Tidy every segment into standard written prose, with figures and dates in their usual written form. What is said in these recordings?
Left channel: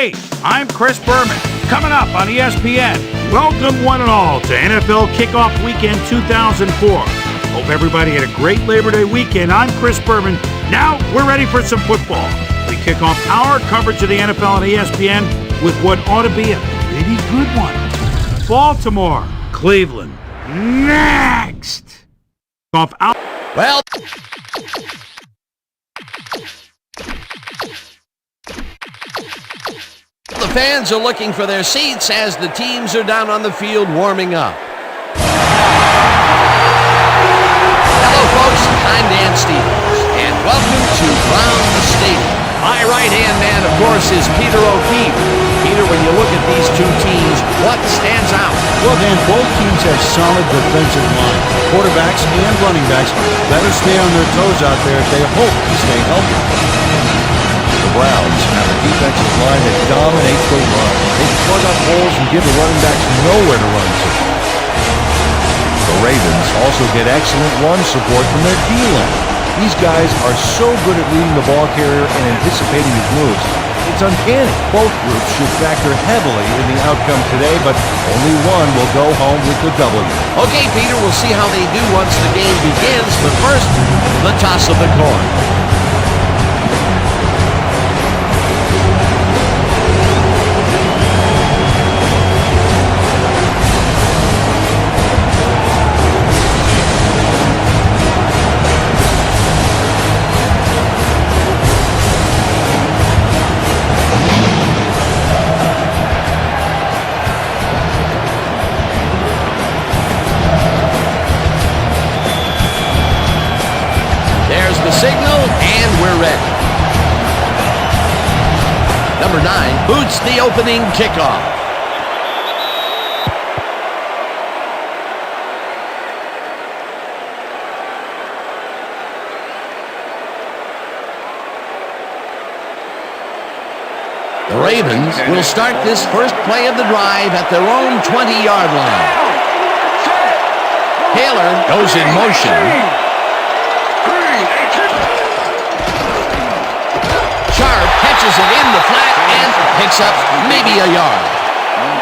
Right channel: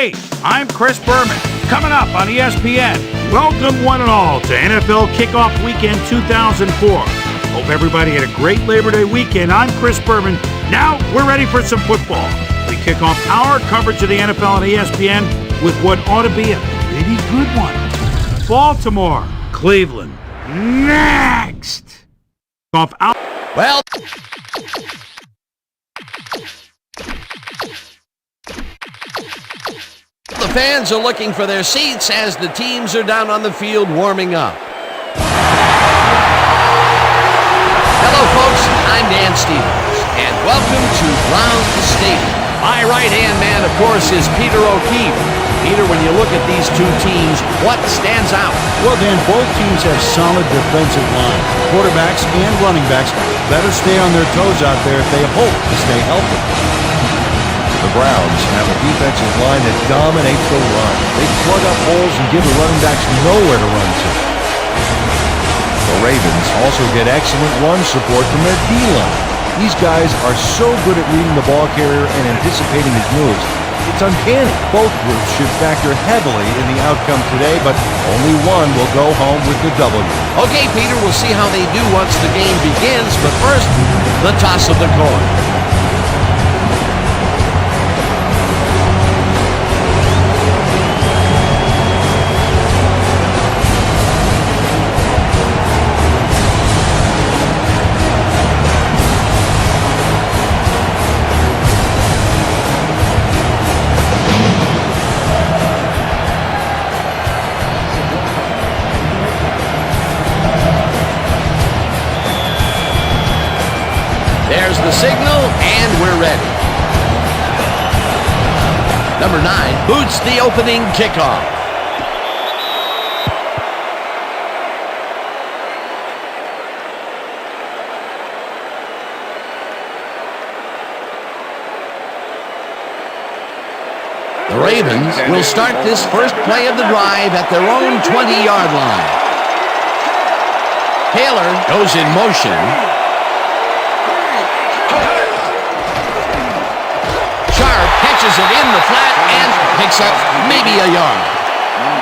Hey, I'm Chris Berman. Coming up on ESPN, welcome one and all to NFL Kickoff Weekend 2004. Hope everybody had a great Labor Day weekend. I'm Chris Berman. Now we're ready for some football. We kick off our coverage of the NFL on ESPN with what ought to be a pretty good one. Baltimore, Cleveland, next. Off out. Well, the fans are looking for their seats as the teams are down on the field warming up. Hello, folks. I'm Dan Stevens, and welcome to Brown Stadium. My right-hand man, of course, is Peter O'Keefe. Peter, when you look at these two teams, what stands out? Well, Dan, both teams have solid defensive line. Quarterbacks and running backs better stay on their toes out there if they hope to stay healthy. The Browns have a defensive line that dominates the run. They plug up holes and give the running backs nowhere to run to. The Ravens also get excellent run support from their D-line. These guys are so good at reading the ball carrier and anticipating his moves. It's uncanny. Both groups should factor heavily in the outcome today, but only one will go home with the W. Okay, Peter, we'll see how they do once the game begins, but first, the toss of the coin. There's the signal, and we're ready. Number 9 boots the opening kickoff. The Ravens will start this first play of the drive at their own 20-yard line. Taylor goes in motion. Catches it in the flat and picks up maybe a yard.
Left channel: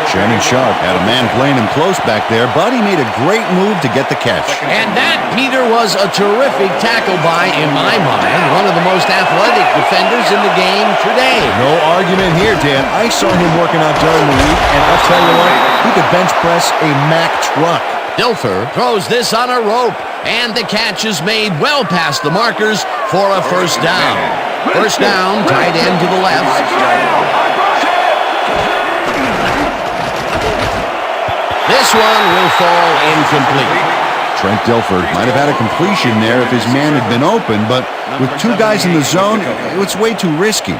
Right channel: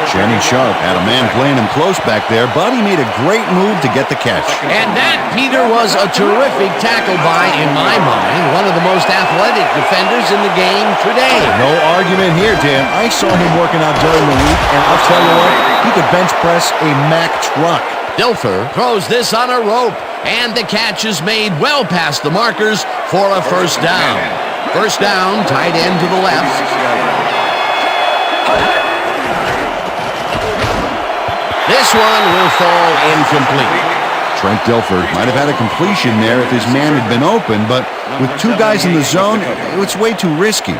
Shannon Sharp had a man playing him close back there, but he made a great move to get the catch. And that, Peter, was a terrific tackle by, in my mind, one of the most athletic defenders in the game today. No argument here, Dan. I saw him working out during the week, and I'll tell you what, he could bench press a Mack truck. Dilfer throws this on a rope, and the catch is made well past the markers for a first down. First down, tight end to the left. This one will fall incomplete. Trent Dilfer might have had a completion there if his man had been open, but with two guys in the zone, it's way too risky.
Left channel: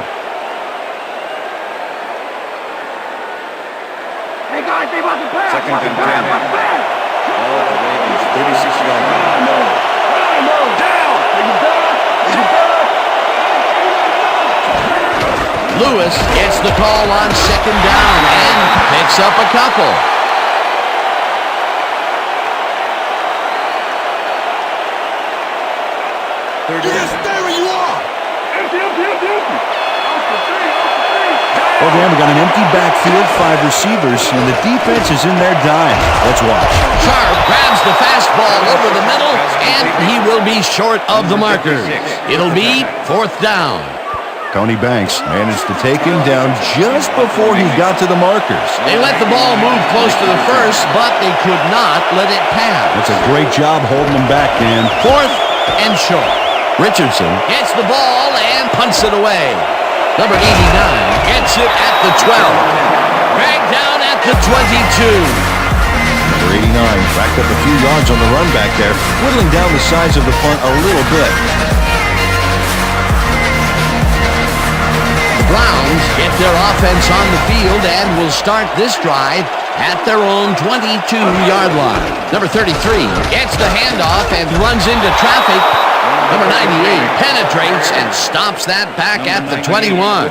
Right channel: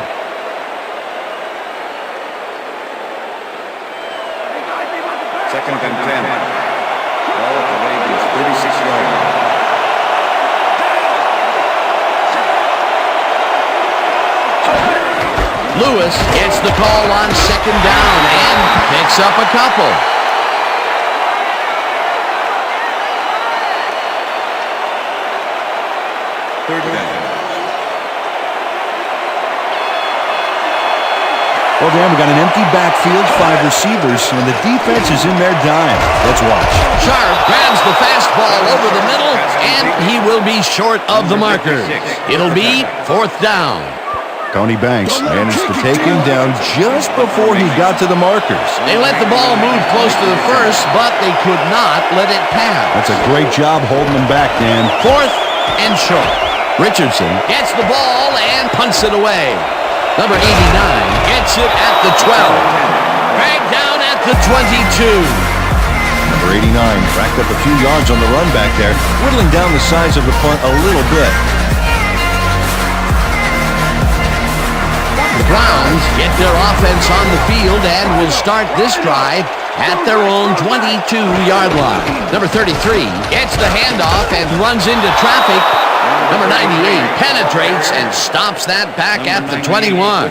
Second and 10. Ball at the Ravens' 36-yard line. Lewis gets the call on second down and picks up a couple. Third down. Well, Dan, we got an empty backfield, 5 receivers, and the defense is in their dime. Let's watch. Sharp grabs the fastball over the middle, and he will be short of the marker. It'll be fourth down. Tony Banks managed to take him down just before he got to the markers. They let the ball move close to the first, but they could not let it pass. That's a great job holding them back, Dan. Fourth and short. Richardson gets the ball and punts it away. Number 89 gets it at the 12. Dragged down at the 22. Number 89 racked up a few yards on the run back there, whittling down the size of the punt a little bit. The Browns get their offense on the field and will start this drive at their own 22-yard line. Number 33 gets the handoff and runs into traffic. Number 98 penetrates and stops that back at the 21.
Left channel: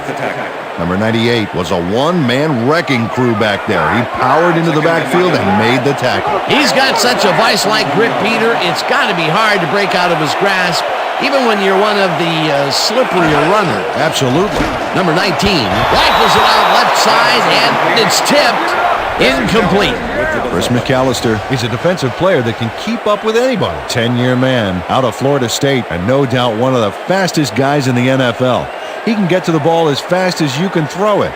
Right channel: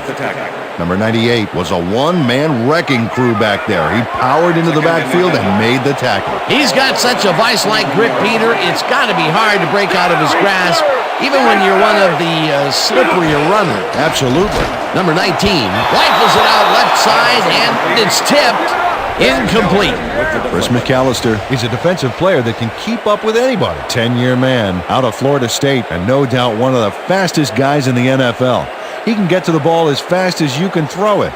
Number 98 was a one-man wrecking crew back there. He powered into the backfield and made the tackle. He's got such a vice-like grip, Peter. It's got to be hard to break out of his grasp even when you're one of the slipperier runners. Absolutely. Number 19 rifles it out left side, and it's tipped. Incomplete. Chris McAllister is a defensive player that can keep up with anybody. 10-year man out of Florida State, and no doubt one of the fastest guys in the NFL. He can get to the ball as fast as you can throw it.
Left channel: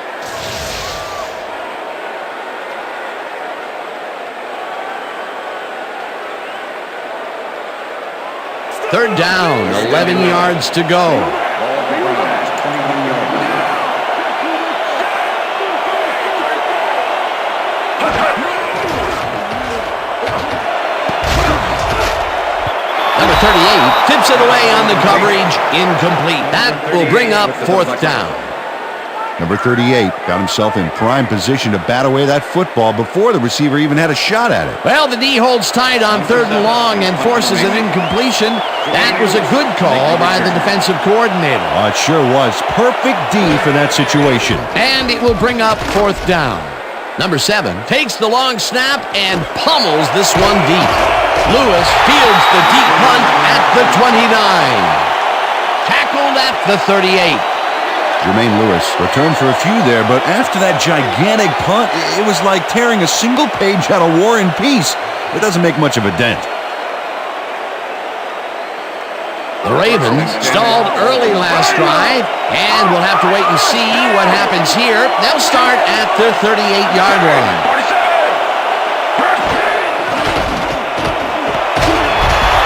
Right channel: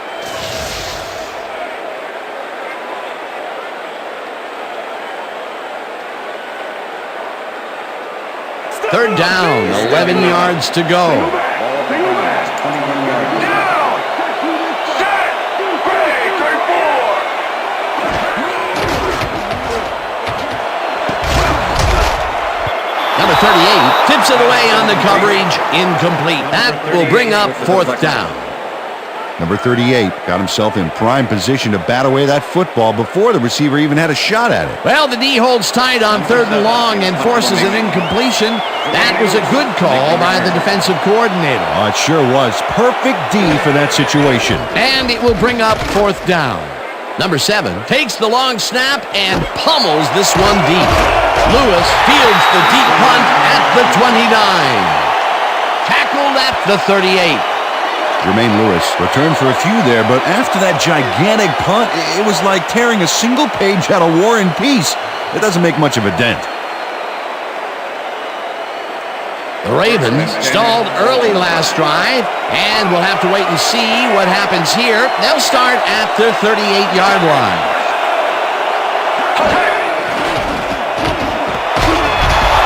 Third down, 11 yards to go. Ball at the Browns, 21-yard line. Number 38 tips it away on the coverage. Incomplete. That will bring up fourth down. Number 38 got himself in prime position to bat away that football before the receiver even had a shot at it. Well, the D holds tight on third and long and forces an incompletion. That was a good call by the defensive coordinator. Oh, it sure was. Perfect D for that situation. And it will bring up fourth down. Number 7 takes the long snap and pummels this one deep. Lewis fields the deep punt at the 29. Tackled at the 38. Jermaine Lewis returned for a few there, but after that gigantic punt, it was like tearing a single page out of War and Peace. It doesn't make much of a dent. The Ravens stalled early last drive, and we'll have to wait and see what happens here. They'll start at their 38-yard line.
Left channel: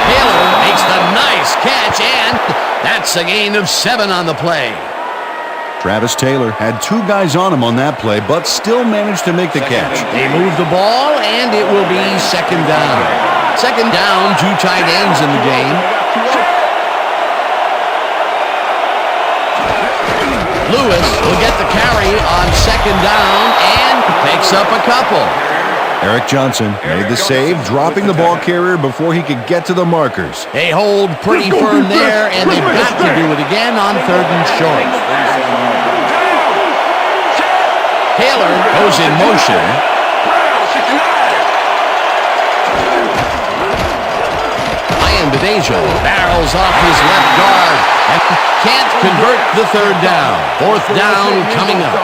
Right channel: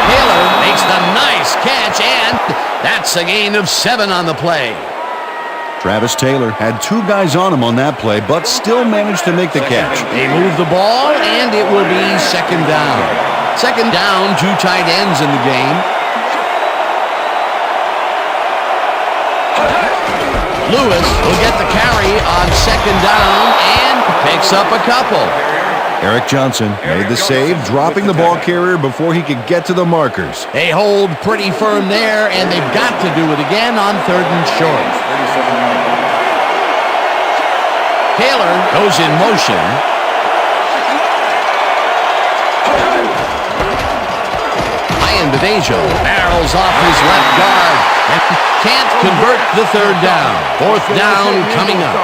Taylor makes the nice catch, and that's a gain of 7 on the play. Travis Taylor had 2 guys on him on that play, but still managed to make the catch. They move the ball, and it will be second down. Second down, 2 tight ends in the game. Lewis will get the carry on second down and picks up a couple. Eric Johnson made the save, dropping the ball carrier before he could get to the markers. They hold pretty firm there, and they've got to do it again on third and short. 37-yard line. Taylor goes in motion. Ian Badejo barrels off his left guard and can't convert the third down. Fourth down coming up.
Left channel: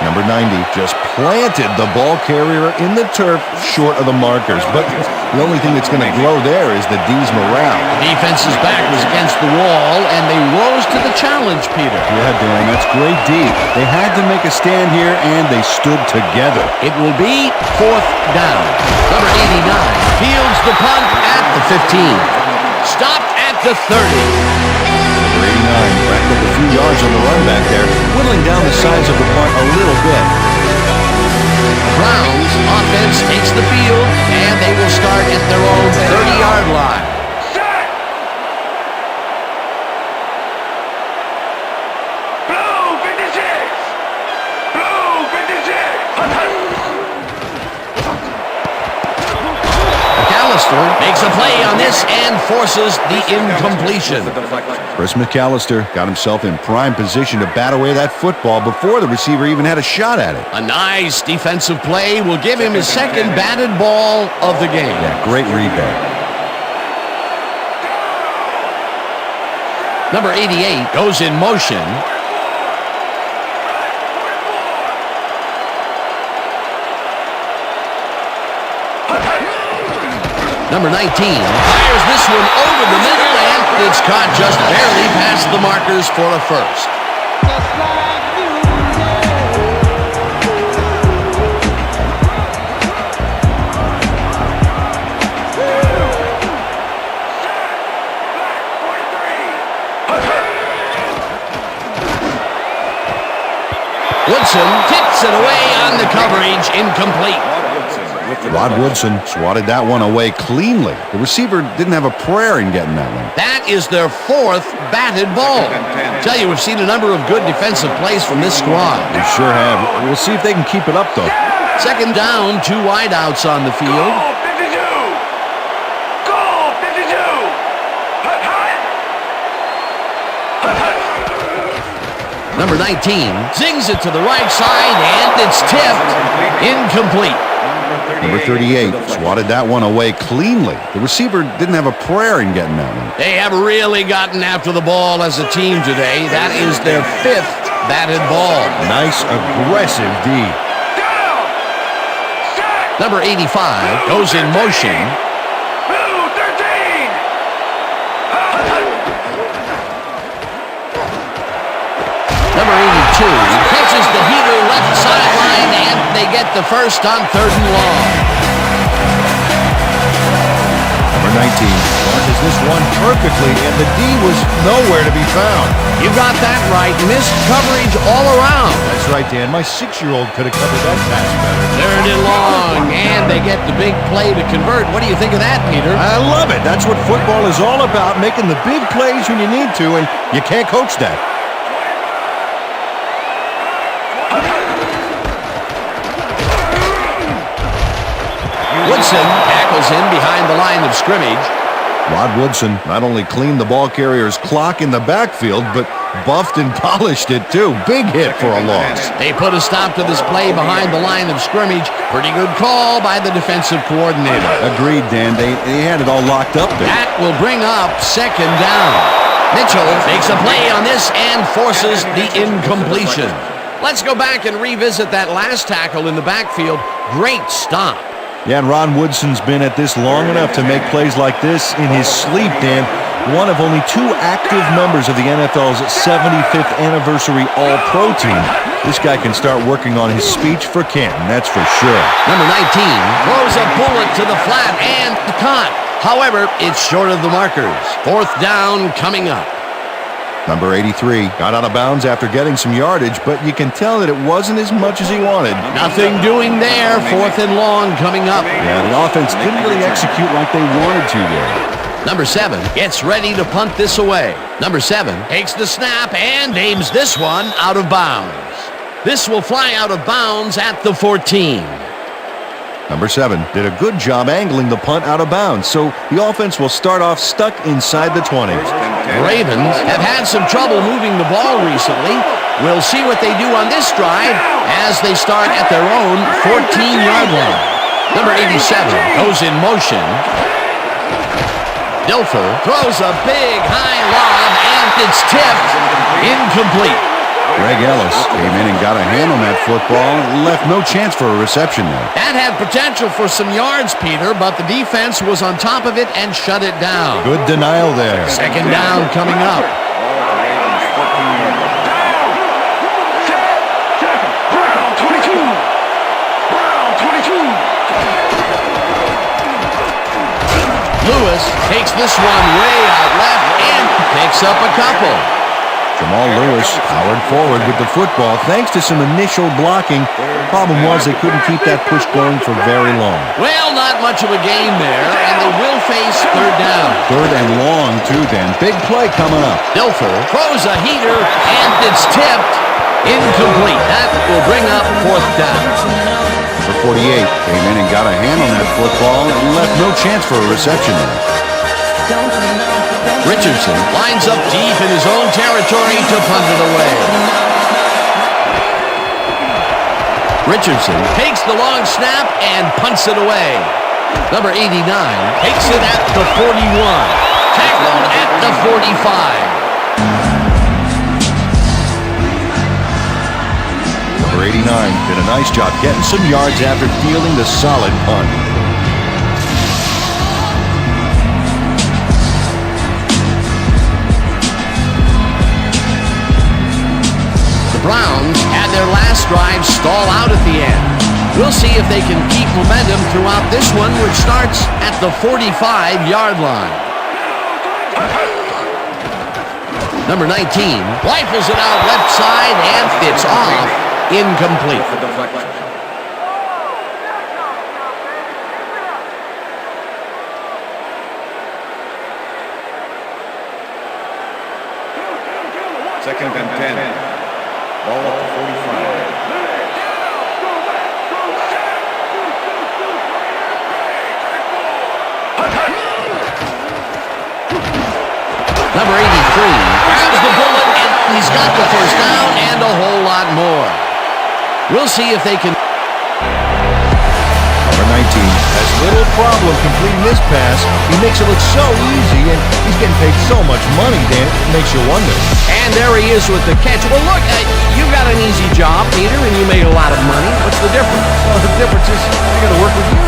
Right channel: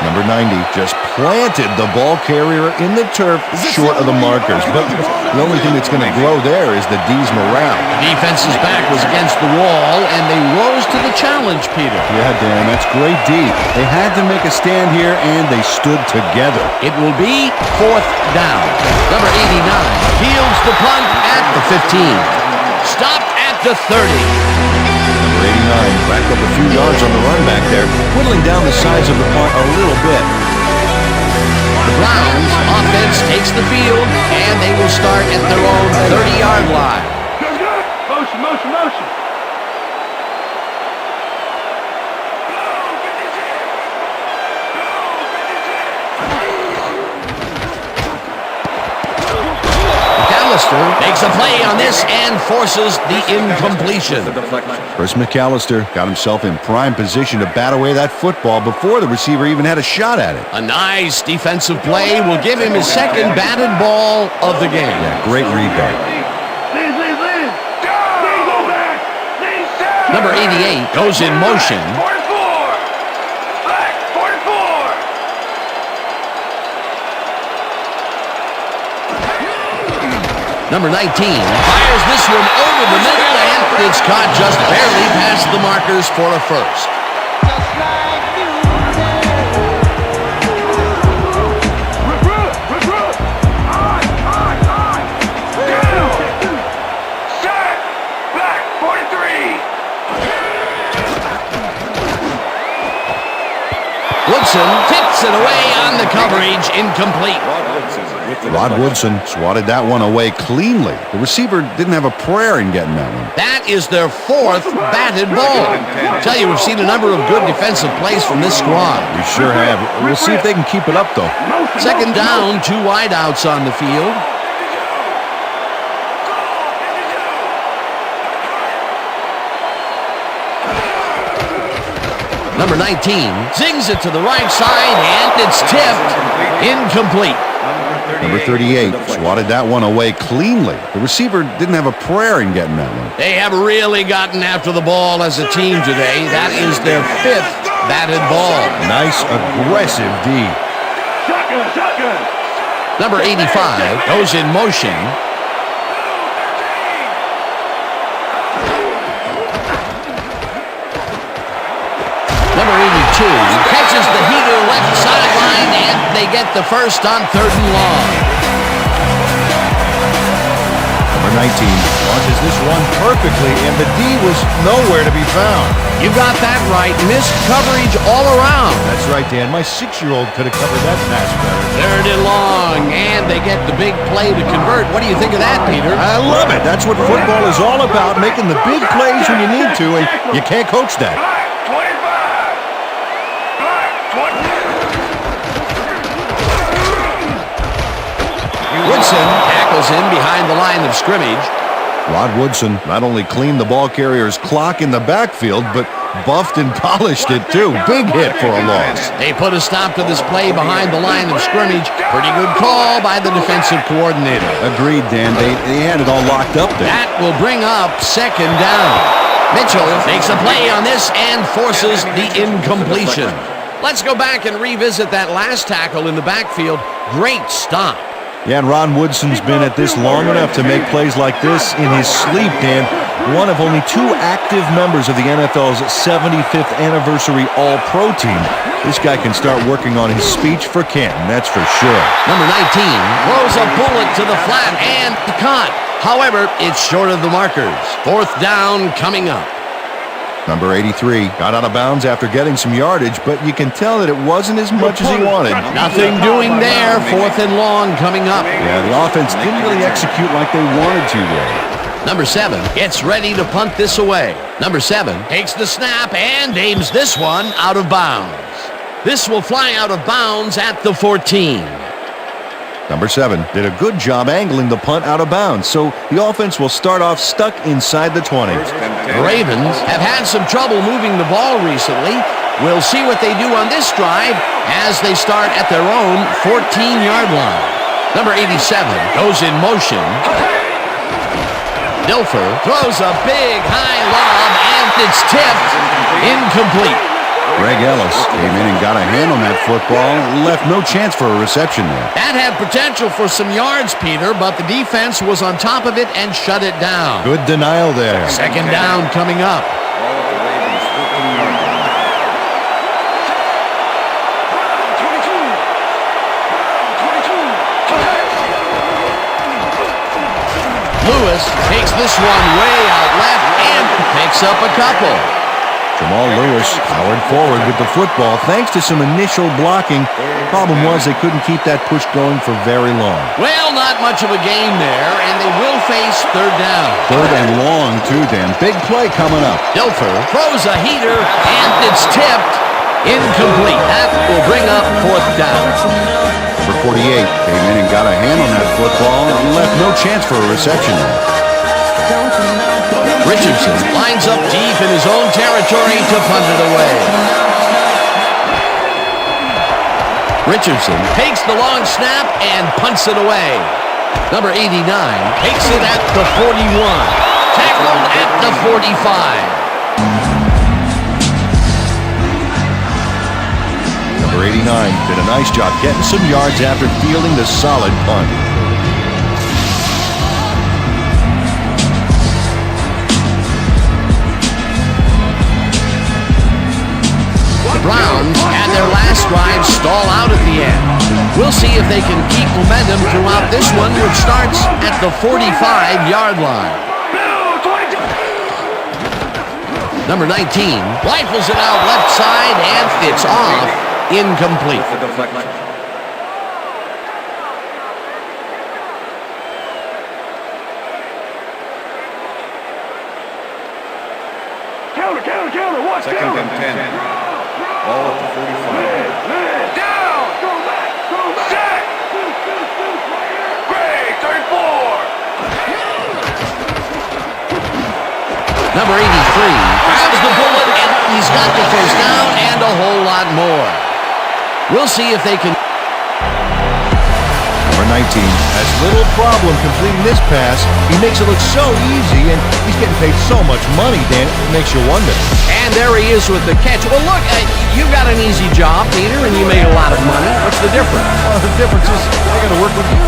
Number 90 just planted the ball carrier in the turf short of the markers. But the only thing that's going to grow there is the D's morale. The defense's back was against the wall, and they rose to the challenge, Peter. Yeah, Dan, that's great D. They had to make a stand here, and they stood together. It will be fourth down. Number 89 fields the punt at the 15. Stopped at the 30. Number 89 racked up a few yards on the run back there, whittling down the size of the punt a little bit. The Browns offense takes the field, and they will start at their own 30-yard line. Motion, motion, motion. McAllister makes a play on this and forces the incompletion. Chris McAllister got himself in prime position to bat away that football before the receiver even had a shot at it. A nice defensive play will give him his second batted ball of the game. Yeah, great read there. Number 88 goes in motion. Number 19 fires this one over the middle, and it's caught just barely past the markers for a first. Woodson tips it away on the coverage, incomplete. Rod Woodson swatted that one away cleanly. The receiver didn't have a prayer in getting that one. That is their fourth batted ball. I tell you, we've seen a number of good defensive plays from this squad. We sure have. We'll see if they can keep it up, though. Second down, 2 wideouts on the field. Number 19 zings it to the right side, and it's tipped. Incomplete. Number Number 38 swatted that one away cleanly. The receiver didn't have a prayer in getting that one. They have really gotten after the ball as a team today. That is their 5th batted ball. Nice, aggressive D. Number 85 goes in motion. Number 82 catches the heater left sideline, and they get the first on 3rd and long. Number 19 launches this one perfectly, and the D was nowhere to be found. You got that right. Missed coverage all around. That's right, Dan. My 6-year-old could have covered that pass better. 3rd and long, and they get the big play to convert. What do you think of that, Peter? I love it. That's what football is all about, making the big plays when you need to, and you can't coach that. Woodson tackles him behind the line of scrimmage. Rod Woodson not only cleaned the ball carrier's clock in the backfield, but buffed and polished it too. Big hit for a loss. They put a stop to this play behind the line of scrimmage. Pretty good call by the defensive coordinator. Agreed, Dan. They had it all locked up there. That will bring up 2nd down. Mitchell makes a play on this and forces the incompletion. Let's go back and revisit that last tackle in the backfield. Great stop. Yeah, and Ron Woodson's been at this long enough to make plays like this in his sleep, Dan. One of only 2 active members of the NFL's 75th anniversary All-Pro team. This guy can start working on his speech for Canton, that's for sure. Number 19 throws a bullet to the flat and caught. However, it's short of the markers. 4th down coming up. Number 83 got out of bounds after getting some yardage, but you can tell that it wasn't as much as he wanted. Nothing doing there. 4th and long coming up. Yeah, the offense didn't really execute like they wanted to there. Number 7 gets ready to punt this away. Number 7 takes the snap and aims this one out of bounds. This will fly out of bounds at the 14. Number 7 did a good job angling the punt out of bounds, so the offense will start off stuck inside the 20. The Ravens have had some trouble moving the ball recently. We'll see what they do on this drive as they start at their own 14-yard line. Number 87 goes in motion. Dilfer throws a big high lob, and it's tipped. Incomplete. Greg Ellis came in and got a hand on that football and left no chance for a reception there. That had potential for some yards, Peter, but the defense was on top of it and shut it down. Good denial there. 2nd down coming up. Ball at the Ravens' 14-yard line. Lewis takes this one way out left and picks up a couple. Jamal Lewis powered forward with the football thanks to some initial blocking. Problem was they couldn't keep that push going for very long. Well, not much of a game there, and they will face 3rd down. 3rd and long, too, Dan. Big play coming up. Dilfer throws a heater, and it's tipped. Incomplete. That will bring up 4th down. Number 48 came in and got a hand on that football and left no chance for a reception there. Richardson lines up deep in his own territory to punt it away. Richardson takes the long snap and punts it away. Number 89 takes it at the 41. Tackled at the 45. Number 89 did a nice job getting some yards after fielding the solid punt. The Browns had their last drive stall out at the end. We'll see if they can keep momentum throughout this one, which starts at the 45-yard line. Number 19 rifles it out left side, and it's off. Incomplete. The deflection. Counter. Watch 2nd and 10. Ball at the 45. Go back. Deuce, right here. Third 4. Number 83 grabs the bullet, and he's got the first down and a whole lot more. We'll see if they can. Number Number 19 has little problem completing this pass. He makes it look so easy, and he's getting paid so much money, Dan, it makes you wonder. And there he is with the catch. Well, look, you got an easy job, Peter, and you made a lot of money. What's the difference? Well, the difference is I got to work with you.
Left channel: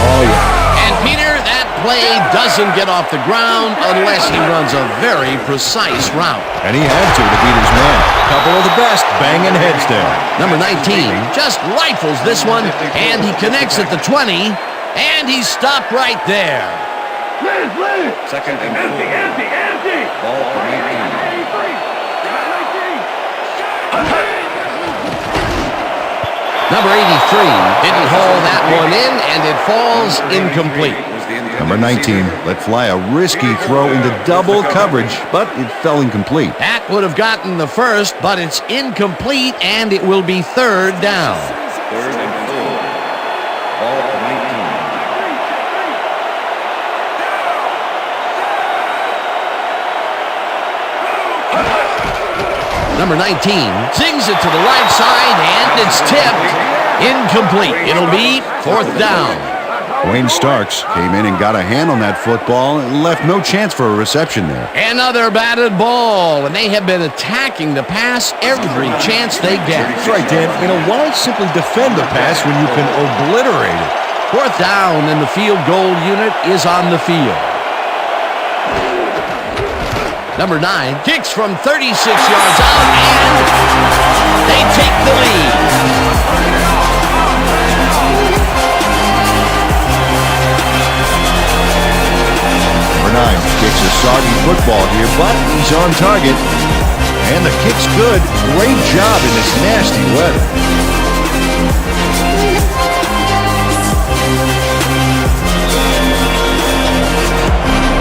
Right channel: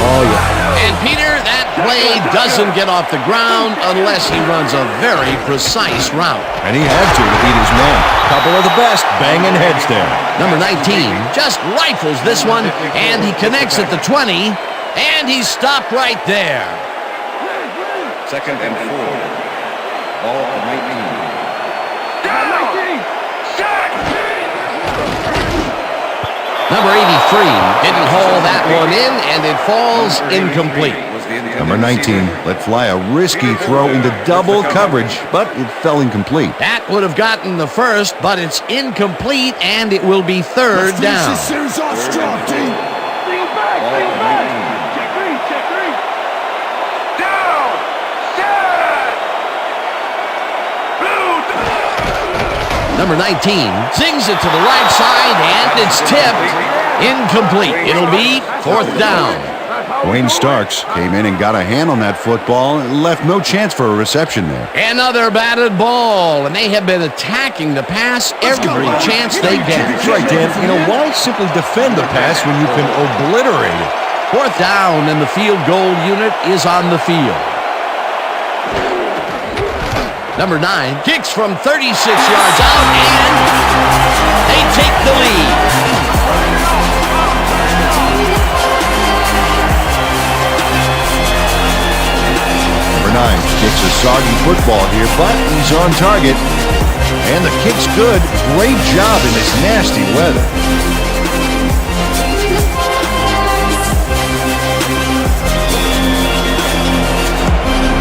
Oh, yeah. And, Peter, that play doesn't get off the ground unless he runs a very precise route. And he had to beat his man. Couple of the best banging heads there. Number 19 just rifles this one, and he connects at the 20, and he's stopped right there. Second and 4. Ball for 19. Number 83 didn't haul that one in, and it falls incomplete. Number 19 let fly a risky throw into double coverage, but it fell incomplete. That would have gotten the first, but it's incomplete, and it will be third down. Third and 4. Ball for 19. Number 19 sings it to the right side, and it's tipped. Incomplete. It'll be fourth down. Wayne Starks came in and got a hand on that football and left no chance for a reception there. Another batted ball, and they have been attacking the pass every chance they get. That's right, Dan. Why simply defend the pass when you can obliterate it? Fourth down, and the field goal unit is on the field. Number 9 kicks from 36 yards out, and they take the lead. Number 9 kicks a soggy football here, but he's on target. And the kick's good. Great job in this nasty weather.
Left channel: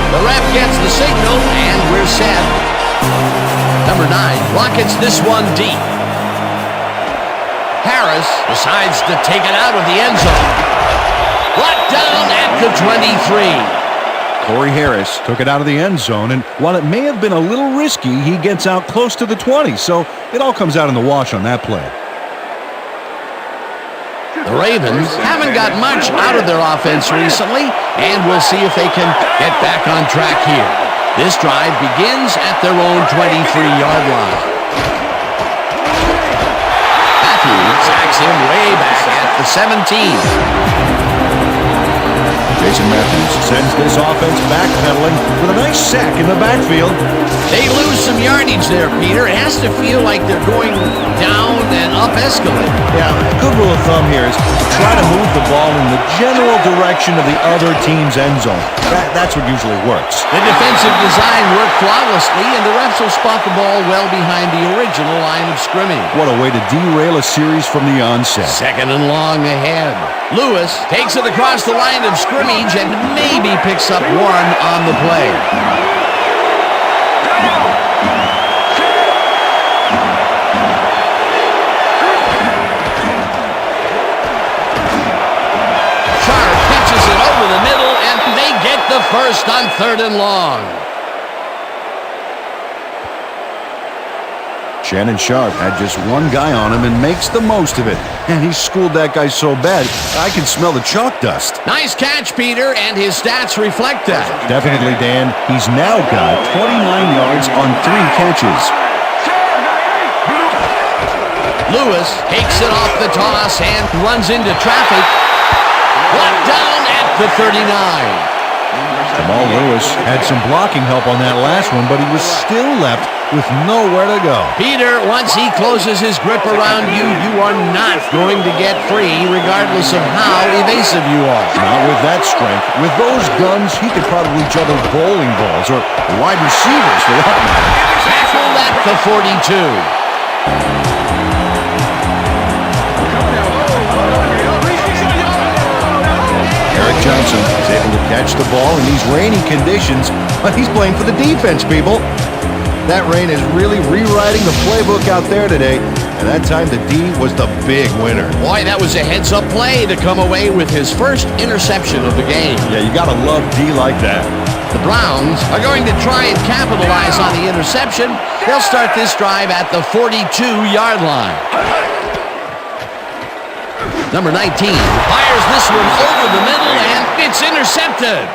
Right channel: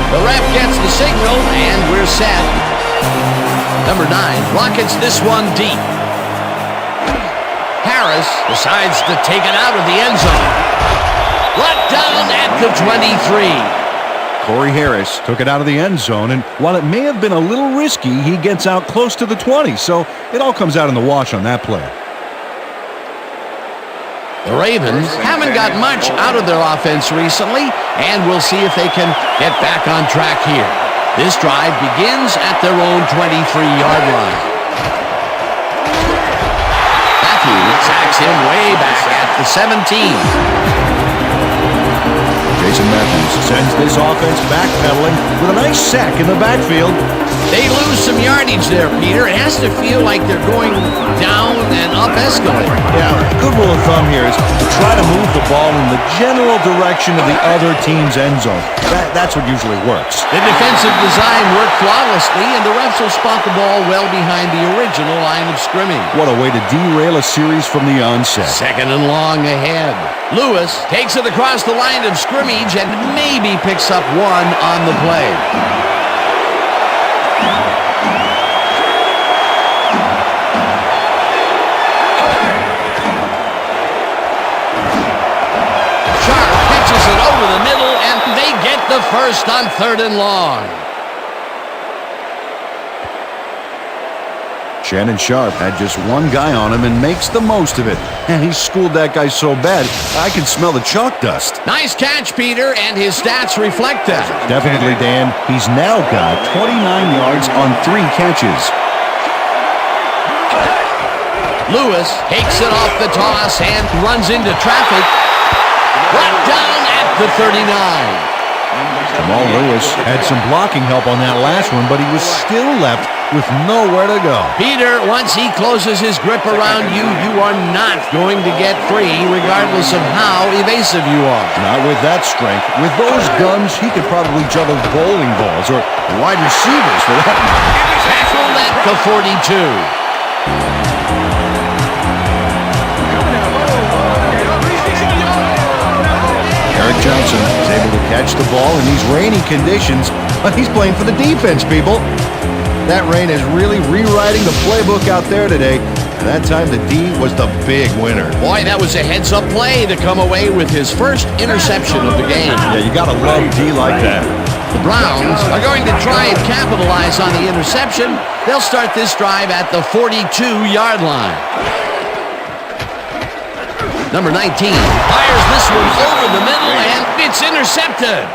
The ref gets the signal, and we're set. Number 9 rockets this one deep. Harris decides to take it out of the end zone. Brought down at the 23. Corey Harris took it out of the end zone, and while it may have been a little risky, he gets out close to the 20, so it all comes out in the wash on that play. The Ravens haven't got much out of their offense recently, and we'll see if they can get back on track here. This drive begins at their own 23-yard line. Matthews sacks him way back at the 17. Jason Matthews sends this offense backpedaling with a nice sack in the backfield. They lose some yardage there, Peter. It has to feel like they're going down and up escalator. Yeah, a good rule of thumb here is to try to move the ball in the general direction of the other team's end zone. That's what usually works. The defensive design worked flawlessly, and the refs will spot the ball well behind the original line of scrimmage. What a way to derail a series from the onset. Second and long ahead. Lewis takes it across the line of scrimmage and maybe picks up one on the play. Sharp catches it over the middle, and they get the first on third and long. Shannon Sharp had just one guy on him and makes the most of it. And he schooled that guy so bad, I can smell the chalk dust. Nice catch, Peter, and his stats reflect that. Definitely, Dan. He's now got 29 yards on 3 catches. Lewis takes it off the toss and runs into traffic. Brought down at the 39. Jamal Lewis had some blocking help on that last one, but he was still left with nowhere to go. Peter, once he closes his grip around you, you are not going to get free, regardless of how evasive you are. Not with that strength. With those guns, he could probably juggle bowling balls, or wide receivers for that matter. Tackled at the 42. Eric Johnson is able to catch the ball in these rainy conditions, but he's playing for the defense, people. That rain is really rewriting the playbook out there today, and that time the D was the big winner. Boy, that was a heads-up play to come away with his first interception of the game. Yeah, you gotta love D like that. The Browns are going to try and capitalize on the interception. They'll start this drive at the 42-yard line. Number 19 fires this one over the middle, and it's intercepted.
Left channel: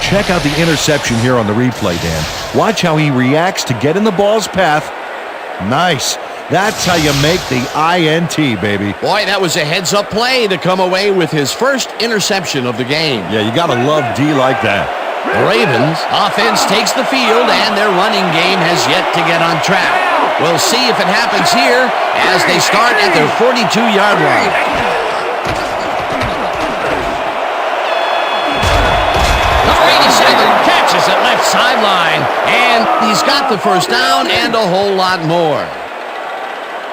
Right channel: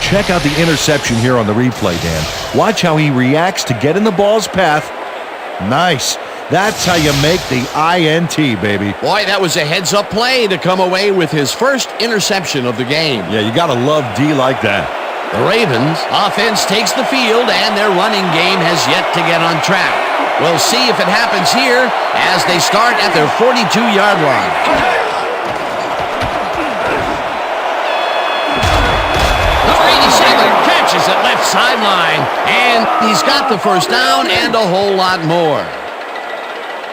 Check out the interception here on the replay, Dan. Watch how he reacts to get in the ball's path. Nice. That's how you make the INT, baby. Boy, that was a heads-up play to come away with his first interception of the game. Yeah, you got to love D like that. The Ravens offense takes the field, and their running game has yet to get on track. We'll see if it happens here as they start at their 42-yard line. Number 87 catches it left sideline, and he's got the first down and a whole lot more.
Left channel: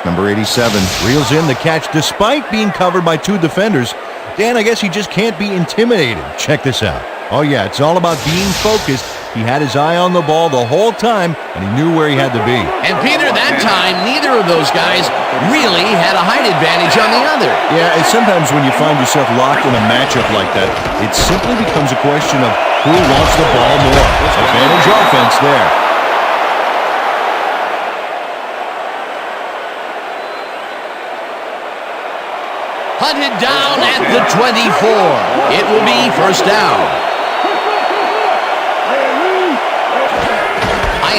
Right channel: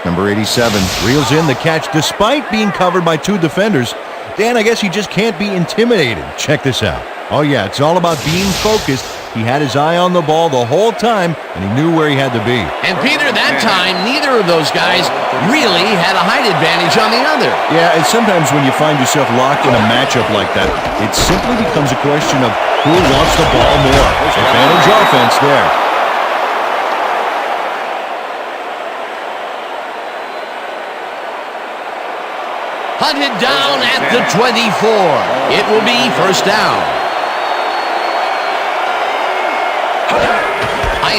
Number 87 reels in the catch despite being covered by two defenders. Dan, I guess he just can't be intimidated. Check this out. Oh, yeah, it's all about being focused. He had his eye on the ball the whole time, and he knew where he had to be. And, Peter, that time, neither of those guys really had a height advantage on the other. Yeah, and sometimes when you find yourself locked in a matchup like that, it simply becomes a question of who wants the ball more. Advantage offense there. Hunted down at the 24. It will be first down.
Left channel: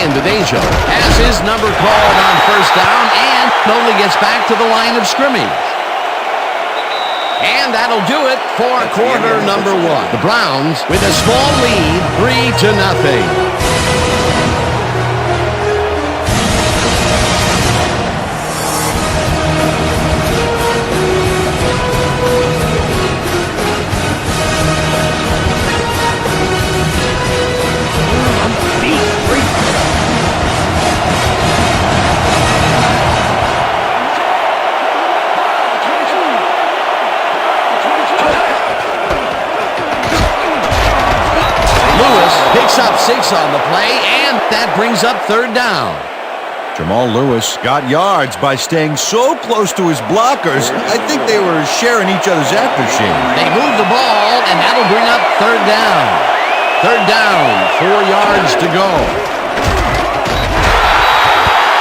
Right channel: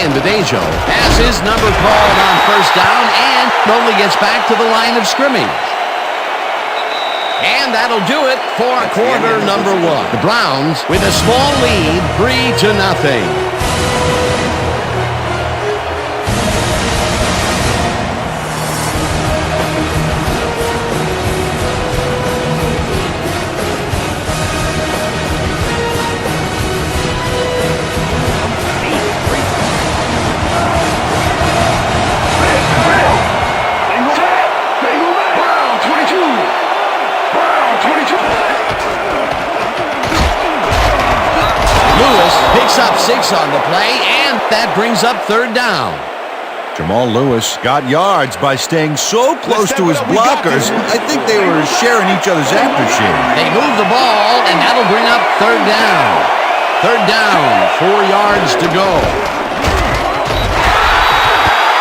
Ian Badejo has his number called on first down and only gets back to the line of scrimmage. And that'll do it for quarter number one. The Browns with a small lead, 3-0. Picks up 6 on the play, and that brings up third down. Jamal Lewis got yards by staying so close to his blockers. I think they were sharing each other's aftershave. They move the ball, and that'll bring up third down. Third down, 4 yards to go.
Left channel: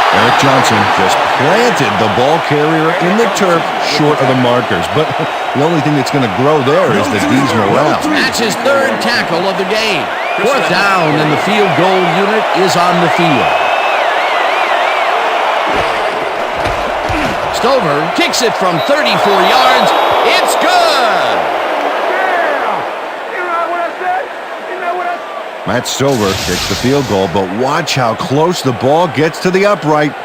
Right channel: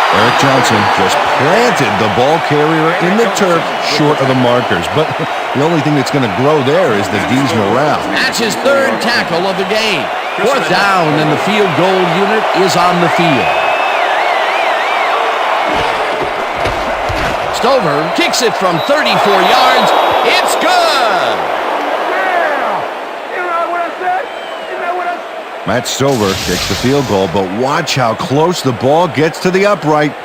Eric Johnson just planted the ball carrier in the turf short of the markers. But the only thing that's going to grow there is the D's morale. That's his third tackle of the game. Fourth down, and the field goal unit is on the field. Stover kicks it from 34 yards. It's good! Yeah! You know what I said? You know what I said? Matt Stover kicks the field goal, but watch how close the ball gets to the upright.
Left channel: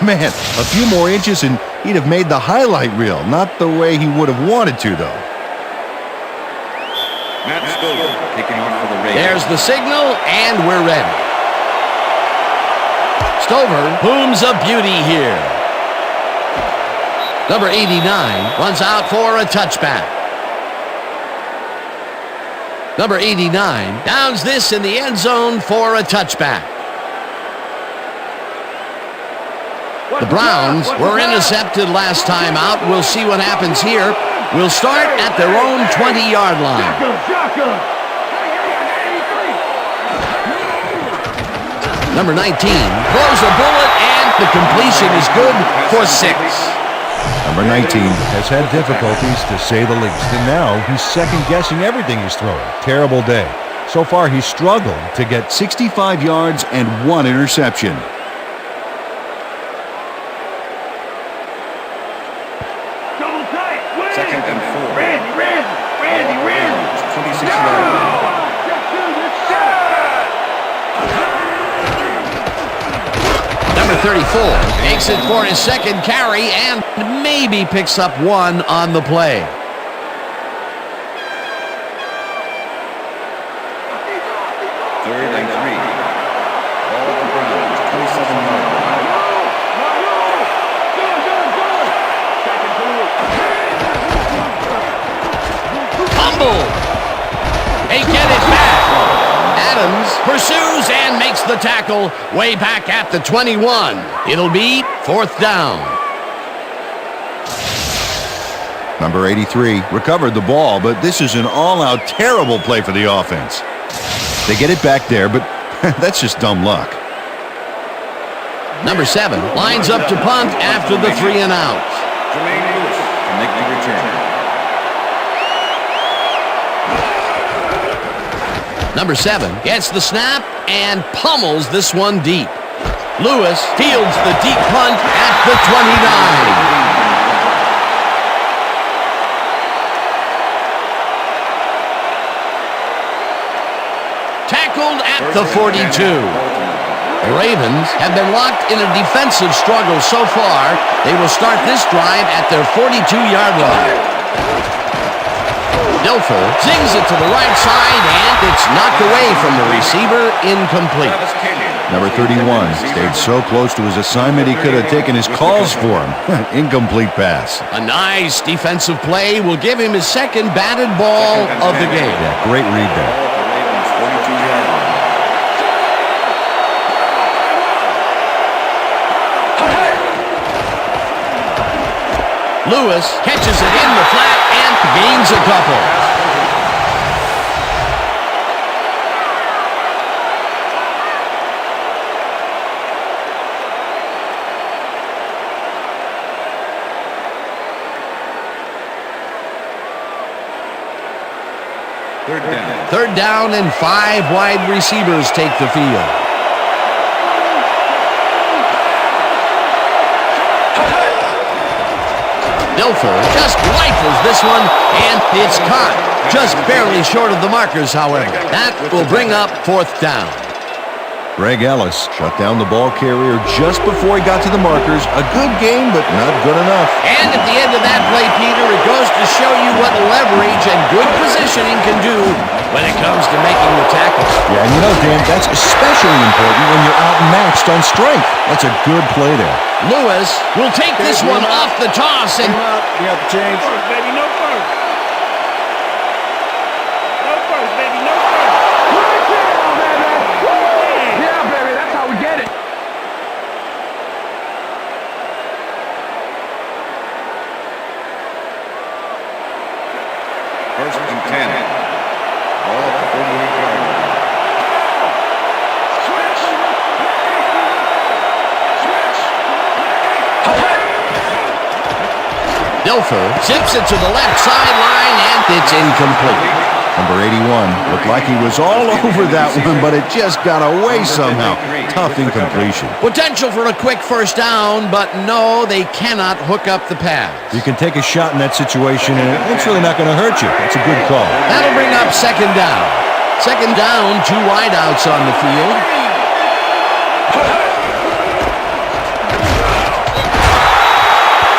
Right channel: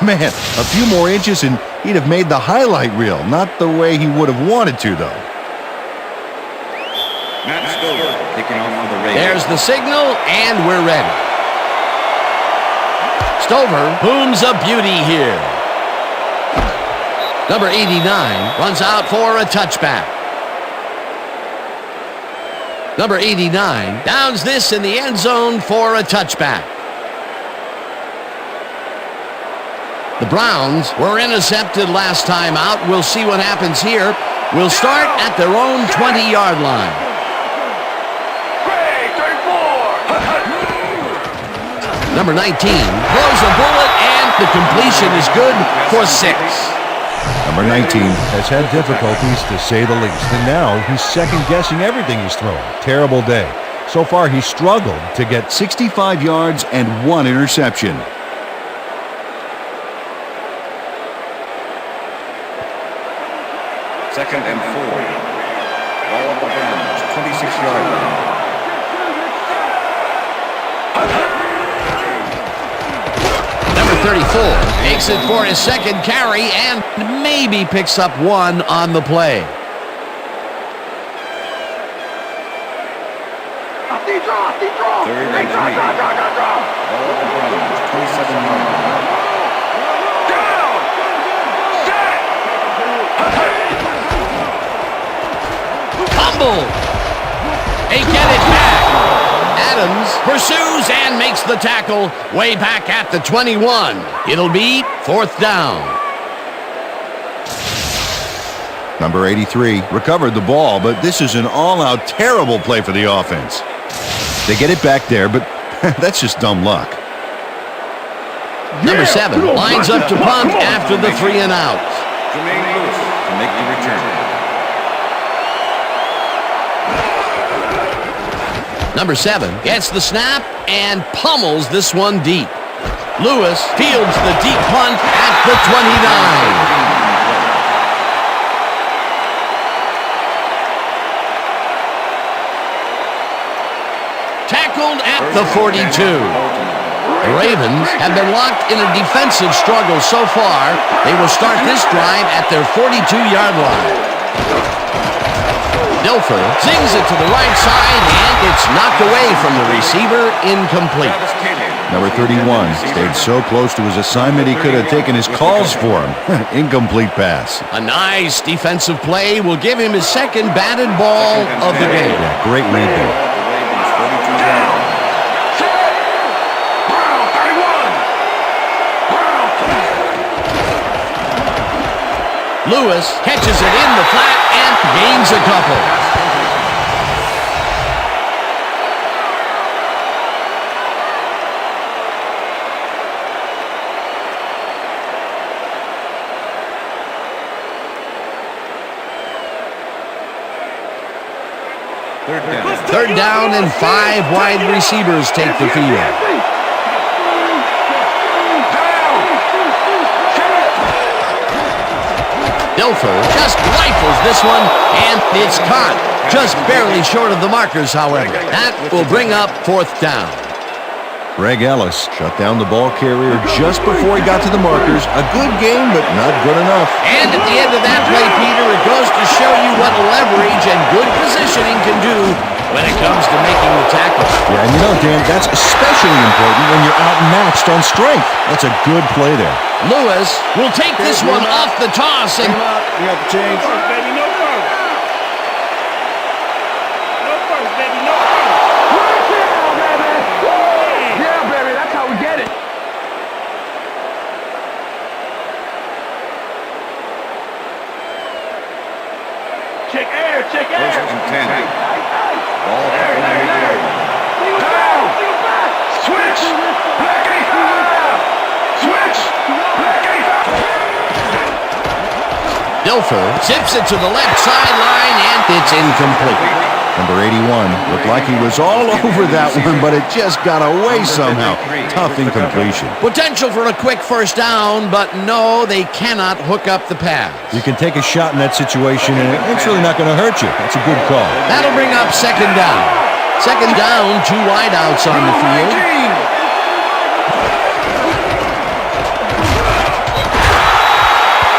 Man, a few more inches and he'd have made the highlight reel. Not the way he would have wanted to, though. Matt Stover kicking off for the Ravens. There's the signal, and we're ready. Stover booms a beauty here. Number 89 runs out for a touchback. Number 89 downs this in the end zone for a touchback. The Browns were intercepted last time out. We'll see what happens here. We'll start at their own 20-yard line. Number 19 throws a bullet, and the completion is good for 6. Number 19 has had difficulties, to say the least, and now he's second-guessing everything he's throwing. Terrible day. So far, he's struggled to get 65 yards and 1 interception. Second and 4. Ball on the Browns, 26-yard line. Number 34 makes it for his second carry and maybe picks up 1 on the play. Third and 3. Ball on the Browns, 27-yard line. Fumble. They get it back. Adams pursues and makes the tackle way back at the 21. It'll be fourth down. Number 83 recovered the ball, but this is an all-out terrible play for the offense. They get it back there, but that's just dumb luck. Number 7 lines up to punt after the 3 and out. Jermaine Lewis to make the return. Number 7 gets the snap and pummels this one deep. Lewis fields the deep punt at the 29. Tackled at the 42. The Ravens have been locked in a defensive struggle so far. They will start this drive at their 42-yard line. Dilfer zings it to the right side, and it's knocked away from the receiver, incomplete. Number 31 stayed so close to his assignment he could have taken his calls for him. Incomplete pass. A nice defensive play will give him his second batted ball of the game. Yeah, great read there. The Ravens 42-yard line. Lewis catches it in the flat and gains a couple. Third down and 5 wide receivers take the field. Dilfer just rifles this one, and it's caught. Just barely short of the markers, however. That will bring up 4th down. Greg Ellis shut down the ball carrier just before he got to the markers. A good game, but not good enough. And at the end of that play, Peter, it goes to show you what leverage and good positioning can do when it comes to making the tackle. Yeah, and you know, Dan, that's especially important when you're outmatched on strength. That's a good play there. Lewis will take this one off the toss. And You got the change. First, baby, no first. No first, baby, no first. Right down, baby. Woo! Yeah, baby, that's how we get it. Check air, check air. First and 10. Ball at the 48-yard line. Dilfer zips it to the left sideline, and it's incomplete. Number 81 looked like he was all over that one, but it just got away somehow. Tough incompletion. Potential for a quick first down, but no, they cannot hook up the pass. You can take a shot in that situation, and it's really not going to hurt you. That's a good call. That'll bring up 2nd down. 2nd down, 2 wideouts on the field.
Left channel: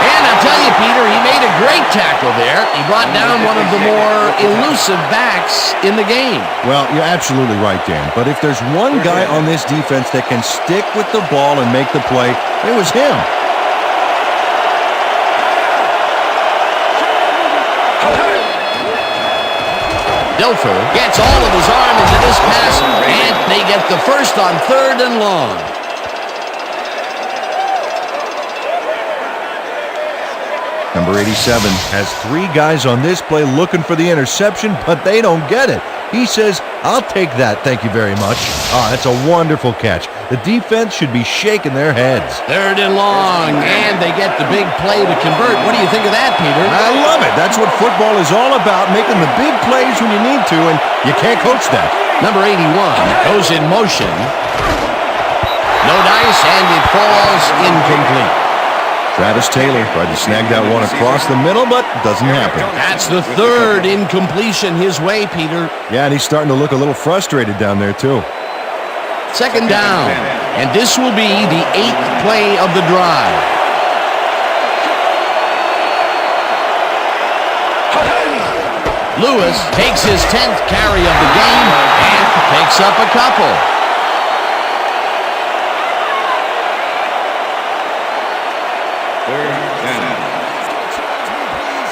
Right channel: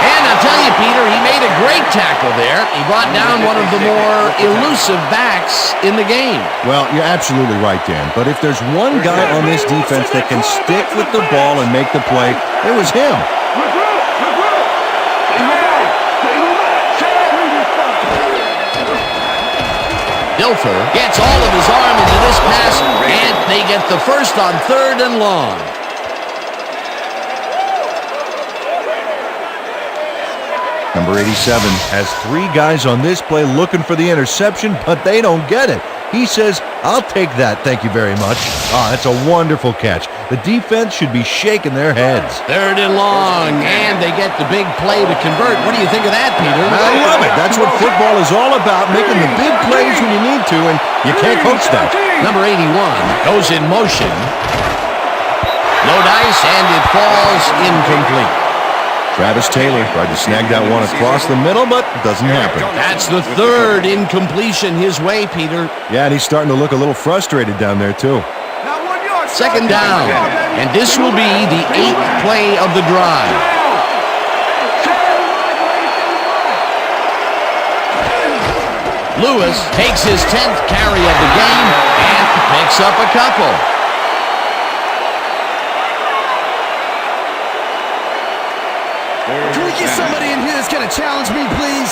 And I'll tell you, Peter, he made a great tackle there. He brought down one of the more elusive backs in the game. Well, you're absolutely right, Dan. But if there's one guy on this defense that can stick with the ball and make the play, it was him. Dilfer gets all of his arm into this pass, and they get the first on 3rd and long. Number 87 has 3 guys on this play looking for the interception, but they don't get it. He says, I'll take that, thank you very much. That's a wonderful catch. The defense should be shaking their heads. 3rd and long, and they get the big play to convert. What do you think of that, Peter? I love it. That's what football is all about, making the big plays when you need to, and you can't coach that. Number 81 goes in motion. No dice, and it falls incomplete. Travis Taylor tried to snag that one across the middle, but doesn't happen. That's the 3rd incompletion his way, Peter. Yeah, and he's starting to look a little frustrated down there, too. 2nd down, and this will be the 8th play of the drive. Lewis takes his 10th carry of the game and picks up a couple. Can we get somebody in here that's going to challenge me, please?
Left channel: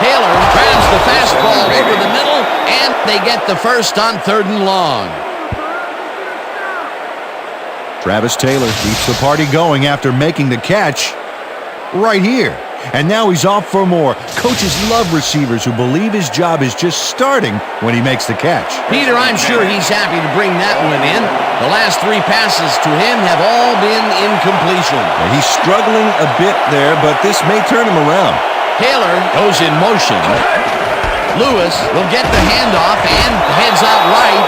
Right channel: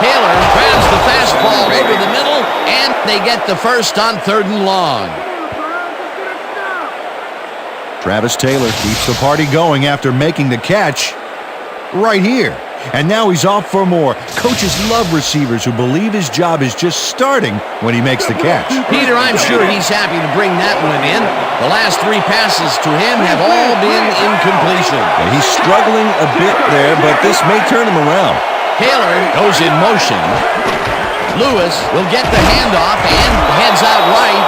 Taylor grabs the fastball over the middle, and they get the first on 3rd and long. Travis Taylor keeps the party going after making the catch right here. And now he's off for more. Coaches love receivers who believe his job is just starting when he makes the catch. Peter, I'm sure he's happy to bring that one in. The last 3 passes to him have all been incompletion. Yeah, he's struggling a bit there, but this may turn him around. Taylor goes in motion. Lewis will get the handoff and heads out right.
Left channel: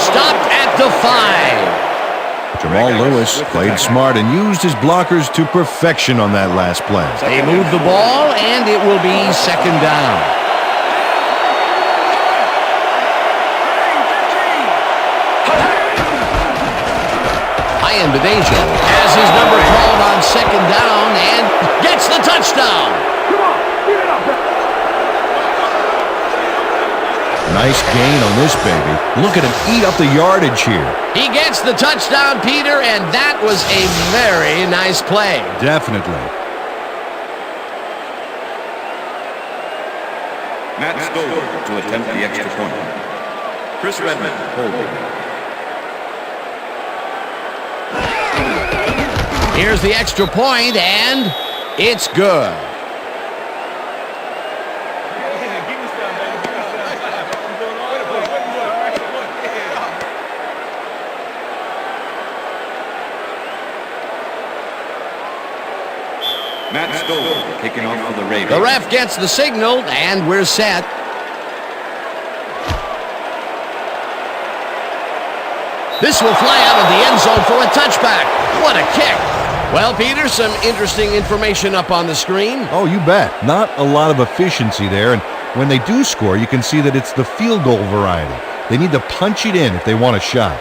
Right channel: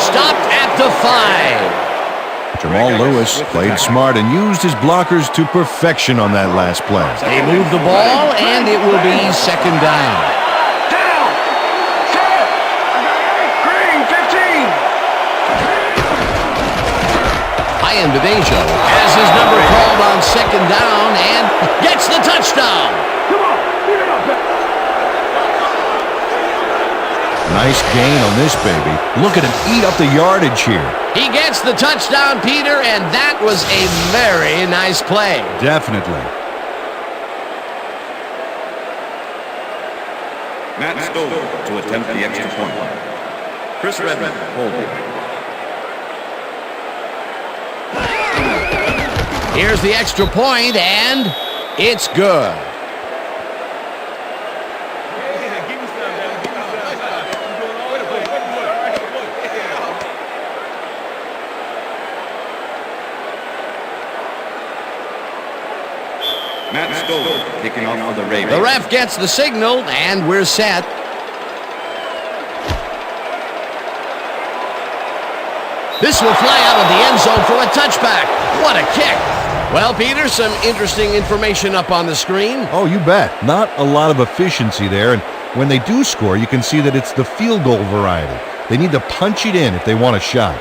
Stopped at the 5. Jamal Lewis played smart and used his blockers to perfection on that last play. They move the ball, and it will be second down. Ian Bedejo has his number called on second down and gets the touchdown. Come on, leave it up. Nice gain on this baby. Look at him eat up the yardage here. He gets the touchdown, Peter, and that was a very nice play. Definitely. Matt Stover to attempt the extra point. Chris Redmond holding. Here's the extra point, and it's good. Matt Stover kicking off for the Ravens. The ref gets the signal, and we're set. This will fly out of the end zone for a touchback. What a kick. Well, Peter, some interesting information up on the screen. Oh, you bet. Not a lot of efficiency there, and when they do score, you can see that it's the field goal variety. They need to punch it in if they want a shot.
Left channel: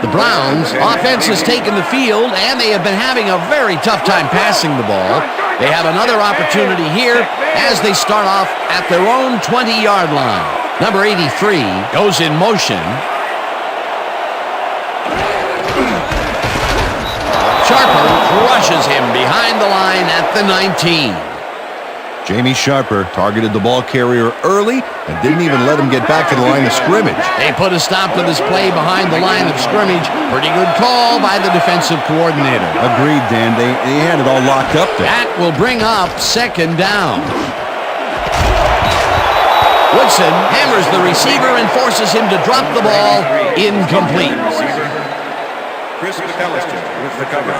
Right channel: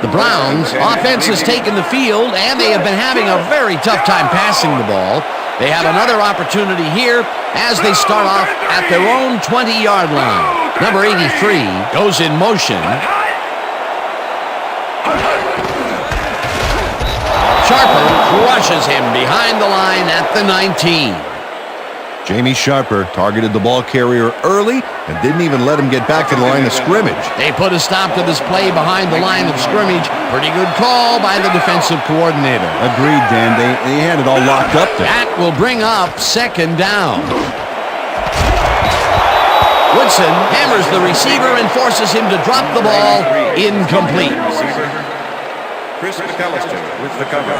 The Browns' offense has taken the field, and they have been having a very tough time passing the ball. They have another opportunity here as they start off at their own 20-yard line. Number 83 goes in motion. Sharper crushes him behind the line at the 19. Jamie Sharper targeted the ball carrier early and didn't even let him get back to the line of scrimmage. They put a stop to this play behind the line of scrimmage. Pretty good call by the defensive coordinator. Agreed, Dan. They had it all locked up there. That will bring up second down. Woodson hammers the receiver and forces him to drop the ball. Incomplete. Receiver Chris McAllister with the cover.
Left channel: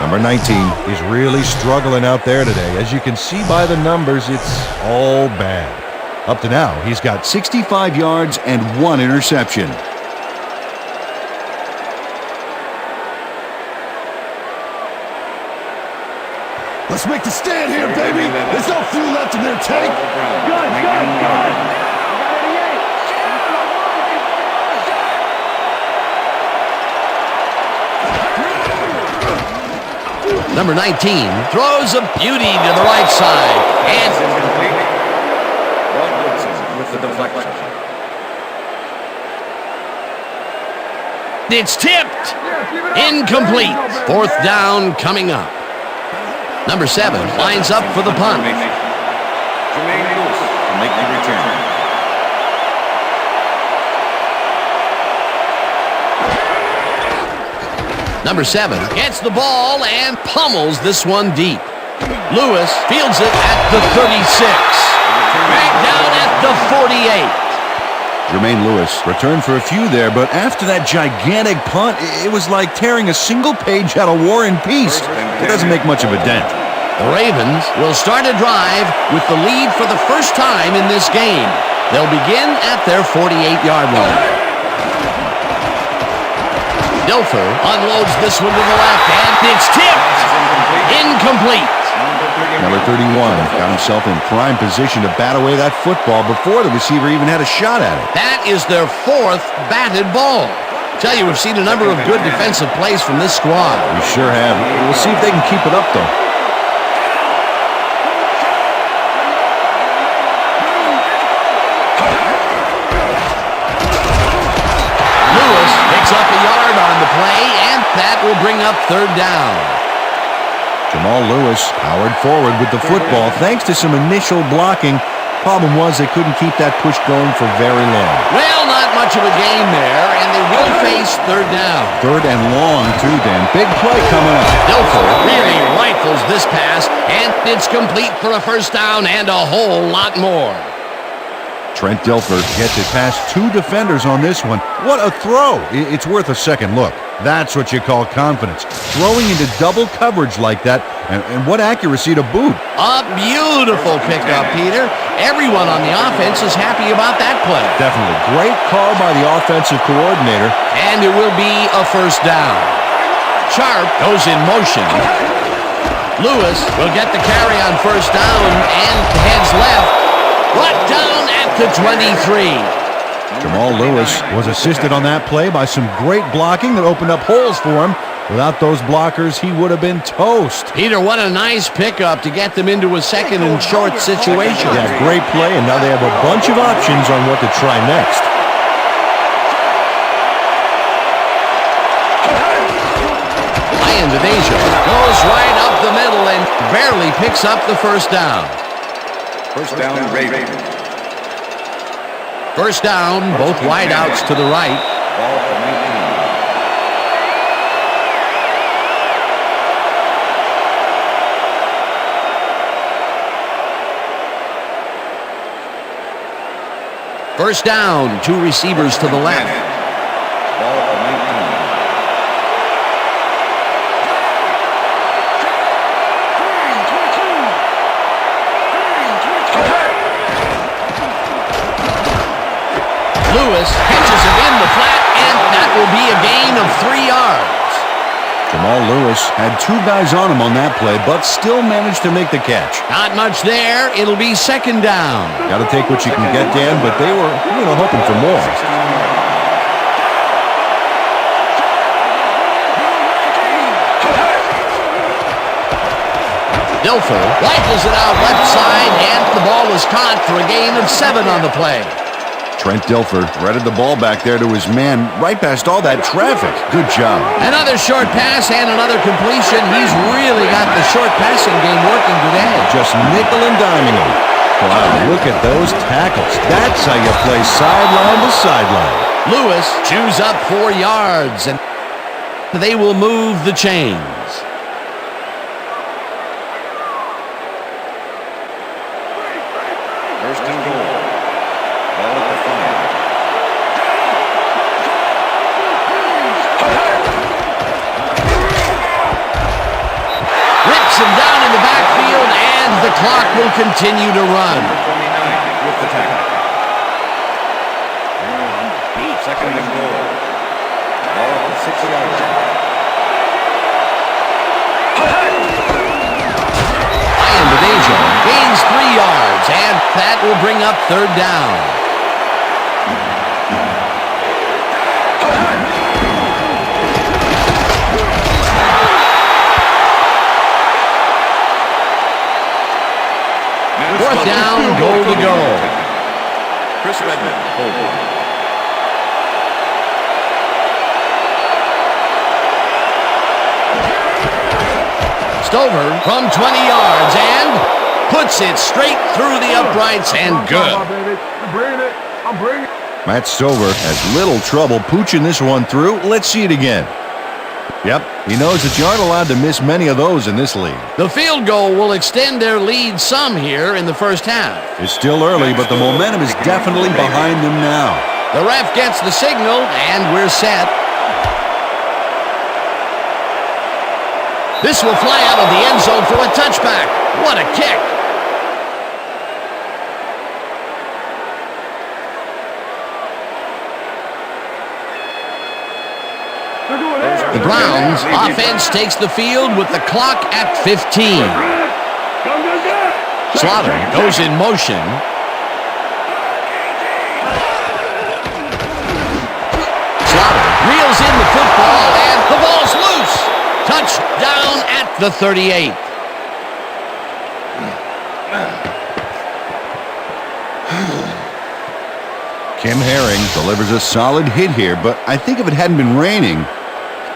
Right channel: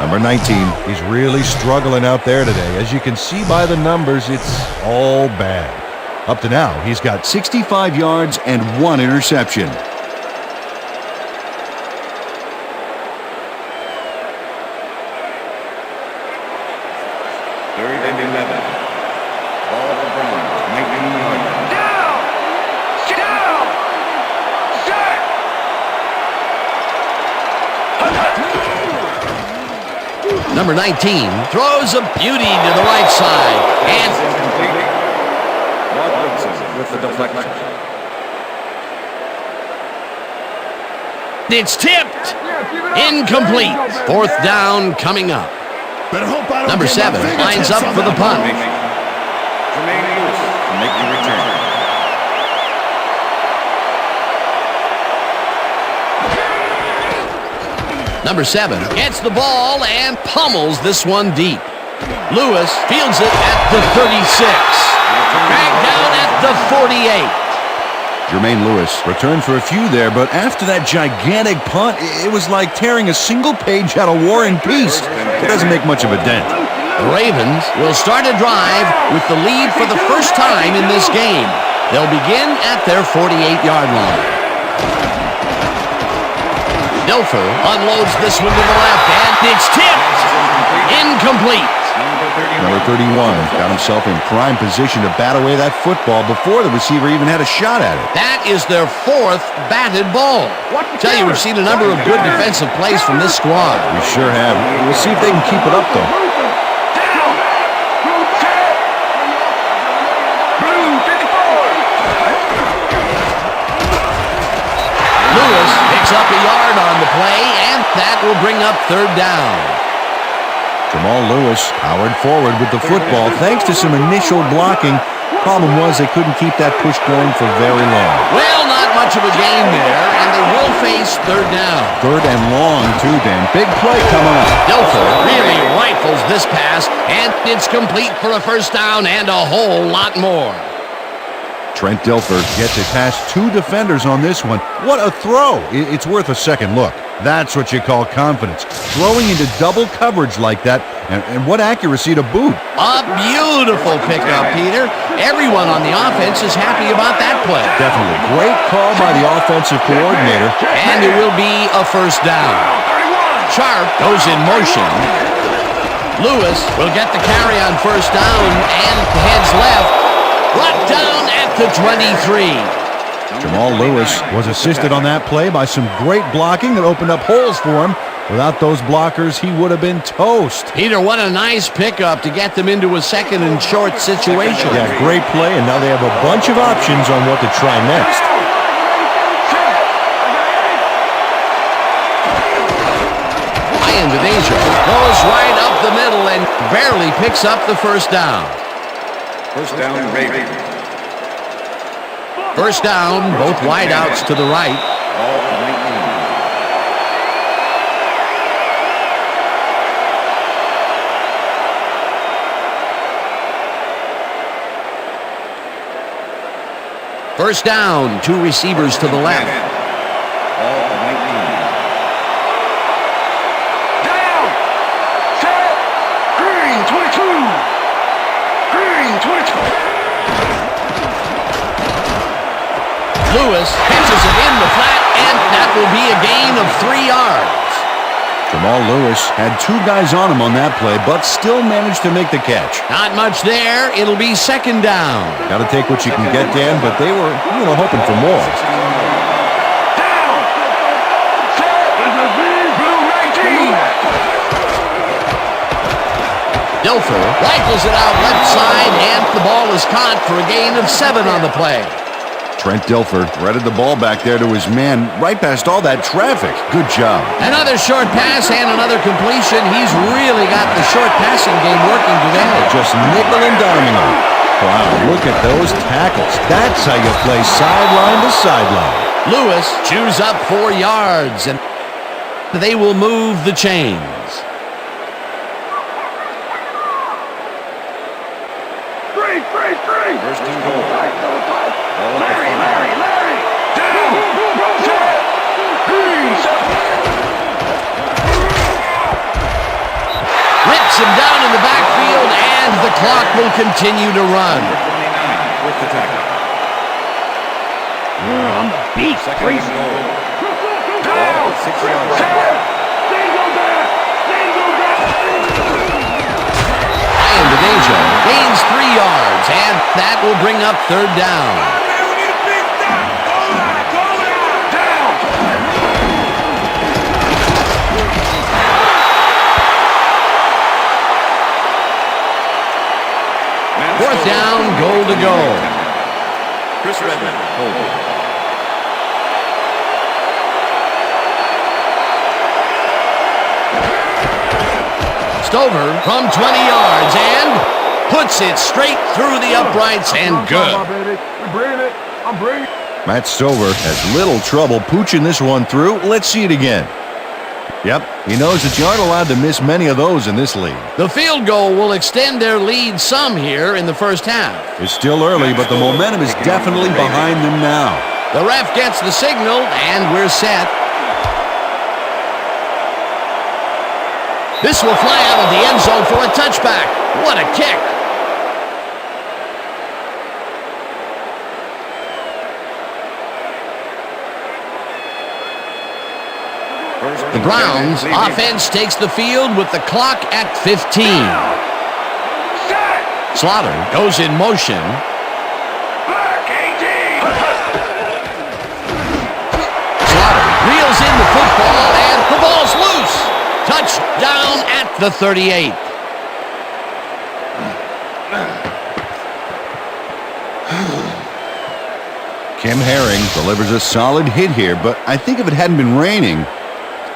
Number 19 is really struggling out there today. As you can see by the numbers, it's all bad. Up to now, he's got 65 yards and 1 interception. Let's make the stand here, Third and baby. 11. There's no fuel left in their All tank. the Browns, 19-yarder. Number 19 throws a beauty to the right side. And It's incomplete. Rod Woodson with the deflection. it's tipped. Incomplete. Fourth down coming up. Better hope I don't Number get 7 my lines up for the punt. Jermaine Lewis to make the return. Number 7 gets the ball and pummels this one deep. Lewis fields it at the 36. Dragged down at the 48. Jermaine Lewis returned for a few there, but after that gigantic punt, it was like tearing a single page out of War and Peace. It doesn't make much of a dent. The Ravens will start a drive with the lead for the first time in this game. They'll begin at their 48-yard line. Dilfer unloads this one to the left, and it's tipped. Incomplete. Number 31 got himself in prime position to bat away that football before the receiver even had a shot at it. That is their 4th batted ball. Tell you, we've seen a number of good defensive plays from this squad. We sure have. We'll see if they can keep it up, though. Lewis picks up a yard on the play, and that will bring up third down. Jamal Lewis powered forward with the football thanks to some initial blocking, Problem was they couldn't keep that push going for very long. Well, not much of a gain there, and they will face third down. Third and long, too, Dan. Big play coming up. Dilfer really rifles this pass, and it's complete for a first down and a whole lot more. Trent Dilfer gets it past 2 defenders on this one. What a throw. It's worth a second look. That's what you call confidence. Throwing into double coverage like that, and what accuracy to boot. A beautiful pickup, Peter. Everyone on the offense is happy about that play. Definitely. Great call by the offensive coordinator. And it will be a first down. Sharp goes in motion. Lewis will get the carry on first down and heads left. Brought down at the 23. Jamal Lewis was assisted on that play by some great blocking that opened up holes for him. Without those blockers, he would have been toast. Peter, what a nice pickup to get them into a second and short situation. Yeah, great play, and now they have a bunch of options on what to try next. Ian goes right up the middle and barely picks up the first down. First down, Ravens. First down, both wideouts to the right. Ball at 19. First down, 2 receivers to the left. Ball at 19. Lewis pitches it in the flat, and that will be a gain of 3 yards. Jamal Lewis had 2 guys on him on that play, but still managed to make the catch. Not much there. It'll be second down. Got to take what you can get, Dan, but they were, hoping for more. 16 yards. Dilfer rifles it out left side, and the ball is caught for a gain of 7 on the play. Trent Dilfer threaded the ball back there to his man right past all that traffic. Good job. Another short pass and another completion. He's really got the short passing game working today. Just nickel and diming him. Wow, look at those tackles. That's how you play sideline to sideline. Lewis chews up 4 yards, and they will move the chains. First and goal. Ball at the 5. Rips him down in the backfield, and the clock will continue to run. Number 29 with the tackle. On the beat. Second and goal. Ball at the 6-yard line. Ian gains 3 yards, and that will bring up third down. Fourth down, goal to go. Chris Redmond holding. Stover from 20 yards and puts it straight through the uprights and good. I'm bringing it. Matt Stover has little trouble pooching this one through. Let's see it again. Yep, he knows that you aren't allowed to miss many of those in this league. The field goal will extend their lead some here in the first half. It's still early, but the momentum is definitely behind them now. The ref gets the signal, and we're set. This will fly out of the end zone for a touchback. What a kick. The Browns offense takes the field with the clock at 15. Slaughter goes in motion. Slaughter reels in the football, and the ball's loose. Touchdown at the 38. Kim Herring delivers a solid hit here, but I think if it hadn't been raining,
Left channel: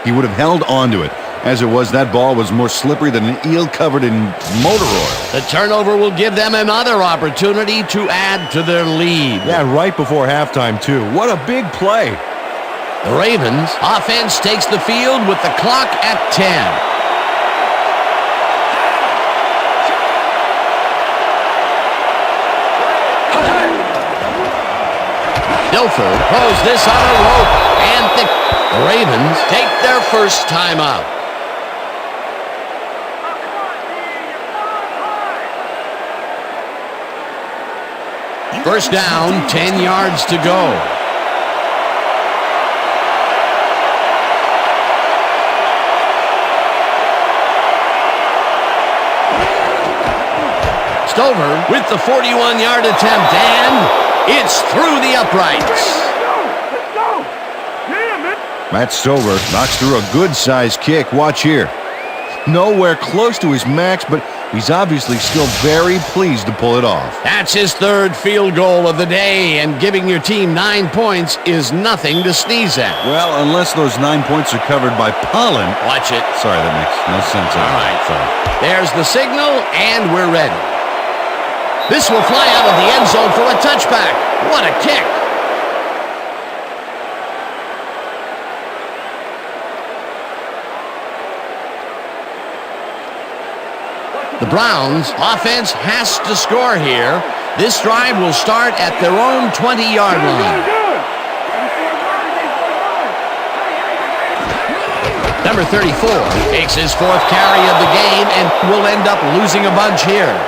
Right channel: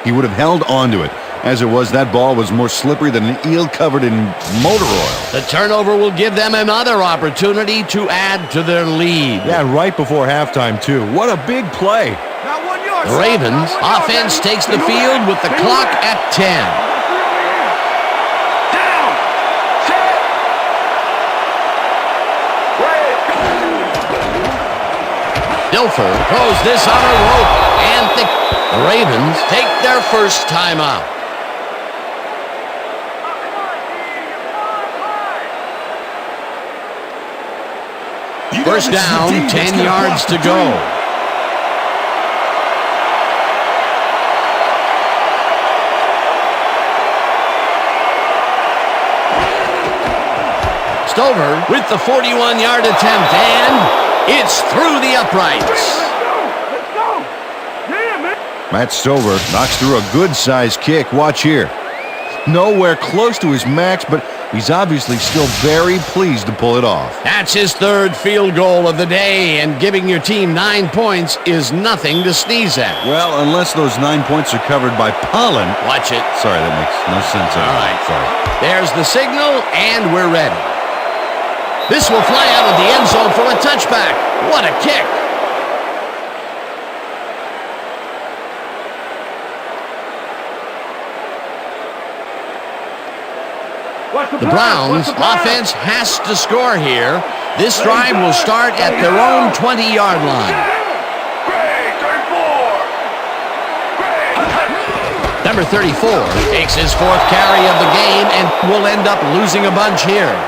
he would have held on to it. As it was, that ball was more slippery than an eel covered in motor oil. The turnover will give them another opportunity to add to their lead. Yeah, right before halftime, too. What a big play. The Ravens offense takes the field with the clock at 10. Dilfer throws this on a rope, and the Ravens take their first timeout. First down, 10 yards to go. Stover with the 41-yard attempt, and it's through the uprights. Let's go! Yeah, man! Matt Stover knocks through a good-sized kick. Watch here. Nowhere close to his max, but he's obviously still very pleased to pull it off. That's his third field goal of the day, and giving your team 9 points is nothing to sneeze at. Well, unless those 9 points are covered by pollen. Watch it. Sorry, that makes no sense. All right. Sorry. There's the signal, and we're ready. This will fly out of the end zone for a touchback. What a kick. The Browns offense has to score here. This drive will start at their own 20-yard line. Number 34 takes his fourth carry of the game and will end up losing a bunch here.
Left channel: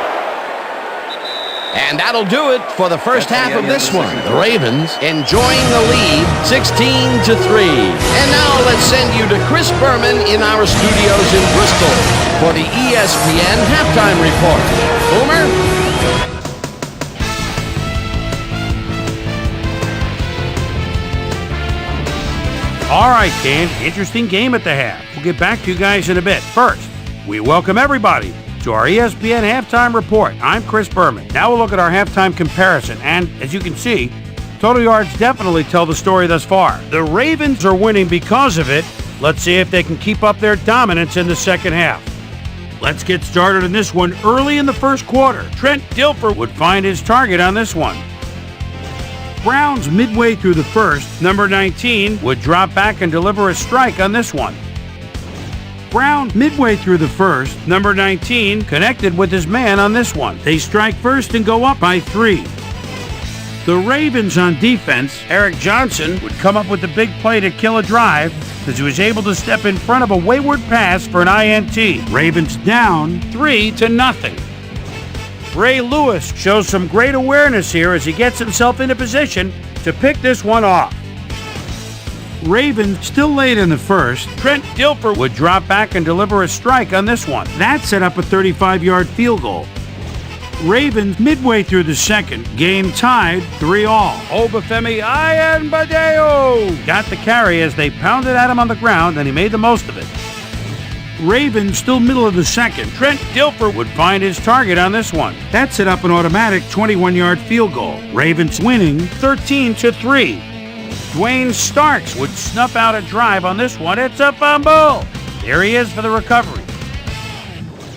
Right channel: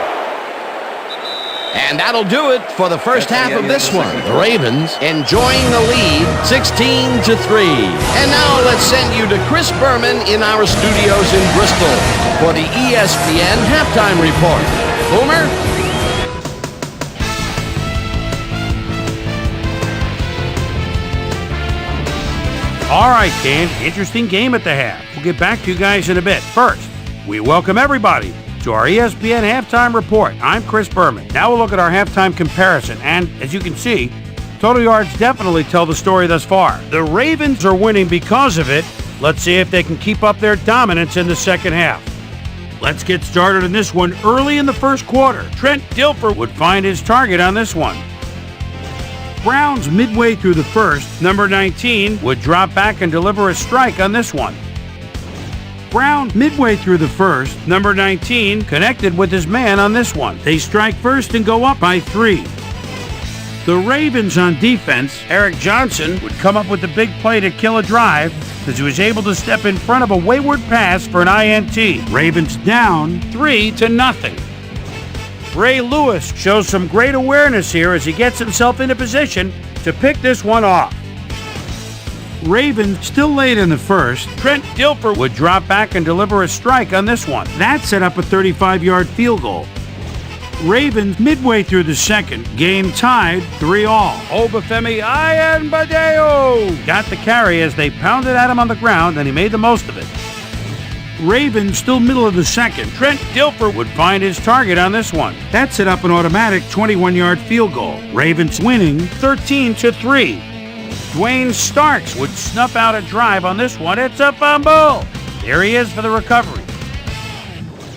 And that'll do it for the first half of this one. The Ravens enjoying the lead 16-3. And now let's send you to Chris Berman in our studios in Bristol for the ESPN halftime report. Boomer? All right, Dan, interesting game at the half. We'll get back to you guys in a bit. First, we welcome everybody to our ESPN halftime report. I'm Chris Berman. Now we'll look at our halftime comparison, and as you can see, total yards definitely tell the story thus far. The Ravens are winning because of it. Let's see if they can keep up their dominance in the second half. Let's get started in this one early in the first quarter. Trent Dilfer would find his target on this one. Browns midway through the first, number 19 would drop back and deliver a strike on this one. Brown, midway through the first, number 19, connected with his man on this one. They strike first and go up by 3. The Ravens on defense, Eric Johnson would come up with the big play to kill a drive as he was able to step in front of a wayward pass for an INT. Ravens down 3-0. Ray Lewis shows some great awareness here as he gets himself into position to pick this one off. Ravens still late in the first. Trent Dilfer would drop back and deliver a strike on this one. That set up a 35-yard field goal. Ravens midway through the second, game tied 3-3. Obafemi Ayanbadeo got the carry as they pounded at him on the ground, and he made the most of it. Ravens still middle of the second. Trent Dilfer would find his target on this one. That set up an automatic 21-yard field goal. Ravens winning 13-3. Dwayne Starks would snuff out a drive on this one. It's a fumble. There he is for the recovery.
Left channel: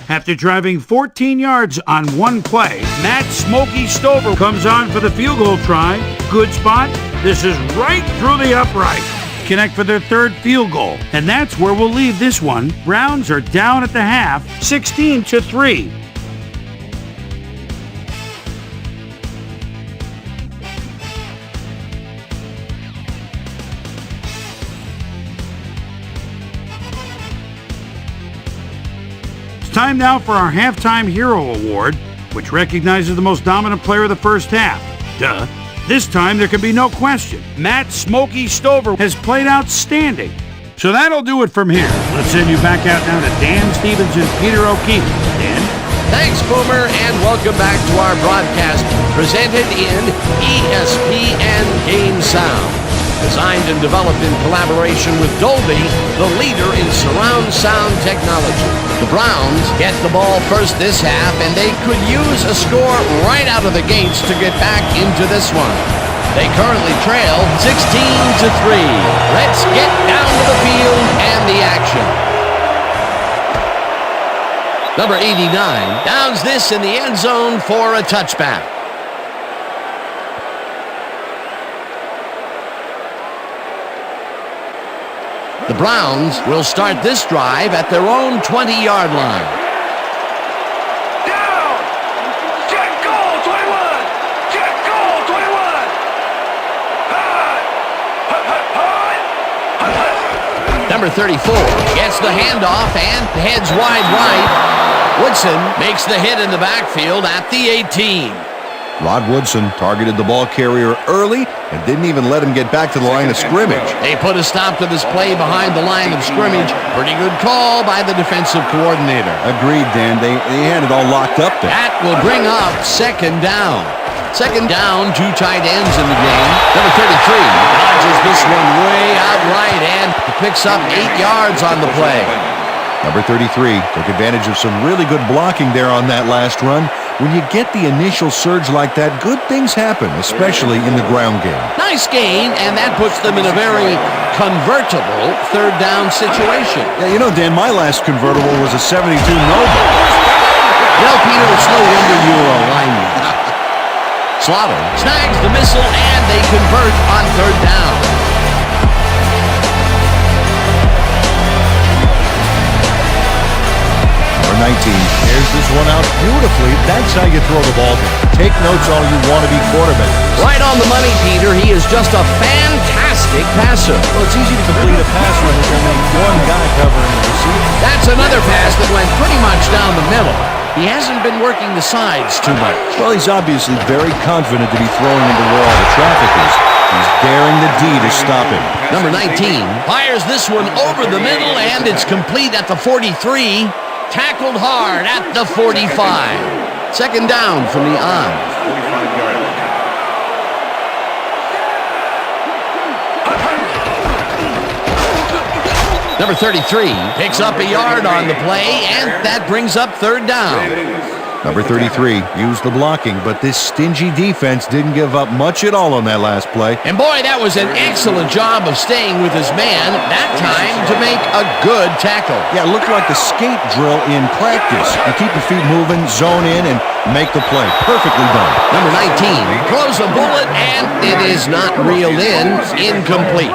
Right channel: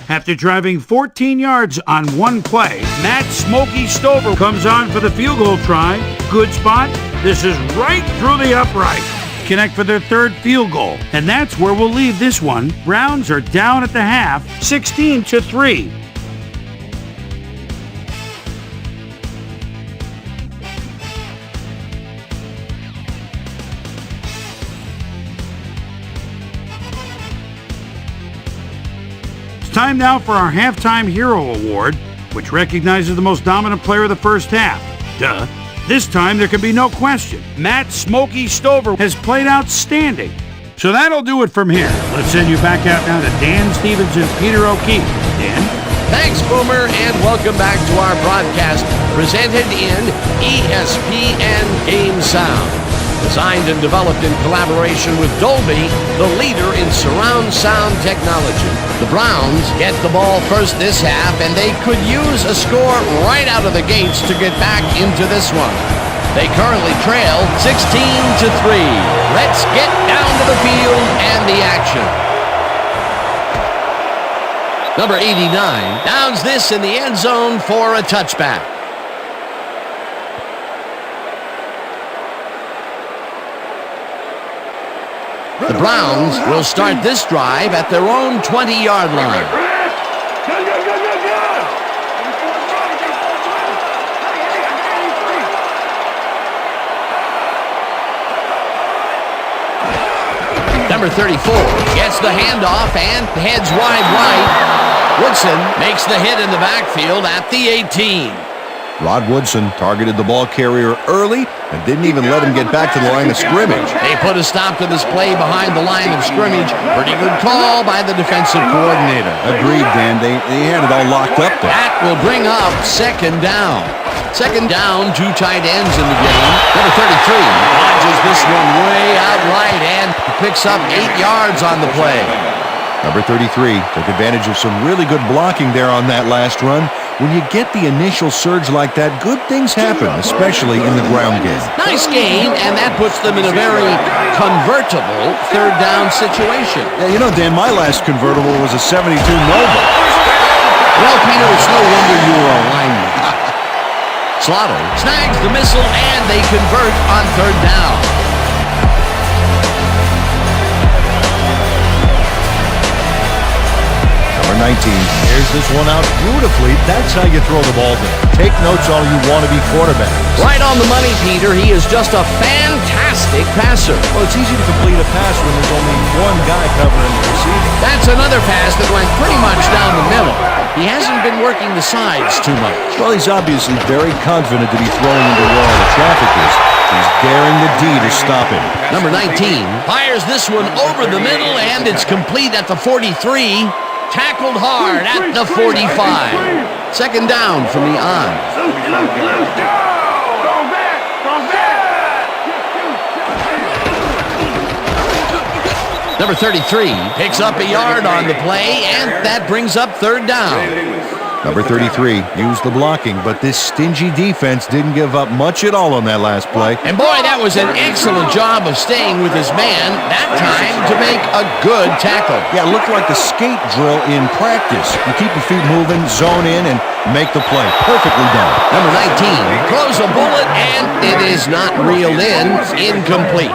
After driving 14 yards on one play, Matt Smokey Stover comes on for the field goal try. Good spot. This is right through the upright. Connect for their third field goal. And that's where we'll leave this one. Browns are down at the half, 16-3. Time now for our Halftime Hero Award, which recognizes the most dominant player of the first half. Duh. This time there can be no question. Matt Smokey Stover has played outstanding. So that'll do it from here. Let's send you back out now to Dan Stevens and Peter O'Keefe. Dan? Thanks, Boomer, and welcome back to our broadcast presented in ESPN Game Sound. Designed and developed in collaboration with Dolby, the leader in surround sound technology. The Browns get the ball first this half, and they could use a score right out of the gates to get back into this one. They currently trail 16-3. Let's get down to the field and the action. Number 89 downs this in the end zone for a touchback. The Browns will start this drive at their own 20-yard line. Number 34 gets the handoff and heads wide right. Woodson makes the hit in the backfield at the 18. Rod Woodson targeted the ball carrier early and didn't even let him get back to the line of scrimmage. They put a stop to this play behind the line of scrimmage. Pretty good call by the defensive coordinator. Agreed, Dan. They had it all locked up there. That will bring up second down. Second down, 2 tight ends in the game. Number 33 dodges this one way out right and picks up 8 yards on the play. Number 33 took advantage of some really good blocking there on that last run. When you get the initial surge like that, good things happen, especially in the ground game. Nice gain, and that puts them in a very convertible third down situation. Yeah, you know, Dan, my last convertible was a 72 Nova. You know, Peter, it's no wonder you were a lineman. Slaughter snags the missile, and they convert on third down. Number 19 airs this one out beautifully. That's how you throw the ball down. Take notes all you want to be quarterback. Right on the money, Peter. He is just a fantastic passer. Well, it's easy to complete a pass when there's only one guy covering the receiver. That's another pass that went pretty much down the middle. He hasn't been working the sides too much. Well, he's obviously very confident to be throwing into where all the traffic is. He's daring the D to stop him. Number 19 fires this one over the middle, and it's complete at the 43. Tackled hard at the 45. Second down from the on. 45-yard line. Number 33 picks up a yard on the play, and that brings up third down. Number 33 used the blocking, but this stingy defense didn't give up much at all on that last play. And boy, that was an excellent job of staying with his man that time to make a good tackle. Yeah, it looked like the skate drill in practice. You keep your feet moving, zone in, and make the play. Perfectly done. Number 19 throws a bullet, and it is not reeled in. Incomplete.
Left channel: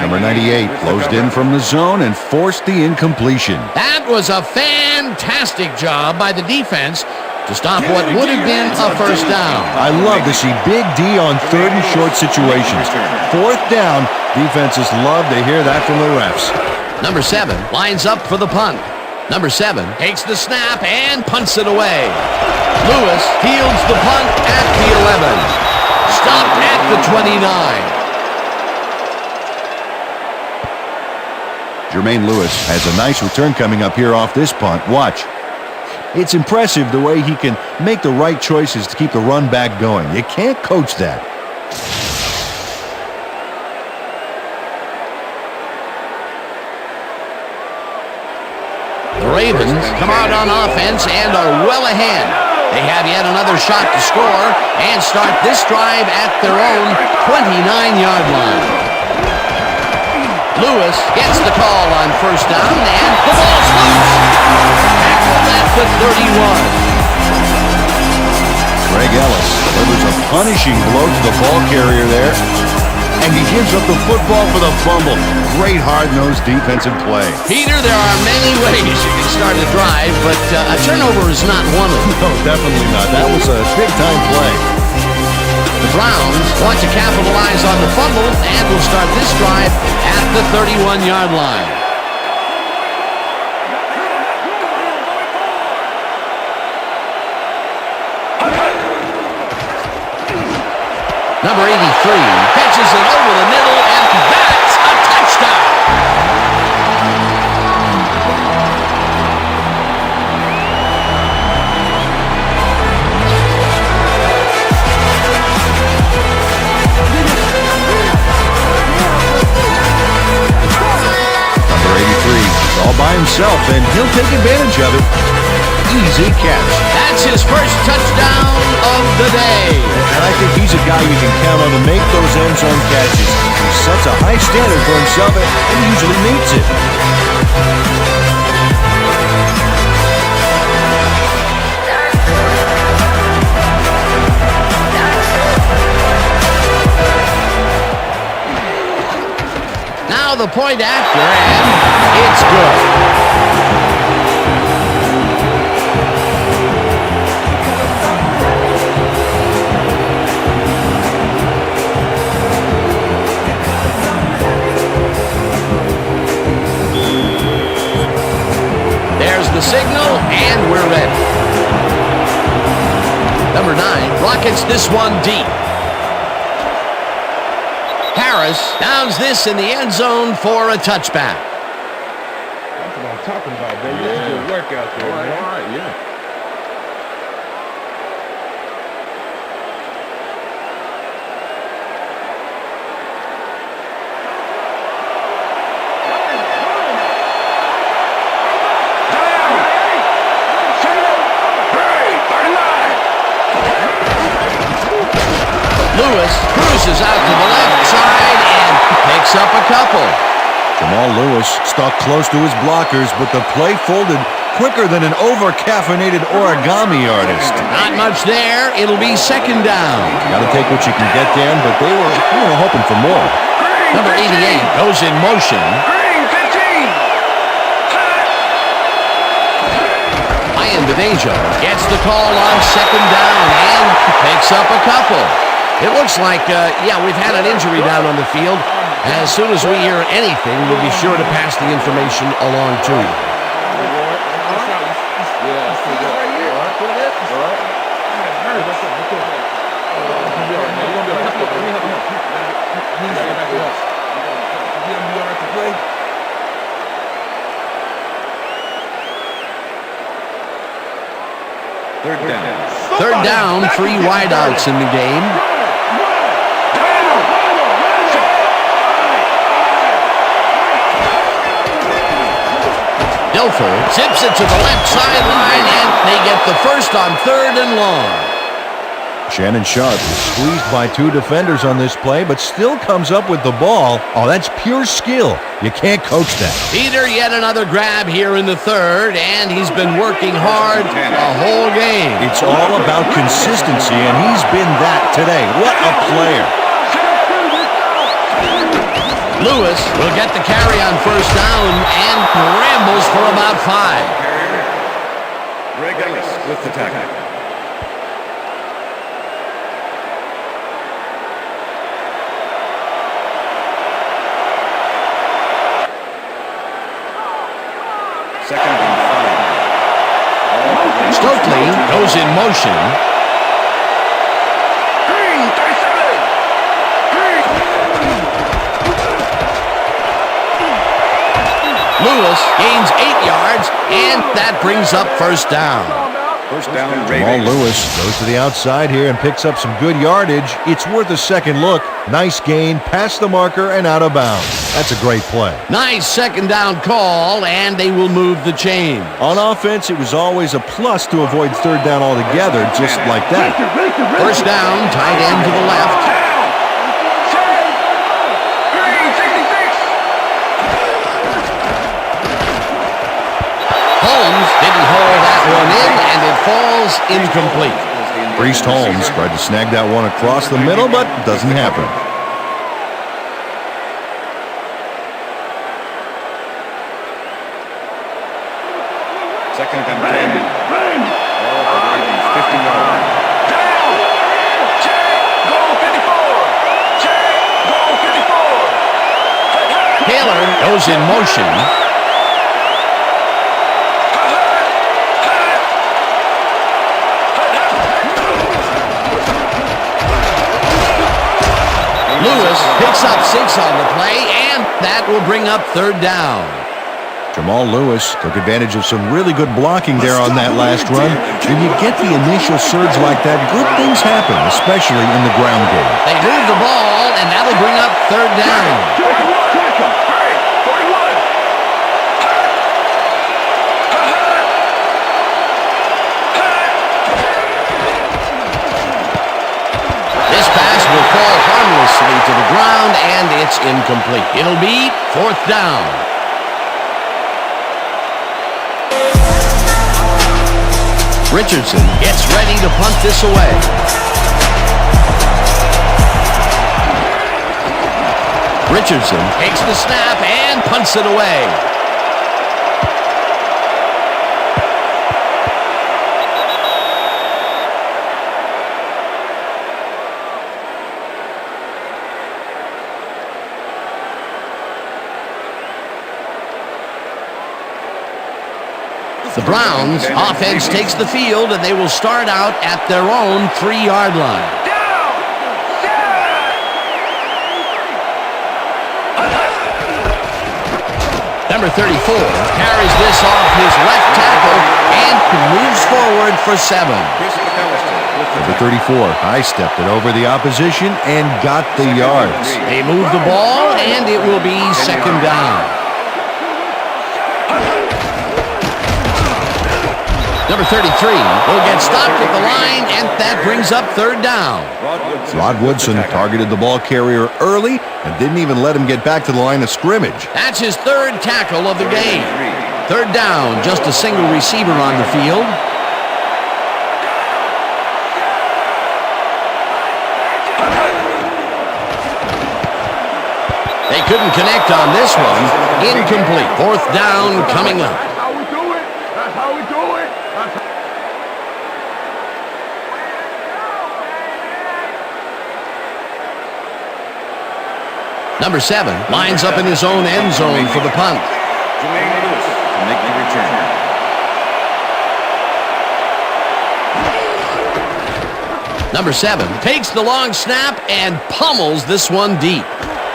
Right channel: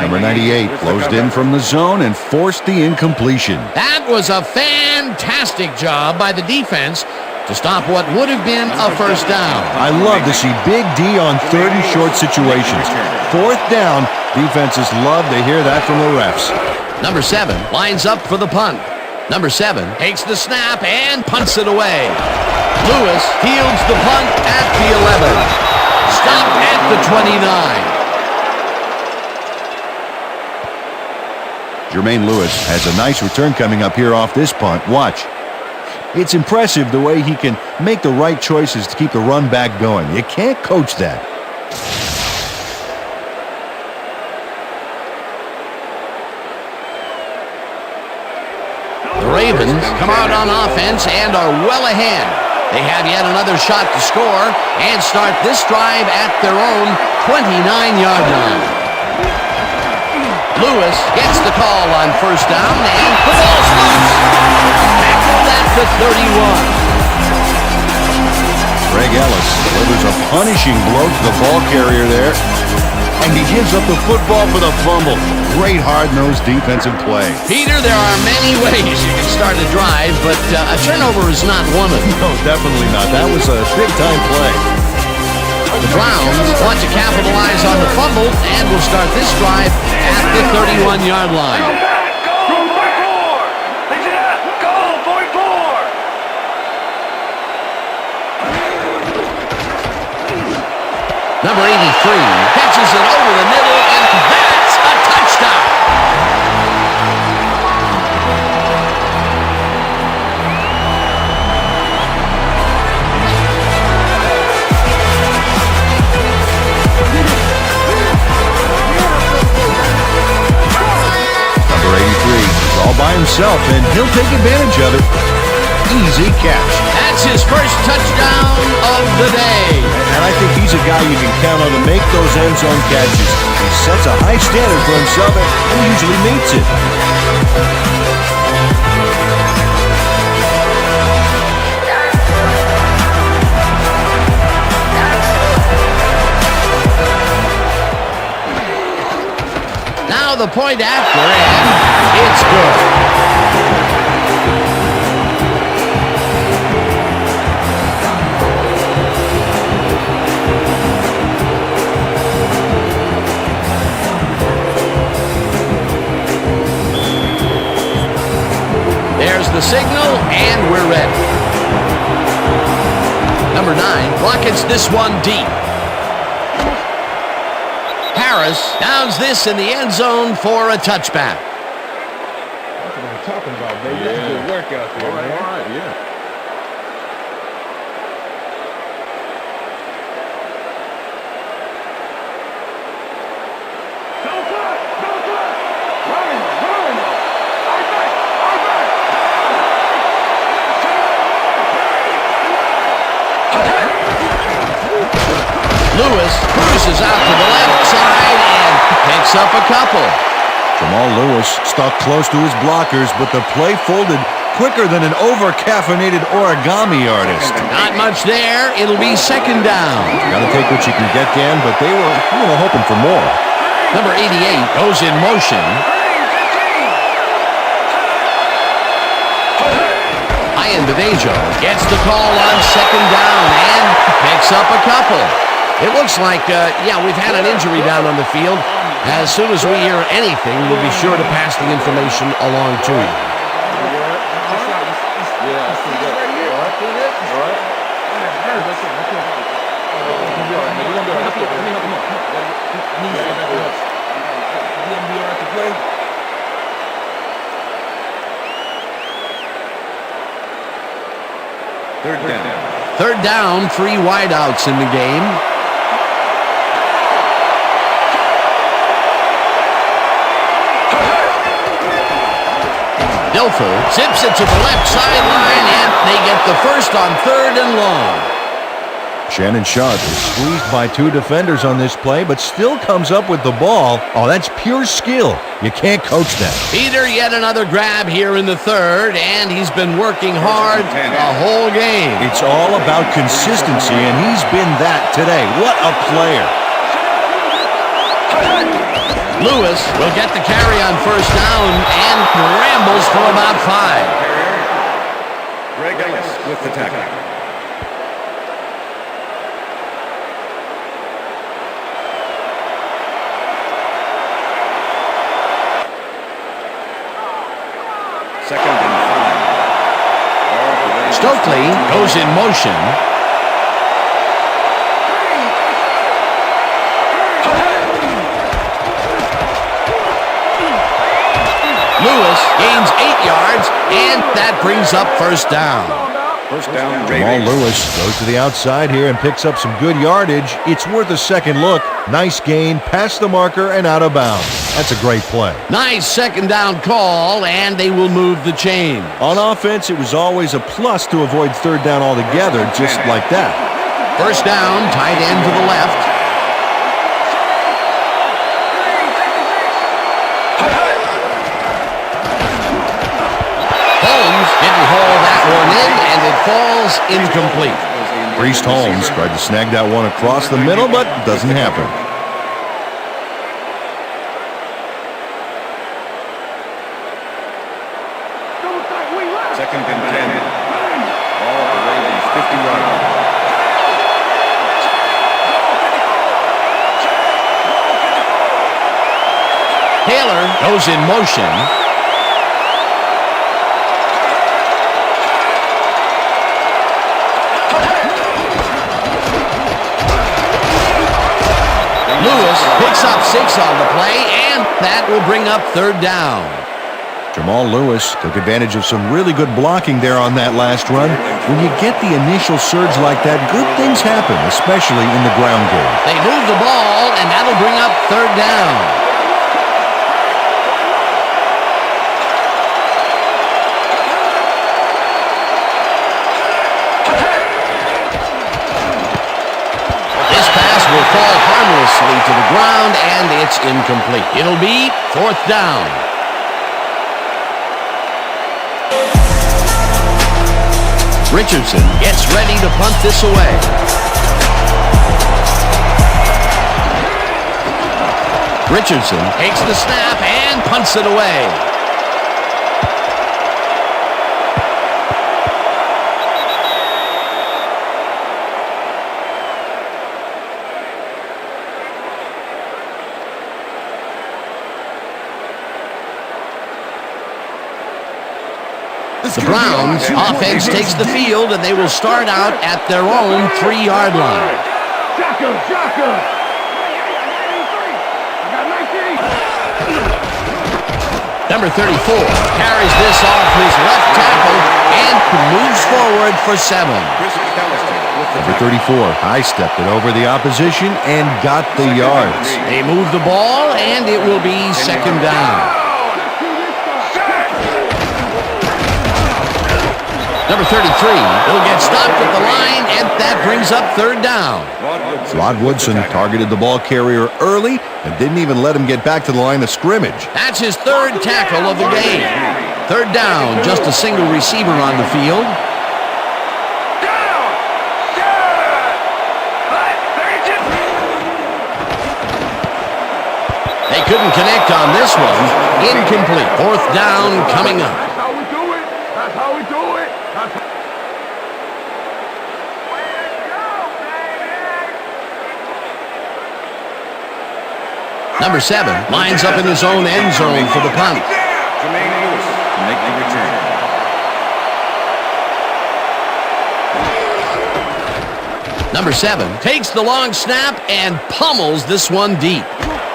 Number 98 closed in from the zone and forced the incompletion. That was a fantastic job by the defense to stop what would have been a first down. I love to see Big D on third and short situations. Fourth down, defenses love to hear that from the refs. Number 7 lines up for the punt. Number 7 takes the snap and punts it away. Lewis fields the punt at the 11. Stopped at the 29. Jermaine Lewis has a nice return coming up here off this punt. Watch. It's impressive the way he can make the right choices to keep the run back going. You can't coach that. The Ravens come out on offense and are well ahead. They have yet another shot to score and start this drive at their own 29-yard line. Lewis gets the call on first down, and the ball's loose. Tackled at the 31. Greg Ellis delivers a punishing blow to the ball carrier there, and he gives up the football for the fumble. Great hard-nosed defensive play. Peter, there are many ways you can start a drive, but a turnover is not one of them. No, definitely not. That was a big-time play. The Browns want to capitalize on the fumble and will start this drive at the 31-yard line. Number 83 catches it over the middle, and that's a touchdown. Number 83 is all by himself, and he'll take advantage of it. Easy catch. That's his first touchdown of the day. And I think he's a guy you can count on to make those end zone catches. He sets a high standard for himself and usually meets it. the point after, and it's good. There's the signal, and we're ready. Number 9 rockets this one deep. Harris downs this in the end zone for a touchback. That's what I'm talking about, baby. That's good work out there, man. All right, yeah. Lewis cruises out to the left side and picks up a couple. Jamal Lewis stuck close to his blockers, but the play folded quicker than an over-caffeinated origami artist. Not much there. It'll be second down. Got to take what you can get, Dan, but they were, hoping for more. Number 88 goes in motion. Ian Bedejo gets the call on second down and picks up a couple. It looks like, we've had an injury down on the field. As soon as we hear anything, we'll be sure to pass the information along to you. Yeah, that's pretty good. All right. I had heard. That's it. It's gonna be all right, man. You're gonna be all right. Let me help him up. Come on. He's get back to us. He's gonna be all right to play. Third down. Third down, 3 wideouts in the game. Dilfer zips it to the left sideline, and they get the first on 3rd and long. Shannon Sharp is squeezed by 2 defenders on this play, but still comes up with the ball. Oh, that's pure skill. You can't coach that. Peter, yet another grab here in the 3rd, and he's been working hard the whole game. It's all about consistency, and he's been that today. What a player. Lewis will get the carry on first down and rambles for about 5. Carrier, Greg Ellis with the tackle. Second and 5. Stokely goes in motion. Lewis gains 8 yards, and that brings up first down. First down, Jamal Ravens. Lewis goes to the outside here and picks up some good yardage. It's worth a second look. Nice gain, past the marker, and out of bounds. That's a great play. Nice second down call, and they will move the chain. On offense, it was always a plus to avoid third down altogether, just like that. First down, tight end to the left. Holmes didn't haul that one in, and it falls incomplete. Priest Holmes tried to snag that one across the middle, but doesn't happen. Second and 10. Ball at the Ravens, 50-yard line. Taylor goes in motion. Lewis picks up 6 on the play, and that will bring up third down. Jamal Lewis took advantage of some really good blocking there on that last run. When you get the initial surge like that, good things happen, especially in the ground game. They move the ball, and that'll bring up third down. This pass will fall harmlessly to the ground, and it's incomplete. It'll be fourth down. Richardson gets ready to punt this away. Richardson takes the snap and punts it away. The Browns offense takes the field, and they will start out at their own 3-yard line. Number 34 carries this off his left tackle and moves forward for 7. Number 34 high-stepped it over the opposition and got the yards. They move the ball, and it will be 2nd down. Number 33 will get stopped at the line, and that brings up 3rd down. Rod Woodson targeted the ball carrier early and didn't even let him get back to the line of scrimmage. That's his 3rd tackle of the game. 3rd down, just a single receiver on the field. They couldn't connect on this one. Incomplete. 4th down coming up. That's how we do it. That's how we do it. Number 7 lines up in his own end zone for the punt. Jermaine Lewis to make the return. Number 7 takes the long snap and pummels this one deep.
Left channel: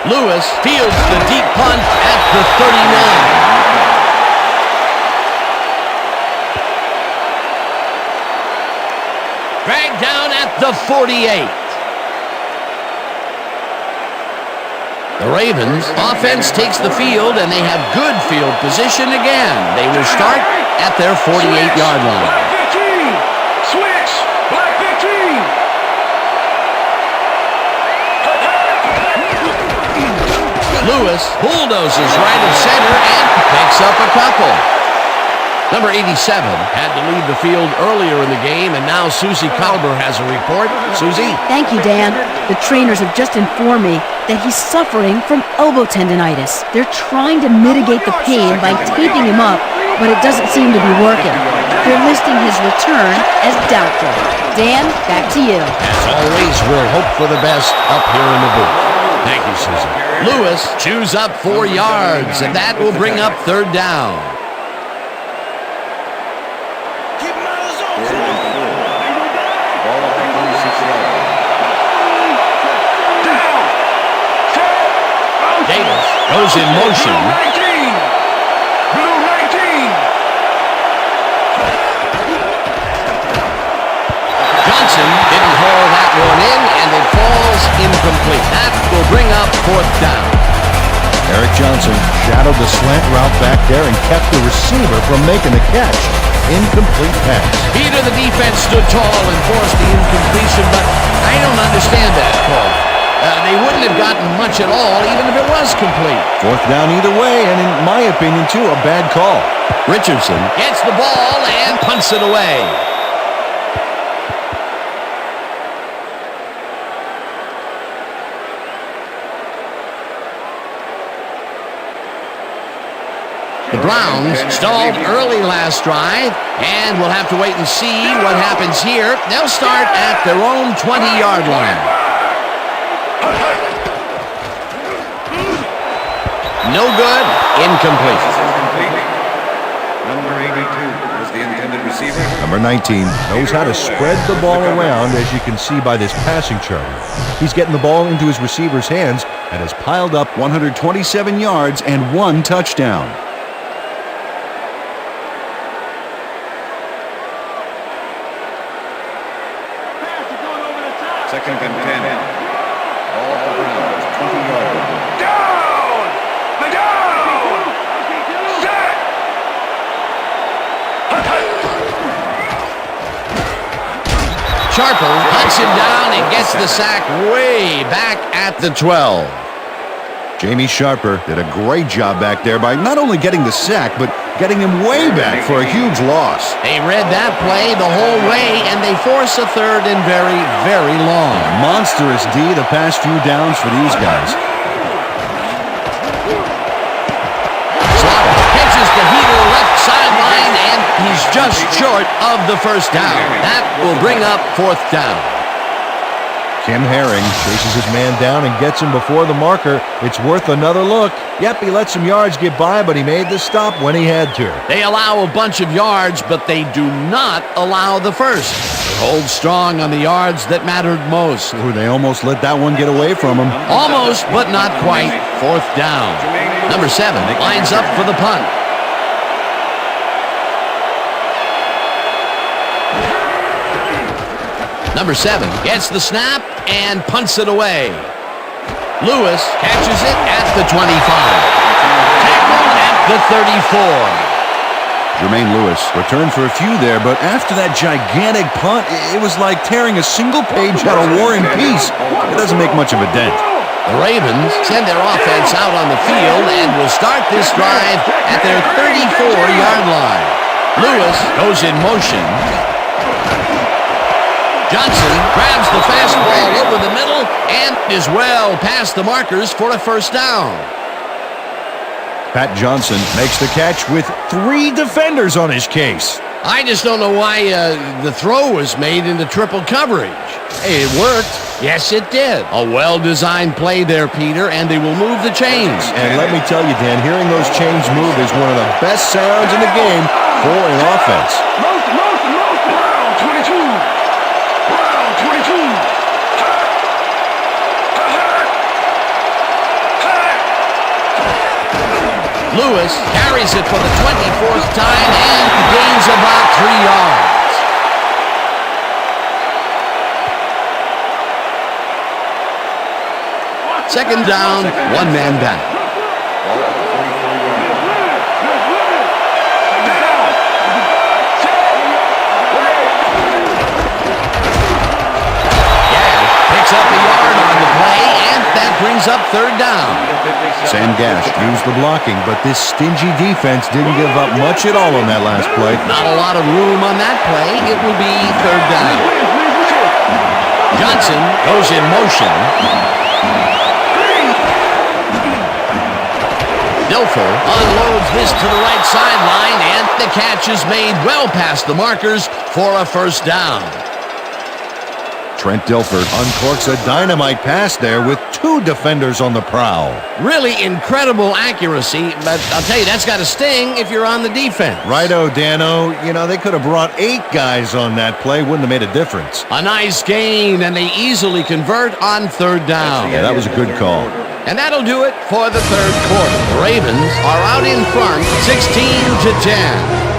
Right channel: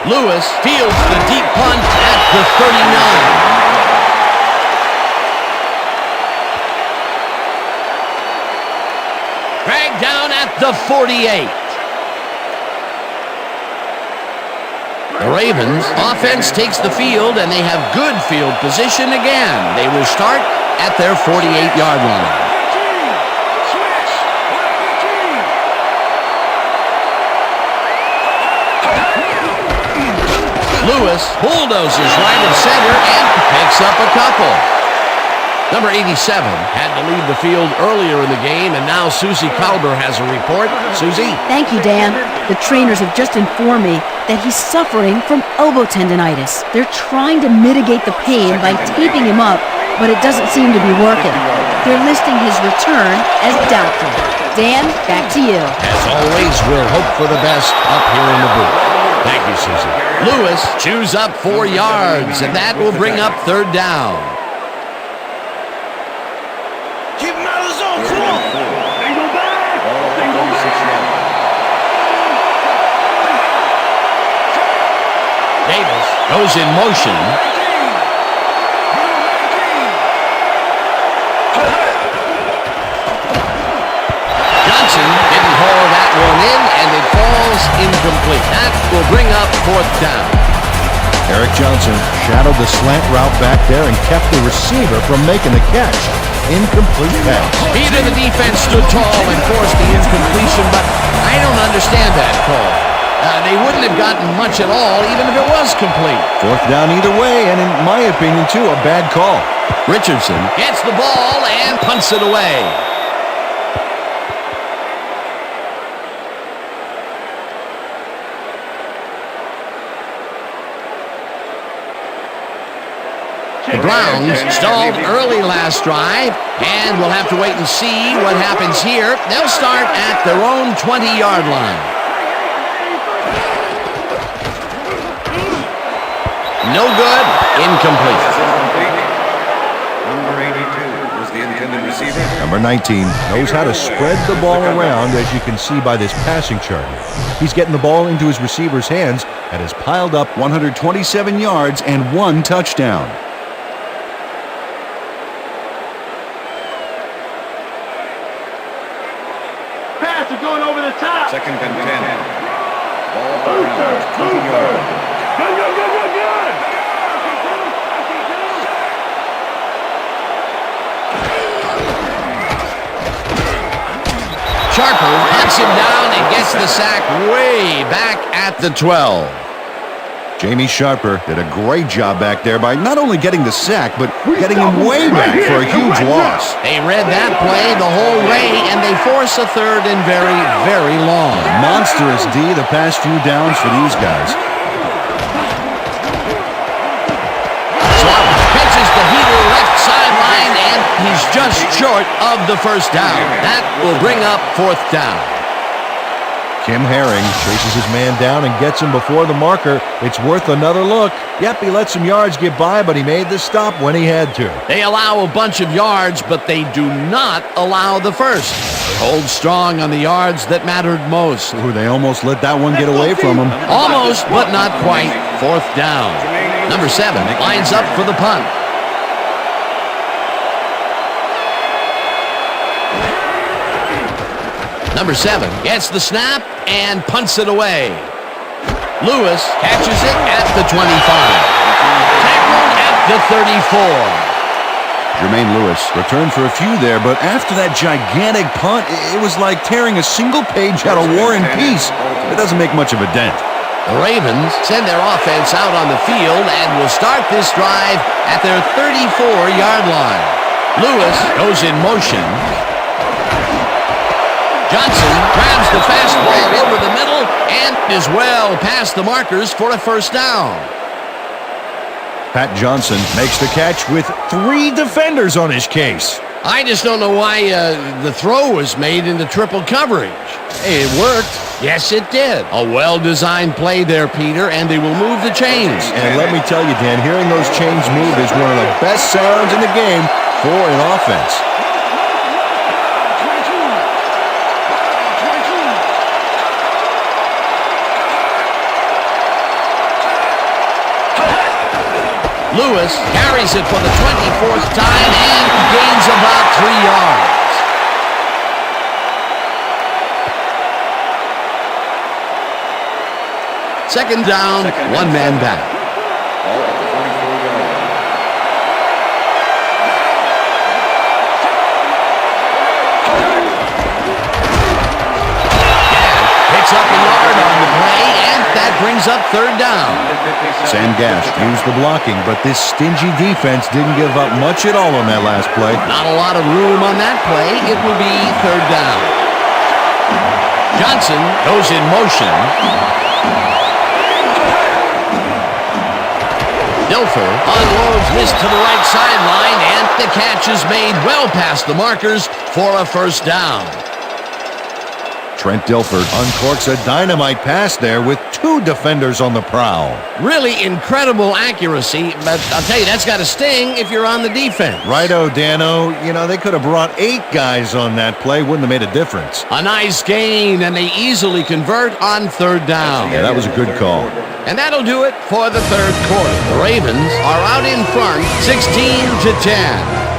Lewis fields the deep punt at the 39. Dragged down at the 48. The Ravens offense takes the field, and they have good field position again. They will start at their 48-yard line. Lewis bulldozes right of center and picks up a couple. Number 87 had to leave the field earlier in the game, and now Susie Kalber has a report. Susie? Thank you, Dan. The trainers have just informed me that he's suffering from elbow tendonitis. They're trying to mitigate the pain by taping him up, but it doesn't seem to be working. They're listing his return as doubtful. Dan, back to you. As always, we'll hope for the best up here in the booth. Thank you, Susie. Lewis chews up 4 yards, and that will bring up 3rd down. Keep him out of the zone. Come on. Single back. Ball at the 46-yard line. Davis goes in motion. Johnson didn't haul that one in, and it falls incomplete. That will bring up 4th down. Eric Johnson shadowed the slant route back there and kept the receiver from making the catch. Incomplete pass. Peter, the defense stood tall and forced the incompletion, but I don't understand that call. They wouldn't have gotten much at all, even if it was complete. 4th down either way, and in my opinion, too, a bad call. Richardson gets the ball and punts it away. The Browns stalled early last drive, and we'll have to wait and see what happens here. They'll start at their own 20-yard line. No good. Incomplete. Number 82 was the intended receiver. Number 19 knows how to spread the ball around, as you can see by this passing chart here. He's getting the ball into his receiver's hands and has piled up 127 yards and 1 touchdown. Pass are going over the top. 2nd and 10. Ball at the Browns, 20-yard line. Sharper hunts him down and gets the sack way back at the 12. Jamie Sharper did a great job back there by not only getting the sack, but getting him way back for a huge loss. They read that play the whole way, and they force a 3rd and very, very long. Monstrous D the past few downs for these guys. uses the heater left sideline, and he's just short of the first down. That will bring up fourth down. Kim Herring chases his man down and gets him before the marker. It's worth another look. Yep, he let some yards get by, but he made the stop when he had to. They allow a bunch of yards, but they do not allow the first. They hold strong on the yards that mattered most. Ooh, they almost let that one get away from him. Almost, but not quite. Fourth down. Number 7 lines up for the punt. Number 7 gets the snap and punts it away. Lewis catches it at the 25. Tackled at the 34. Jermaine Lewis returned for a few there, but after that gigantic punt, it was like tearing a single page out of War and Peace. It doesn't make much of a dent. The Ravens send their offense out on the field and will start this drive at their 34-yard line. Lewis goes in motion. Johnson grabs the fastball over the middle and is well past the markers for a first down. Pat Johnson makes the catch with 3 defenders on his case. I just don't know why the throw was made into triple coverage. Hey, it worked. Yes, it did. A well-designed play there, Peter, and they will move the chains. And let me tell you, Dan, hearing those chains move is one of the best sounds in the game for an offense. Lewis carries it for the 24th time and gains about 3 yards. Second down, one man back. Ball at the 44-yard line. Picks up a yard on the play, and that brings up third down. Sam Gash used the blocking, but this stingy defense didn't give up much at all on that last play. Not a lot of room on that play. It will be third down. Johnson goes in motion. Dilfer unloads this to the right sideline, and the catch is made well past the markers for a first down. Trent Dilfer uncorks a dynamite pass there with 2 defenders on the prowl. Really incredible accuracy, but I'll tell you, that's got to sting if you're on the defense. Righto, Dano. You know, they could have brought 8 guys on that play. Wouldn't have made a difference. A nice gain, and they easily convert on third down. Yeah, that was a good call. And that'll do it for the third quarter. The Ravens are out in front, 16-10.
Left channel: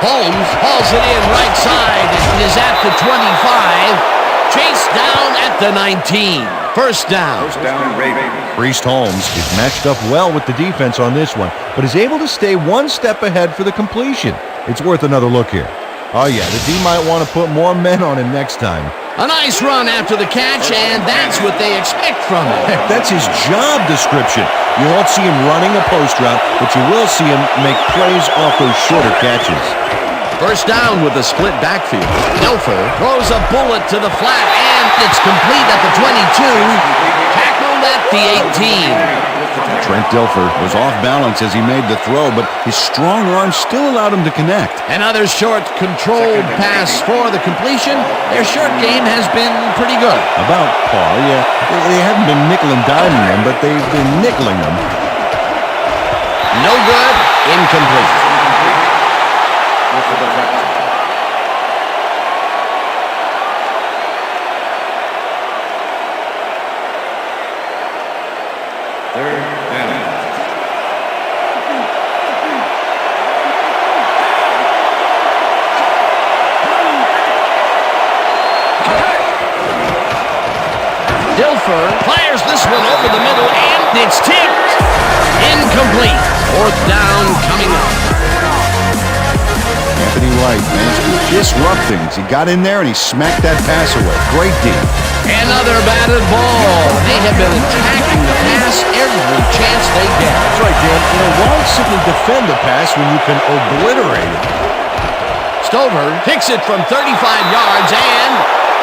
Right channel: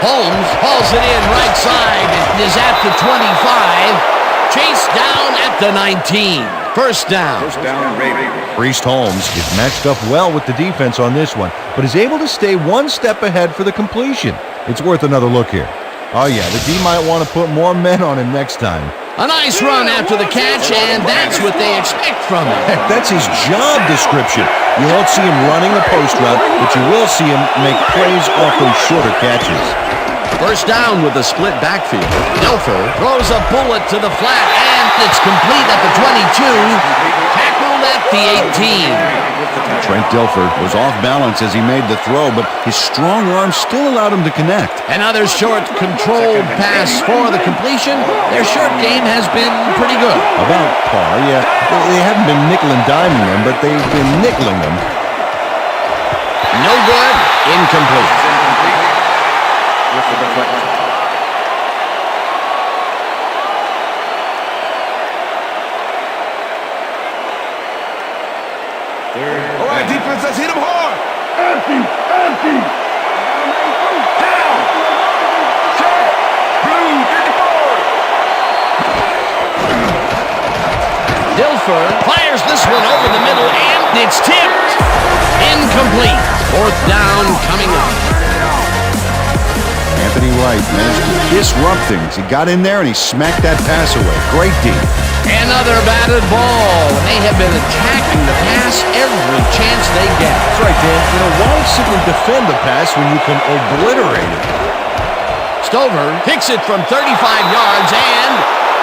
Holmes hauls it in right side and is at the 25. Chased down at the 19. First down. First down, Ravens. Priest Holmes is matched up well with the defense on this one, but is able to stay one step ahead for the completion. It's worth another look here. Oh yeah, the D might want to put more men on him next time. A nice run after the catch, and that's what they expect from him. Heck, that's his job description. You won't see him running a post route, but you will see him make plays off those shorter catches. First down with a split backfield. Dilfer throws a bullet to the flat, and it's complete at the 22. Tackled at the 18. Trent Dilfer was off balance as he made the throw, but his strong arm still allowed him to connect. Another short, controlled pass for the completion. Their short game has been pretty good. About par, yeah. They haven't been nickel and diming them, but they've been nickeling them. No good. Incomplete. With the deflection. Third down. Defense has hit him hard. Empty. Dilfer fires this one over the middle, and it's tipped. Incomplete. Fourth down coming up. Anthony Wright managed to disrupt things. He got in there and he smacked that pass away. Great D. Another batted ball. They have been attacking the pass every chance they get. That's right, Dan. You know, why simply defend the pass when you can obliterate it? Stover kicks it from 35 yards, and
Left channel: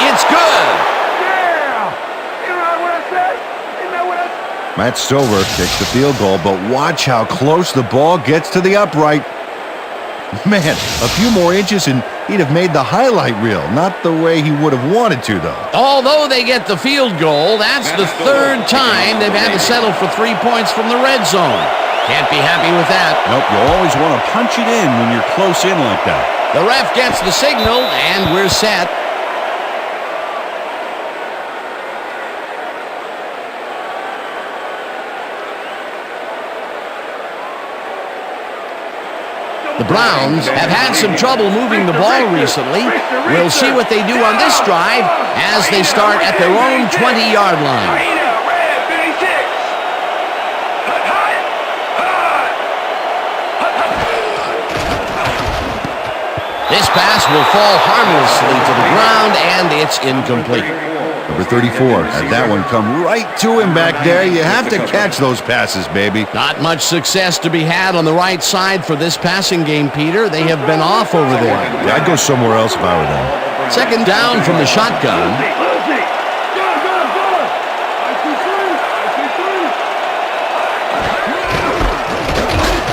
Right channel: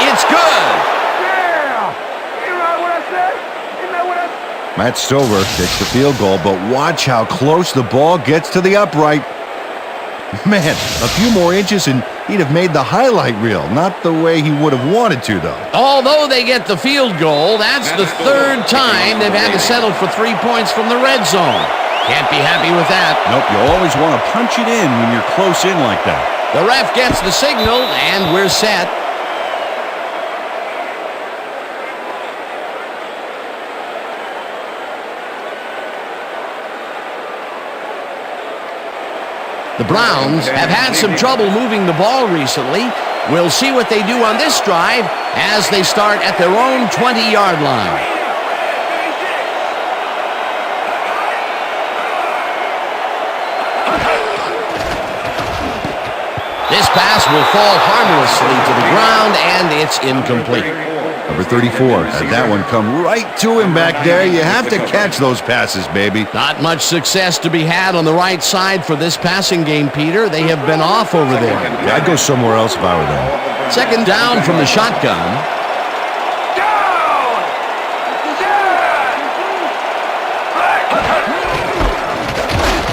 it's good. Yeah! You know what I said? You know what I said? Matt Stover kicks the field goal, but watch how close the ball gets to the upright. Man, a few more inches and he'd have made the highlight reel. Not the way he would have wanted to, though. Although they get the field goal, that's the third time they've had to settle for 3 points from the red zone. Can't be happy with that. Nope, you always want to punch it in when you're close in like that. The ref gets the signal, and we're set. The Browns have had some trouble moving the ball recently. We'll see what they do on this drive as they start at their own 20-yard line. This pass will fall harmlessly to the ground, and it's incomplete. Number 34 had that one come right to him back there. You have to catch those passes, baby. Not much success to be had on the right side for this passing game, Peter. They have been off over there. Yeah, I'd go somewhere else if I were them. Second down from the shotgun.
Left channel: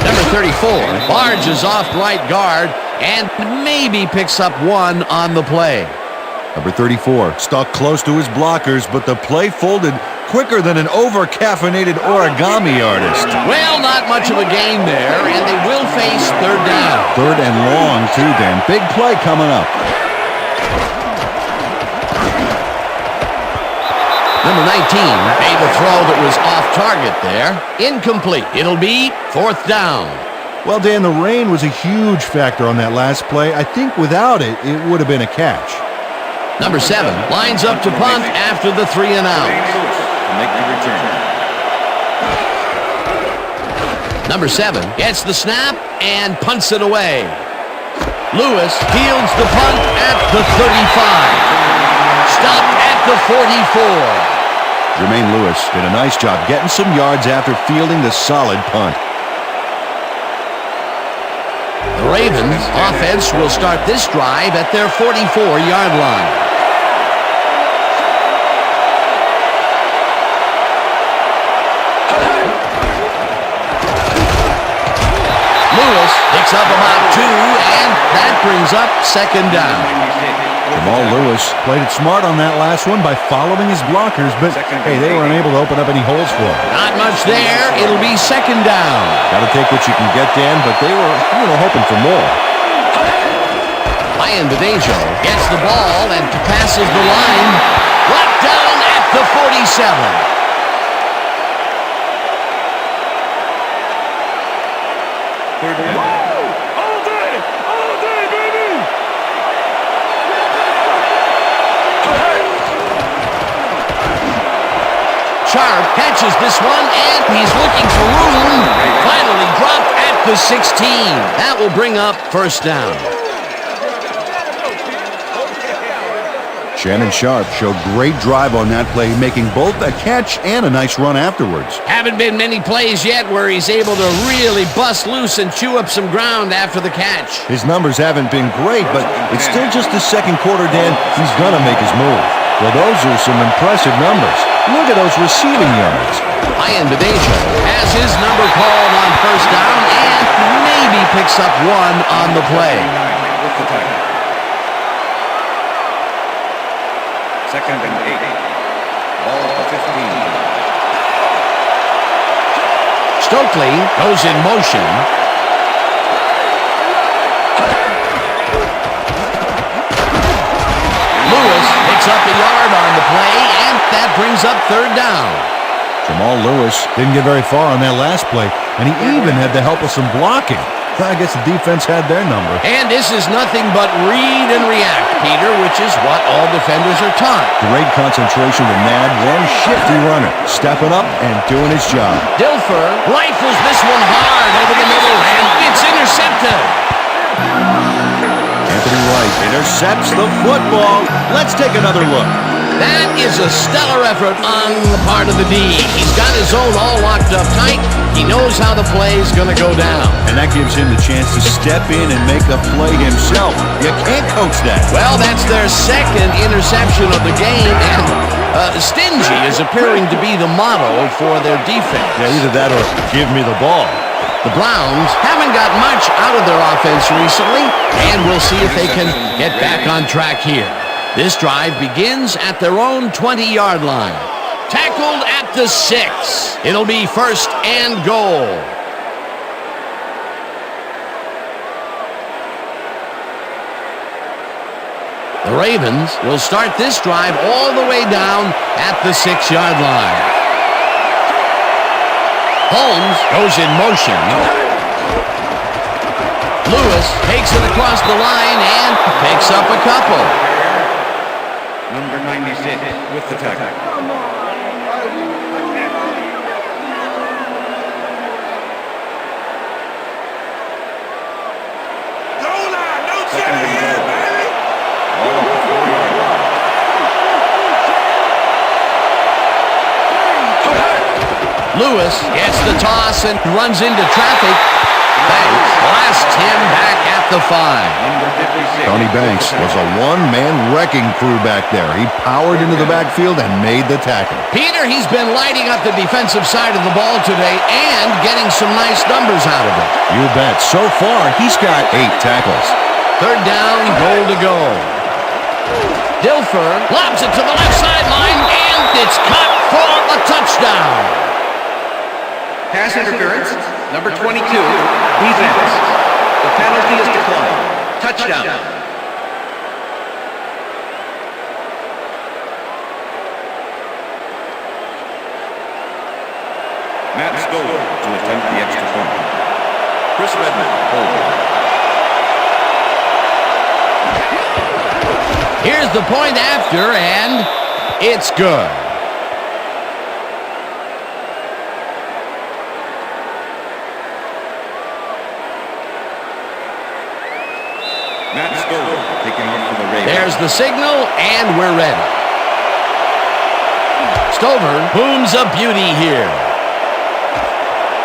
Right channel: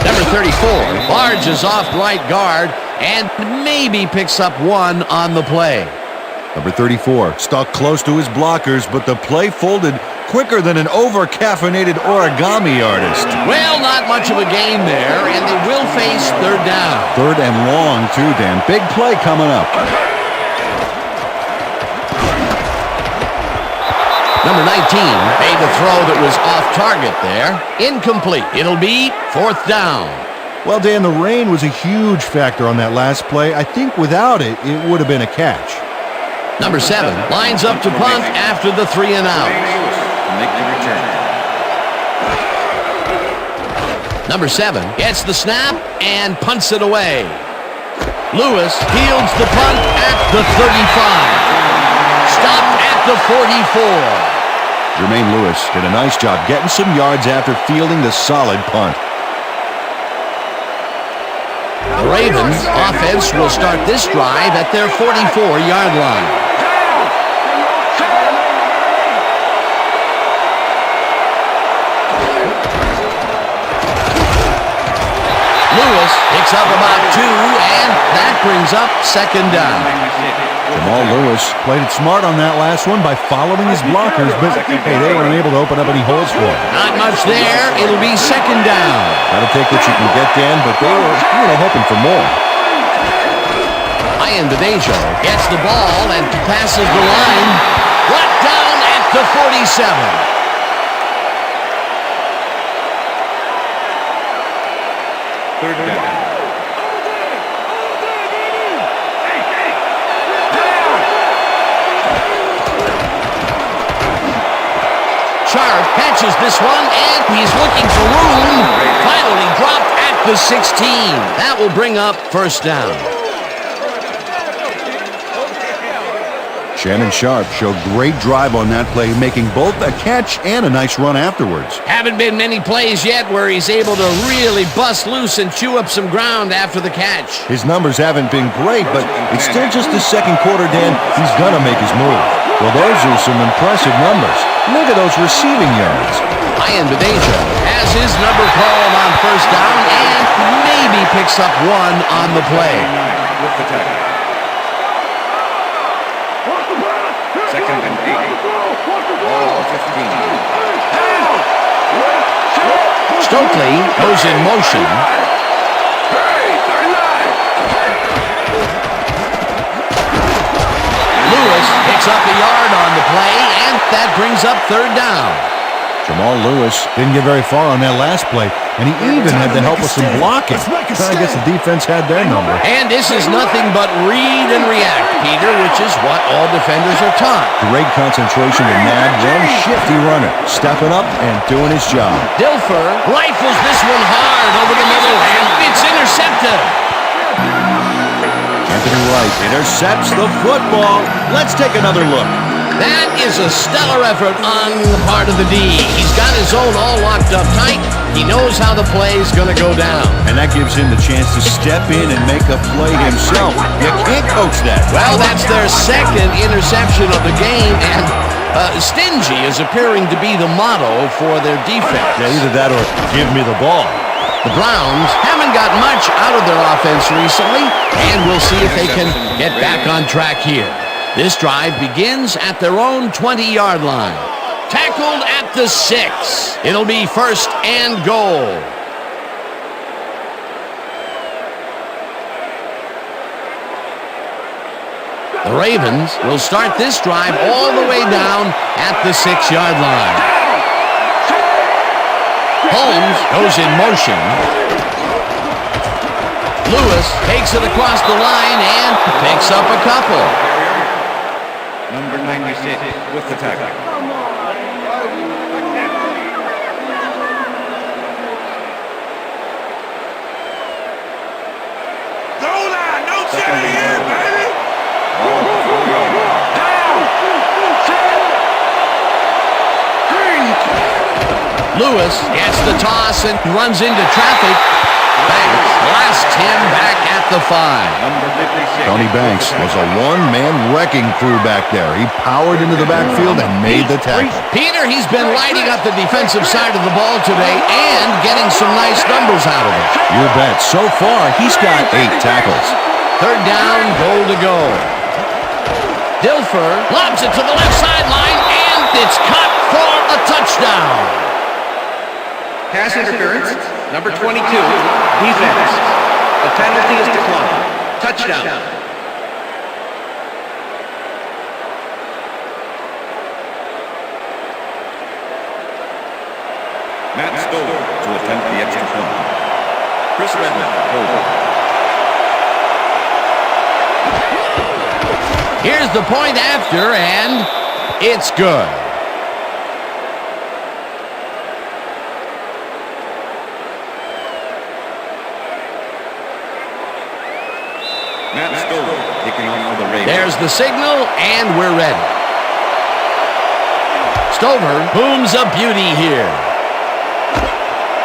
Number 34 barges off right guard and maybe picks up one on the play. Number 34 stuck close to his blockers, but the play folded quicker than an over-caffeinated origami artist. Well, not much of a gain there, and they will face third down. Third and long, too, Dan. Big play coming up. Number 19 made a throw that was off target there. Incomplete. It'll be fourth down. Well, Dan, the rain was a huge factor on that last play. I think without it, it would have been a catch. Number 7 lines up to punt after the 3 and out. To make the return. Number 7 gets the snap and punts it away. Lewis fields the punt at the 35. Stopped at the 44. Jermaine Lewis did a nice job getting some yards after fielding the solid punt. The Ravens offense will start this drive at their 44-yard line. Lewis picks up about 2, and that brings up second down. Jamal Lewis played it smart on that last one by following his blockers, but hey, they were unable to open up any holes for him. Not much there. It'll be second down. Got to take what you can get, Dan, but they were, hoping for more. Ian Badejo gets the ball and passes the line. Brought down at the 47. Third down. All day, baby! Hey! Sharp catches this one, and he's looking for room. Finally dropped at the 16. That will bring up first down. Shannon Sharp showed great drive on that play, making both a catch and a nice run afterwards. Haven't been many plays yet where he's able to really bust loose and chew up some ground after the catch. His numbers haven't been great, but it's still just the second quarter, Dan. He's gonna make his move. Well, those are some impressive numbers. Look at those receiving yards. Ian Badejo has his number called on first down and maybe picks up one on the play. With the tackle. Second and 8. Ball at the 15. Stokely goes in motion. Lewis picks up a yard on the play, and that brings up third down. Jamal Lewis didn't get very far on that last play, and he even had the help of some blocking. I guess the defense had their number. And this is nothing but read and react, Peter, which is what all defenders are taught. Great concentration to nab one shifty runner, stepping up and doing his job. Dilfer rifles this one hard over the middle, and it's intercepted. Anthony Wright intercepts the football. Let's take another look. That is a stellar effort on the part of the D. He's got his own all locked up tight. He knows how the play is going to go down. And that gives him the chance to step in and make a play himself. You can't coach that. Well, that's their second interception of the game, and stingy is appearing to be the motto for their defense. Yeah, either that or give me the ball. The Browns haven't got much out of their offense recently, and we'll see if they can get back on track here. This drive begins at their own 20-yard line. Tackled at the 6. It'll be 1st and goal. The Ravens will start this drive all the way down at the 6-yard line. Holmes goes in motion. Lewis takes it across the line and picks up a couple. Number 96 with the tackle. Goal line, no Second charity and here, goal. baby. Ball at the 4-yard line. Lewis gets the toss and runs into traffic. Banks blasts him back at the 5. Number 56. Tony Banks was a one-man wrecking crew back there. He powered into the backfield and made the tackle. Peter, he's been lighting up the defensive side of the ball today and getting some nice numbers out of it. You bet. So far, he's got 8 tackles. 3rd down, goal to go. Dilfer lobs it to the left sideline, and it's caught for a touchdown. Pass interference, number 22, defense. The penalty is declined. Touchdown. Matt Stover to attempt the extra point. Chris Redmond holding. Here's the point after, and it's good. Matt Stover kicking off for the Ravens. There's the signal, and we're ready. Stover booms a beauty here.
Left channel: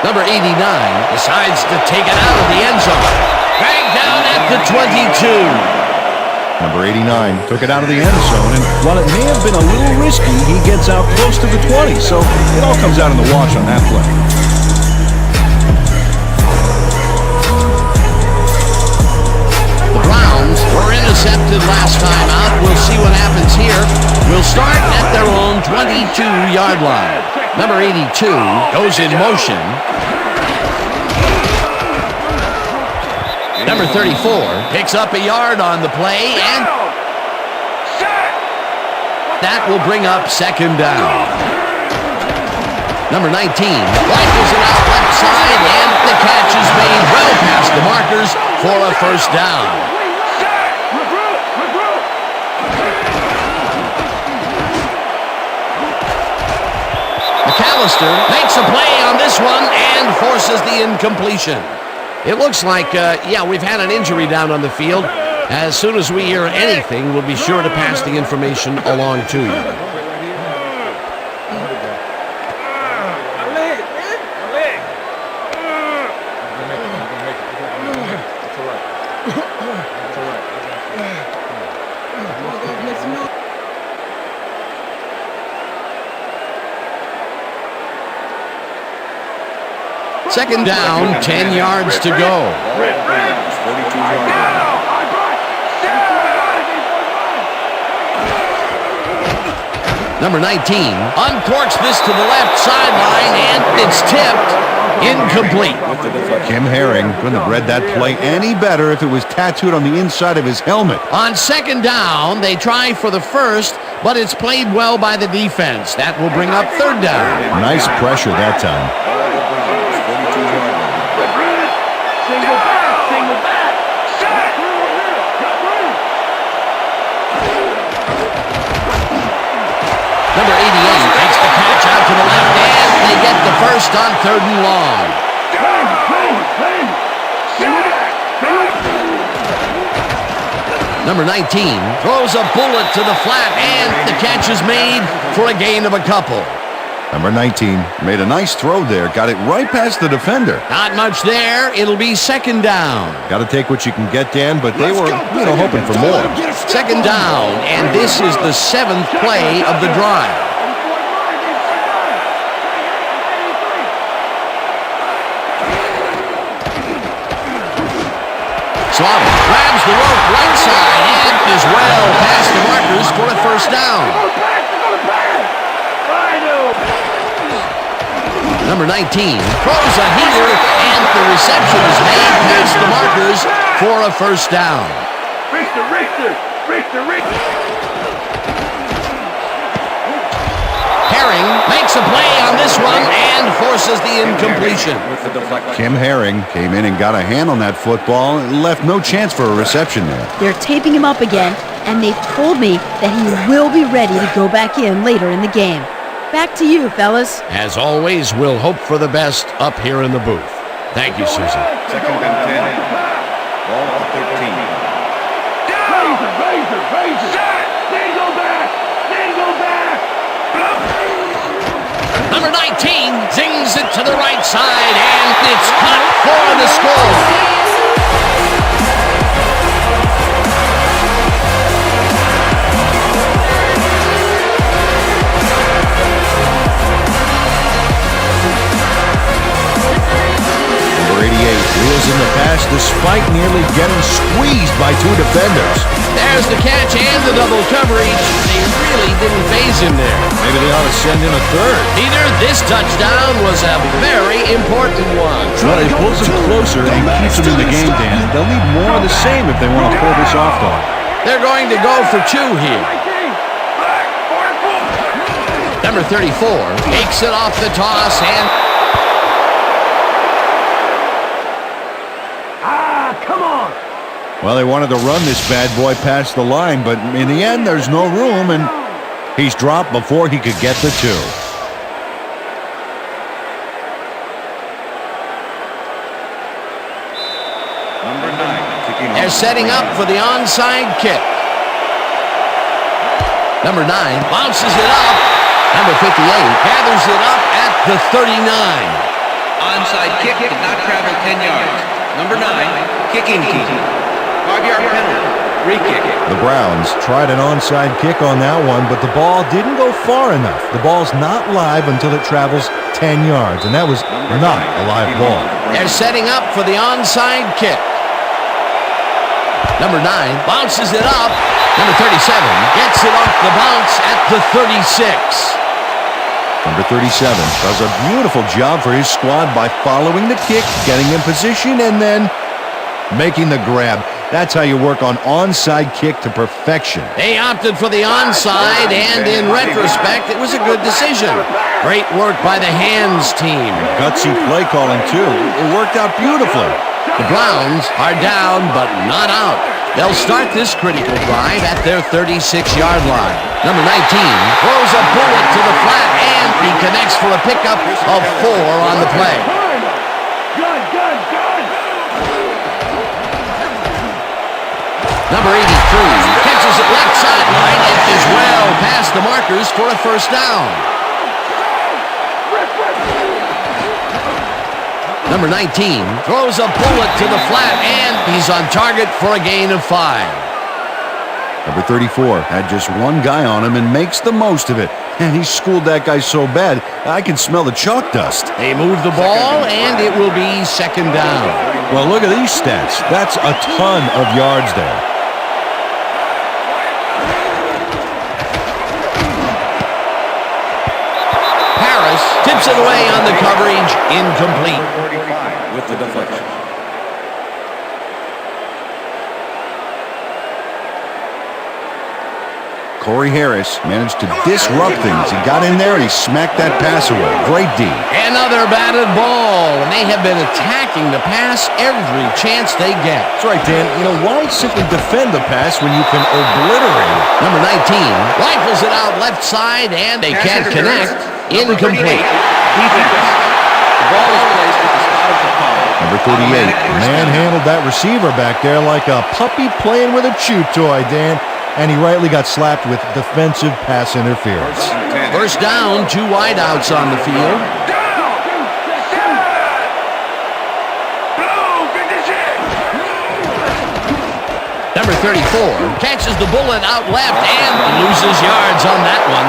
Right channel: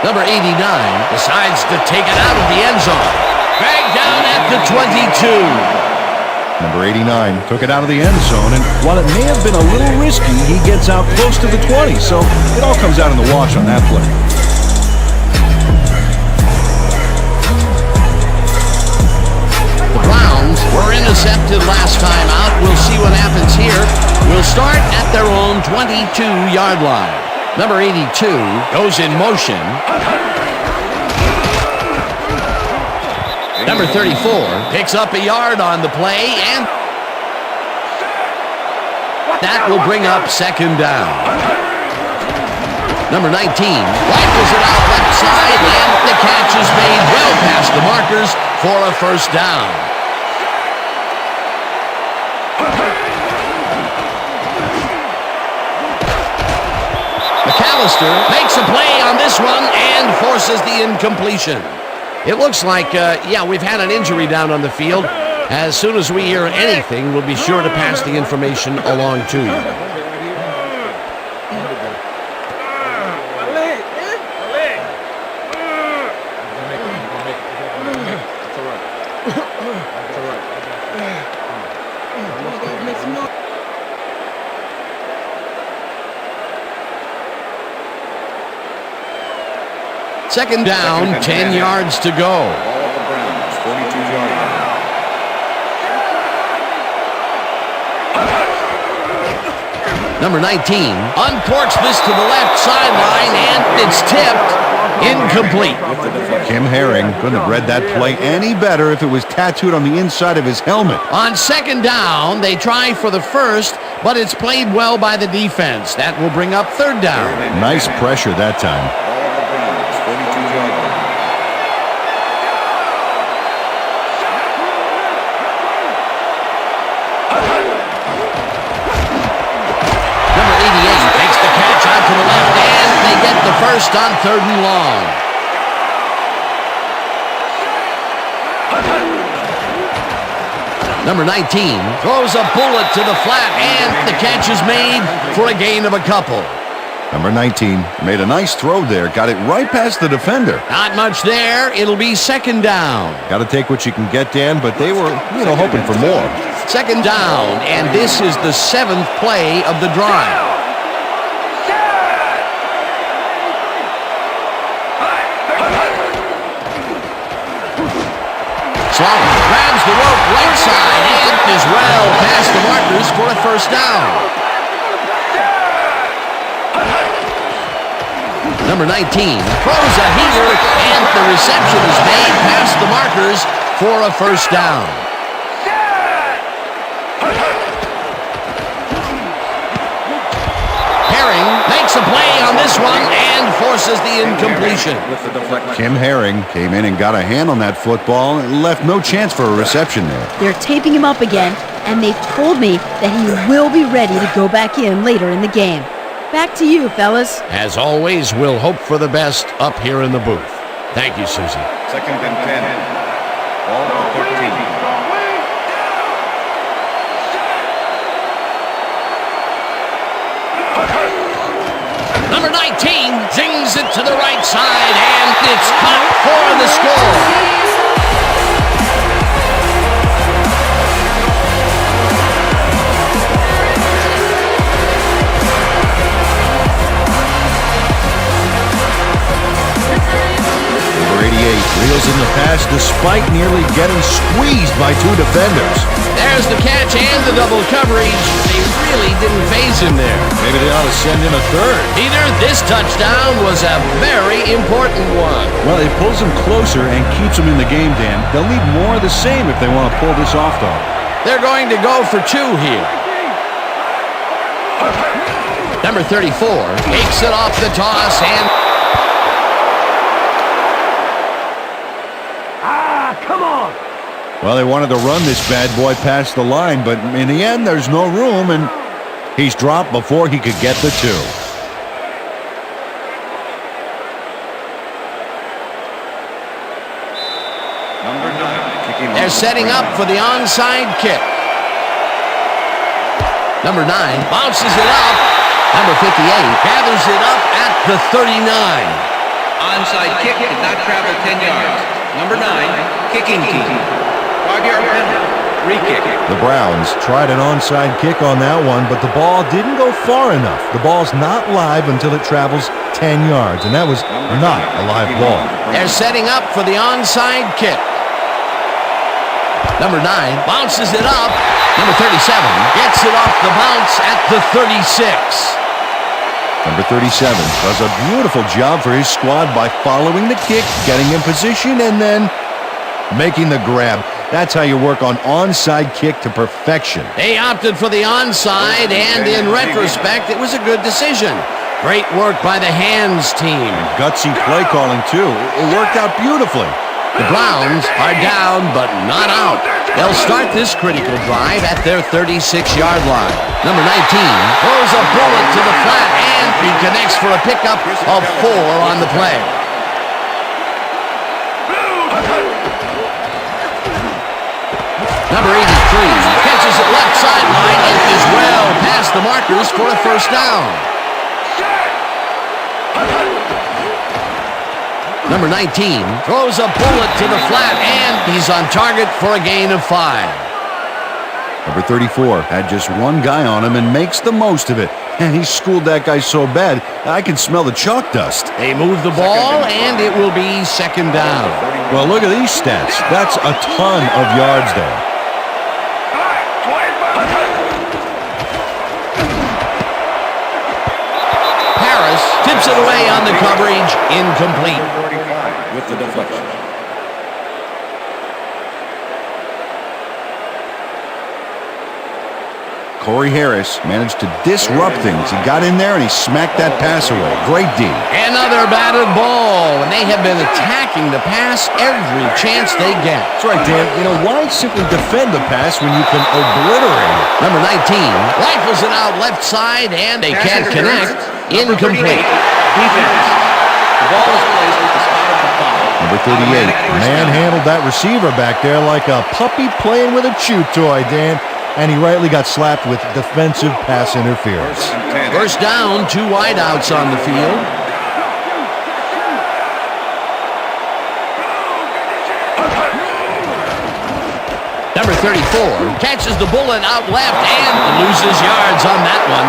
Number 89 decides to take it out of the end zone. Dragged down at the 22. Number 89 took it out of the end zone, and while it may have been a little risky, he gets out close to the 20, so it all comes out in the wash on that play. The Browns were intercepted last time out. We'll see what happens here. We'll start at their own 22-yard line. Number 82 goes in motion. Number 34 picks up a yard on the play, and that will bring up 2nd down. Number 19 rifles it out left side, and the catch is made well past the markers for a 1st down. McAllister makes a play on this one and forces the incompletion. It looks like, we've had an injury down on the field. As soon as we hear anything, we'll be sure to pass the information along to you. Second down, 10 yards to go. Ball at the Browns, 42-yard line. Number 19 uncorks this to the left sideline, and it's tipped. Incomplete. Kim Herring couldn't have read that play any better if it was tattooed on the inside of his helmet. On 2nd down, they try for the 1st, but it's played well by the defense. That will bring up 3rd down. Nice pressure that time. Ball at the Browns, 42-yard line. Single back. Got through over here. Got through. Number 88 makes the catch out to the left, and they get the 1st on 3rd and long. Number 19 throws a bullet to the flat, and the catch is made for a gain of a couple. Number 19 made a nice throw there. Got it right past the defender. Not much there. It'll be second down. Got to take what you can get, Dan, but they were, hoping for more. Second down, and this is the 7th play of the drive. Slaughter grabs the rope right side and is well past the markers for a first down. Number 19 throws a heater, and the reception is made past the markers for a first down. Herring makes a play on this one and forces the incompletion. Kim Herring came in and got a hand on that football and left no chance for a reception there. They're taping him up again, and they've told me that he will be ready to go back in later in the game. Back to you, fellas. As always, we'll hope for the best up here in the booth. Thank you, Susan. Second and 10. Ball at 13. Number 19 zings it to the right side, and it's caught for the score. Number 88 reels in the pass despite nearly getting squeezed by two defenders. There's the catch and the double coverage. They really didn't phase him there. Maybe they ought to send in a third. Either this touchdown was a very important one. Well, it pulls them closer and keeps them in the game, Dan. They'll need more of the same if they want to pull this off, though. They're going to go for two here. Number 34 takes it off the toss and... Come on! Well, they wanted to run this bad boy past the line, but in the end, there's no room, and he's dropped before he could get the two. Number 9 kicking off. They're setting up for the onside kick. Number 9 bounces it up. Number 58 gathers it up at the 39. Onside kick did not travel 10 yards. Number 9, kicking team. 5-yard penalty. Re-kick. The Browns tried an onside kick on that one, but the ball didn't go far enough. The ball's not live until it travels 10 yards, and that was not a live ball. They're setting up for the onside kick. Number 9 bounces it up. Number 37 gets it off the bounce at the 36. Number 37 does a beautiful job for his squad by following the kick, getting in position, and then making the grab. That's how you work on onside kick to perfection. They opted for the onside, and in retrospect, it was a good decision. Great work by the hands team. And gutsy play calling, too. It worked out beautifully. The Browns are down, but not out. They'll start this critical drive at their 36-yard line. Number 19 throws a bullet to the flat, and he connects for a pickup of 4 on the play. Number 83 catches it left sideline and is well past the markers for a first down. Number 19 throws a bullet to the flat, and he's on target for a gain of 5. Number 34 had just one guy on him and makes the most of it. And he schooled that guy so bad, I can smell the chalk dust. They move the ball, and it will be second down. Well, look at these stats. That's a ton of yards there. Harris tips it away on the coverage, incomplete. 45 with the deflection. Corey Harris managed to disrupt things. He got in there and he smacked that pass away. Great D. Another batted ball, and they have been attacking the pass every chance they get. That's right, Dan. Why simply defend the pass when you can obliterate it? Number 19 rifles it out left side, and they can't connect. Incomplete. Defense. The ball is placed at the spot of the foul. Number 38 Automatic first down. manhandled that receiver back there like a puppy playing with a chew toy, Dan. And he rightly got slapped with defensive pass interference. First and 10. First down, 2 wideouts on the field. Number 34 catches the bullet out left and loses yards on that one.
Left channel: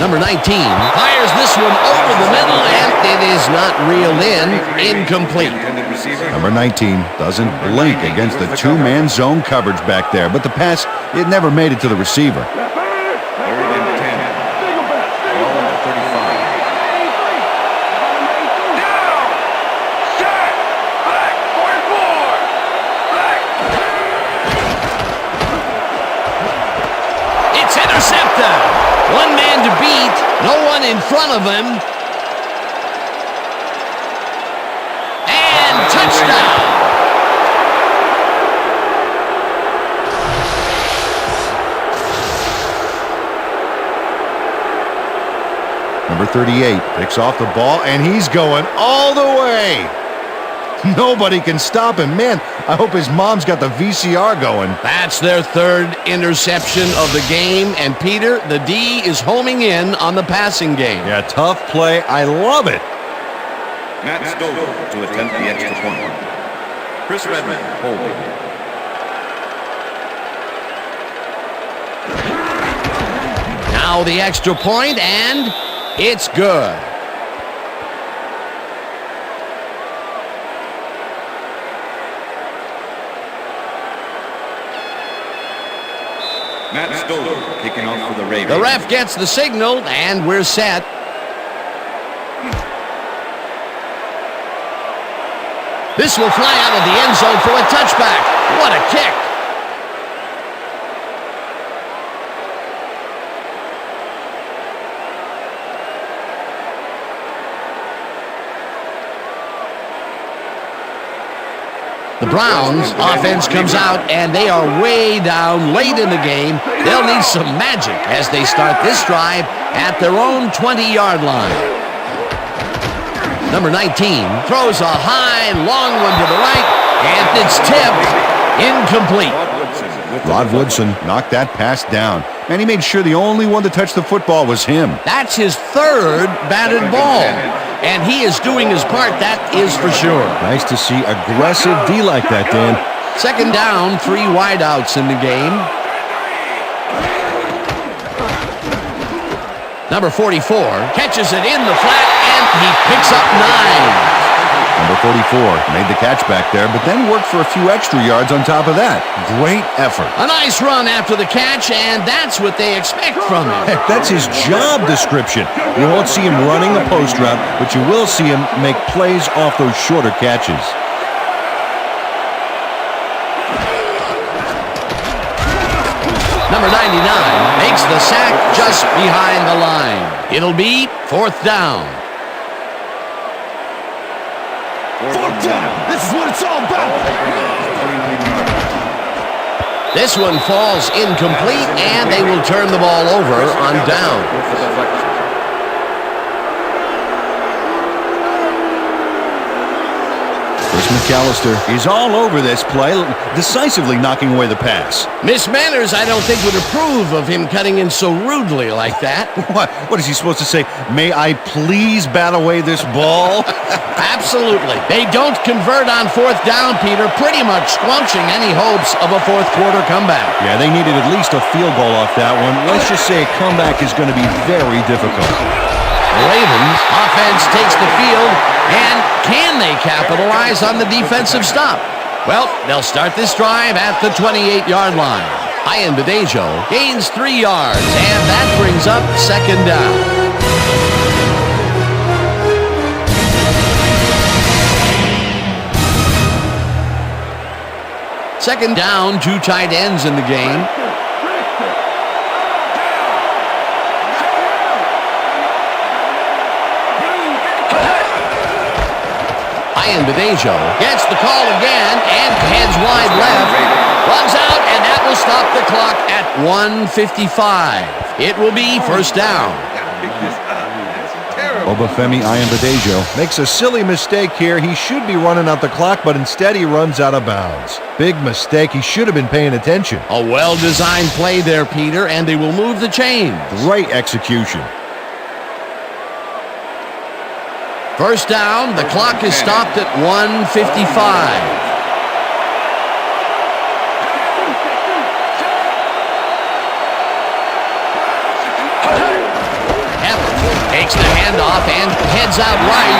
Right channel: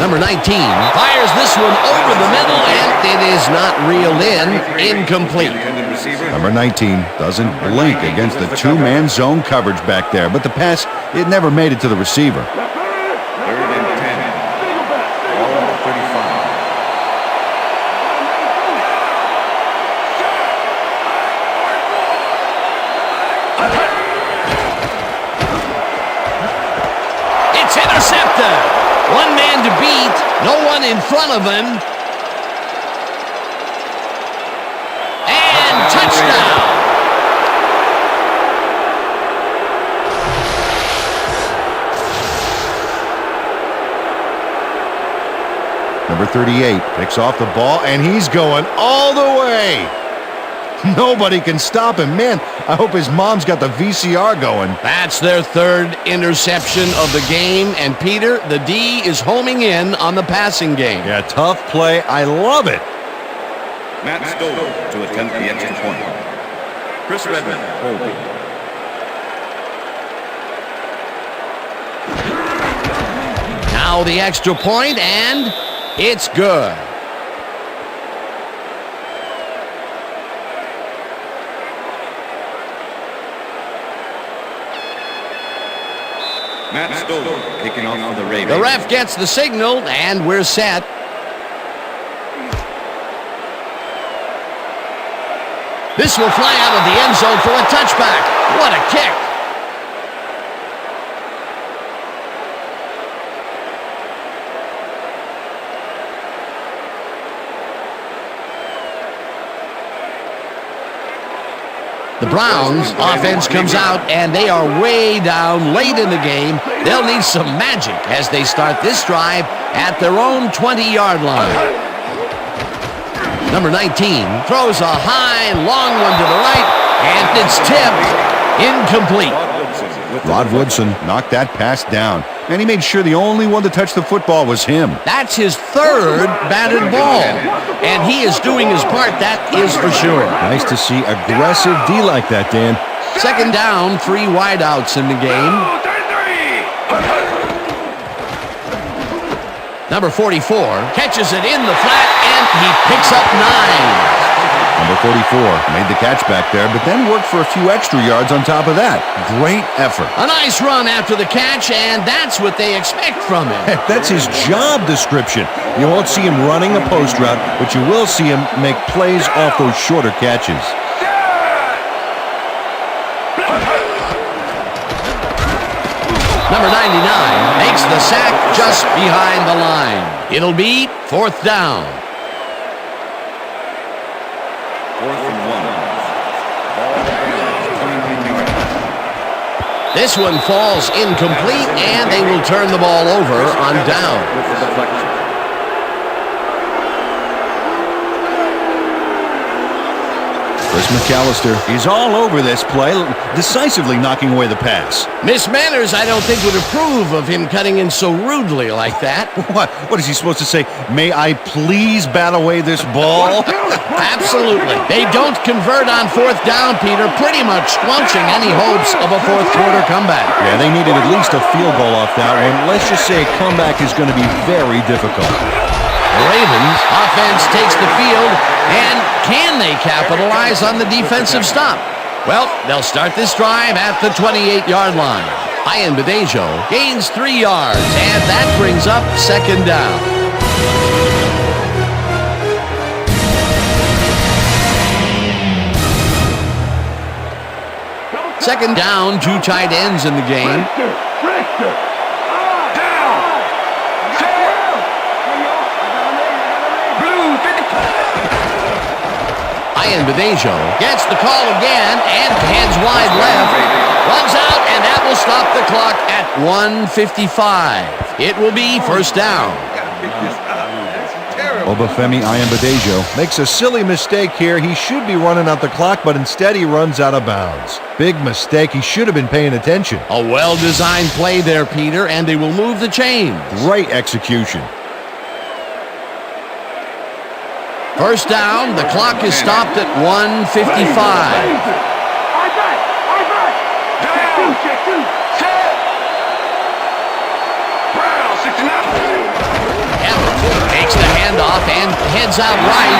Number 19 fires this one over the middle, and it is not reeled in. Incomplete. Intended receiver. Number 19 doesn't blink against the two-man zone coverage back there, but the pass, it never made it to the receiver. Third and 10. Ball at the 35. It's intercepted. One man to beat, no one in front of him. And touchdown. Number 38 picks off the ball, and he's going all the way. Nobody can stop him. Man, I hope his mom's got the VCR going. That's their third interception of the game. And Peter, the D is homing in on the passing game. Yeah, tough play. I love it. Matt Stover to attempt the extra point. Chris Redmond holding. Now the extra point, and it's good. Matt Stover kicking off for the Ravens. The ref gets the signal, and we're set. This will fly out of the end zone for a touchback. What a kick. The Browns offense comes out, and they are way down late in the game. They'll need some magic as they start this drive at their own 20-yard line. Number 19 throws a high, long one to the right, and it's tipped. Incomplete. Rod Woodson knocked that pass down. And he made sure the only one to touch the football was him. That's his third batted ball, and he is doing his part, that is for sure. Nice to see aggressive D like that, Dan. Second down, 3 wideouts in the game. Number 44 catches it in the flat, and he picks up 9. Number 44 made the catch back there, but then worked for a few extra yards on top of that. Great effort. A nice run after the catch, and that's what they expect from him. Heck, that's his job description. You won't see him running a post route, but you will see him make plays off those shorter catches. Number 99 makes the sack just behind the line. It'll be 4th down. 4th and 1. This is what it's all about. 29-yard line. This one falls incomplete, and they will turn the ball over on down. With the deflection. Chris McAllister is all over this play, decisively knocking away the pass. Miss Manners, I don't think, would approve of him cutting in so rudely like that. What is he supposed to say? May I please bat away this ball? Absolutely. They don't convert on 4th down, Peter, pretty much squelching any hopes of a 4th quarter comeback. Yeah, they needed at least a field goal off that one. Let's just say a comeback is going to be very difficult. The Ravens offense takes the field, and can they capitalize on the defensive stop? Well, they'll start this drive at the 28-yard line. Ian Badejo gains 3 yards, and that brings up 2nd down. Second down, 2 tight ends in the game. Ian Badejo gets the call again and heads wide left. Runs out, and that will stop the clock at 1:55. It will be first down. Obafemi Ayambadejo makes a silly mistake here. He should be running out the clock, but instead he runs out of bounds. Big mistake. He should have been paying attention. A well-designed play there, Peter, and they will move the chains. Great execution. First down, the clock is stopped at 1:55. Evans takes the handoff and heads out right.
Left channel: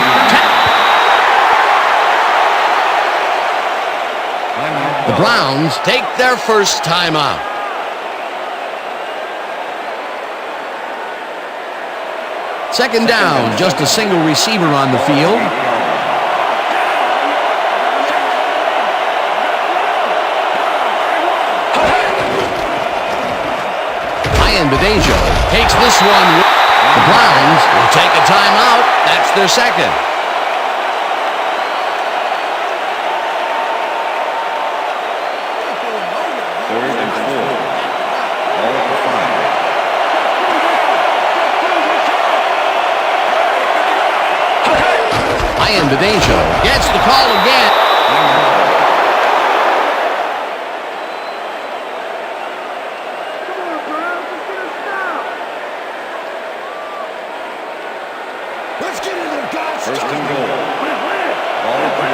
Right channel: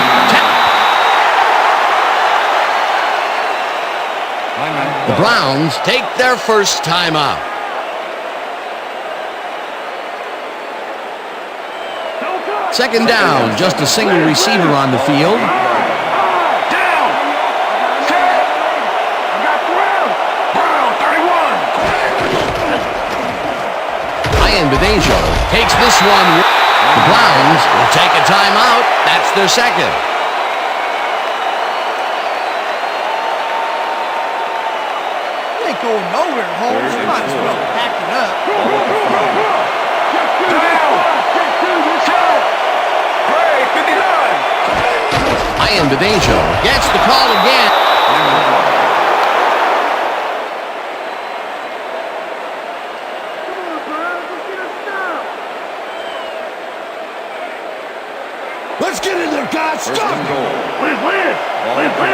The Browns take their first timeout. Second down, just a single receiver on the field. Ayambadejo takes this one. The Browns will take a timeout. That's their second. You ain't going nowhere, Holmes. You might as well pack it up. Ball at the 5. Just do this side. Just do this side. Ayambadejo gets the call again. Let's get in there, guys. First and goal. Win. Ball at the 1.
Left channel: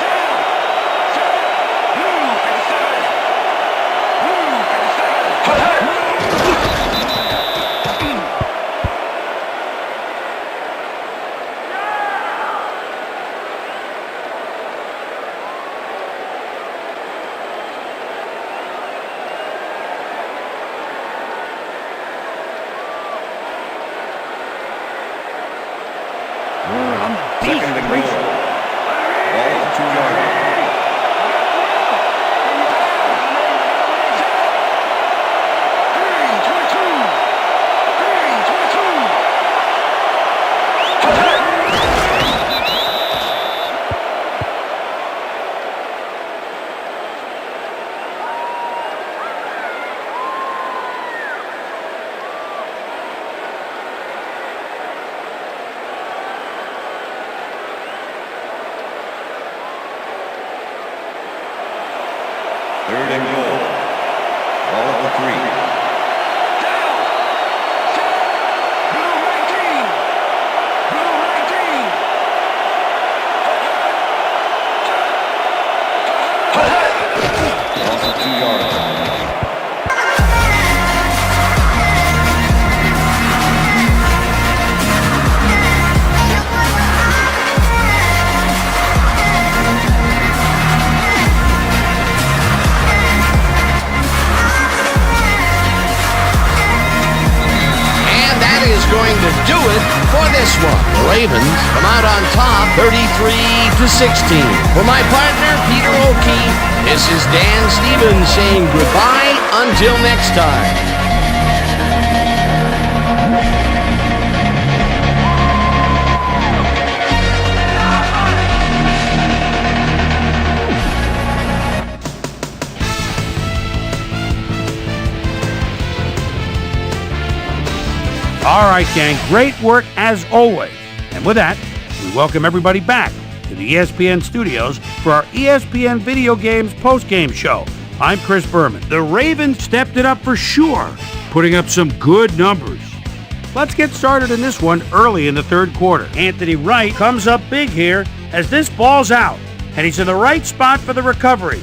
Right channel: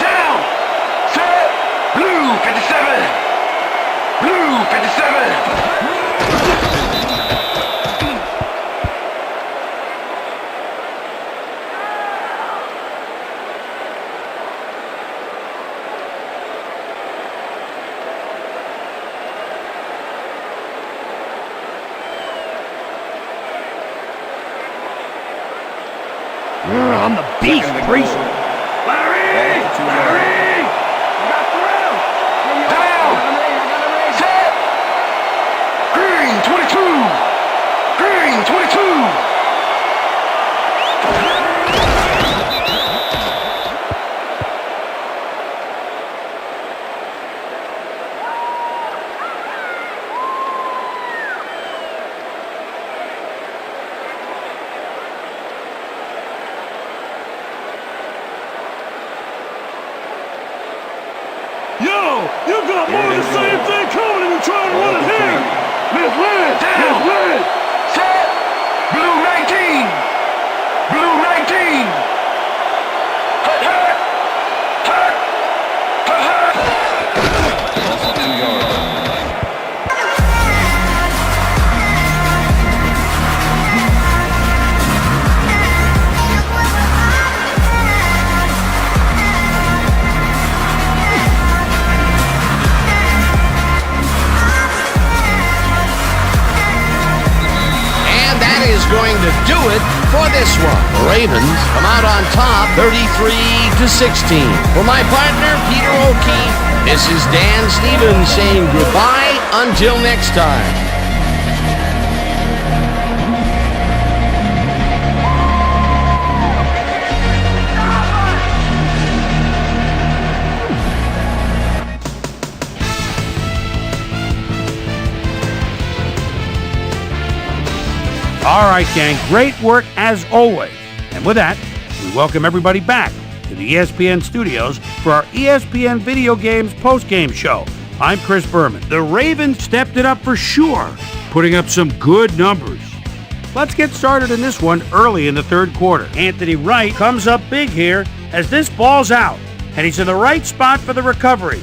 Down. Set. Blue 57. Blue 57. I'm the beast, Second and Reese. goal. Larry! Ball at 2 yards. Larry! I got 12! Hey, yo, I got him ready. Green, 22! Green, 22! Yo, you got Third the and same goal. thing coming and you trying to Ball run at the ahead. 3. Misread. Set. Blue 19. Blue 19. Loss of 2 yards on the play. That is going to do it for this one. The Ravens come out on top 33-16. For my partner, Peter O'Keefe, this is Dan Stevens saying goodbye until next time. All right, gang, great work as always. And with that, we welcome everybody back to the ESPN studios for our ESPN Video Games postgame show. I'm Chris Berman. The Ravens stepped it up for sure, putting up some good numbers. Let's get started in this one early in the third quarter. Anthony Wright comes up big here as this ball's out, and he's in the right spot for the recovery.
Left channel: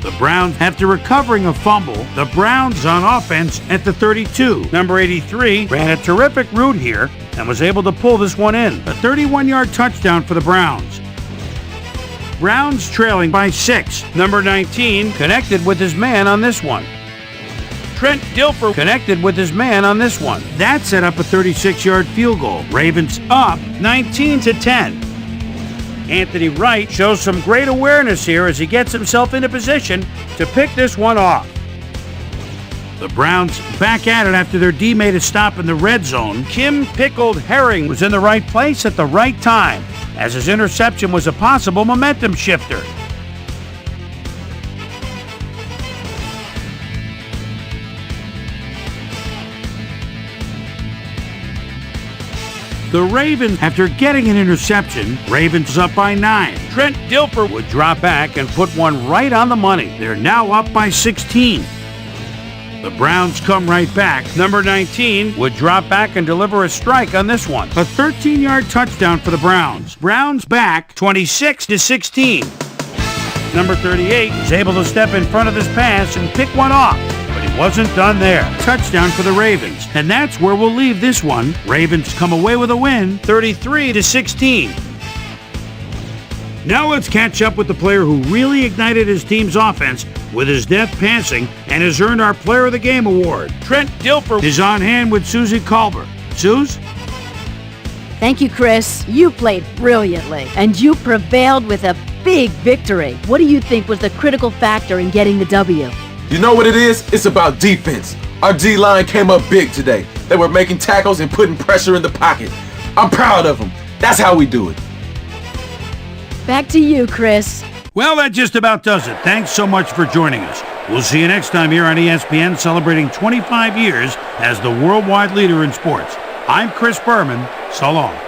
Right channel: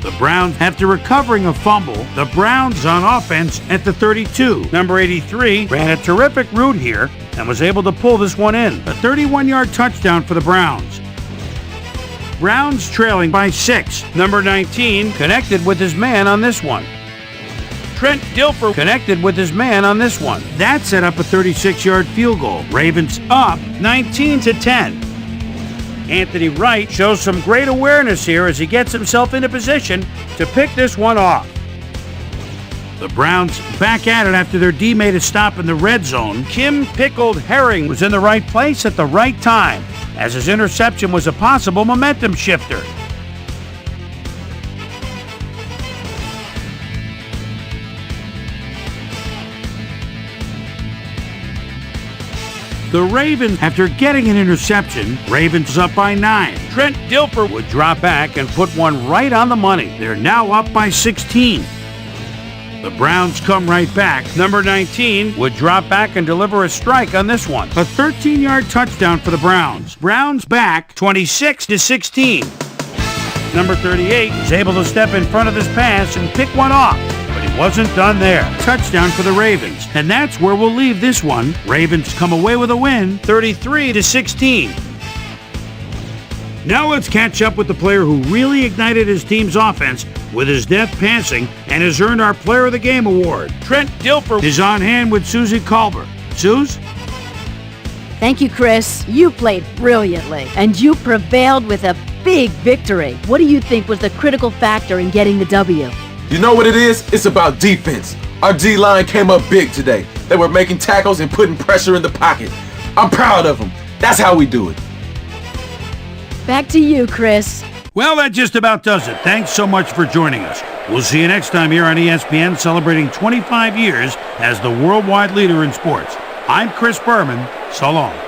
The Browns, after recovering a fumble, the Browns on offense at the 32. Number 83 ran a terrific route here and was able to pull this one in. A 31-yard touchdown for the Browns. Browns trailing by 6. Number 19 connected with his man on this one. Trent Dilfer connected with his man on this one. That set up a 36-yard field goal. Ravens up 19-10. Anthony Wright shows some great awareness here as he gets himself into position to pick this one off. The Browns back at it after their D made a stop in the red zone. Kim Pickled Herring was in the right place at the right time, as his interception was a possible momentum shifter. The Ravens, after getting an interception, Ravens up by 9. Trent Dilfer would drop back and put one right on the money. They're now up by 16. The Browns come right back. Number 19 would drop back and deliver a strike on this one. A 13-yard touchdown for the Browns. Browns back 26-16. Number 38 was able to step in front of this pass and pick one off, but he wasn't done there. Touchdown for the Ravens. And that's where we'll leave this one. Ravens come away with a win, 33-16. Now let's catch up with the player who really ignited his team's offense with his deft passing and has earned our Player of the Game award. Trent Dilfer is on hand with Susie Culver. Suze? Thank you, Chris. You played brilliantly, and you prevailed with a big victory. What do you think was the critical factor in getting the W? You know what it is? It's about defense. Our D-line came up big today. They were making tackles and putting pressure in the pocket. I'm proud of them. That's how we do it. Back to you, Chris. Well, that just about does it. Thanks so much for joining us. We'll see you next time here on ESPN, celebrating 25 years as the worldwide leader in sports. I'm Chris Berman. So long.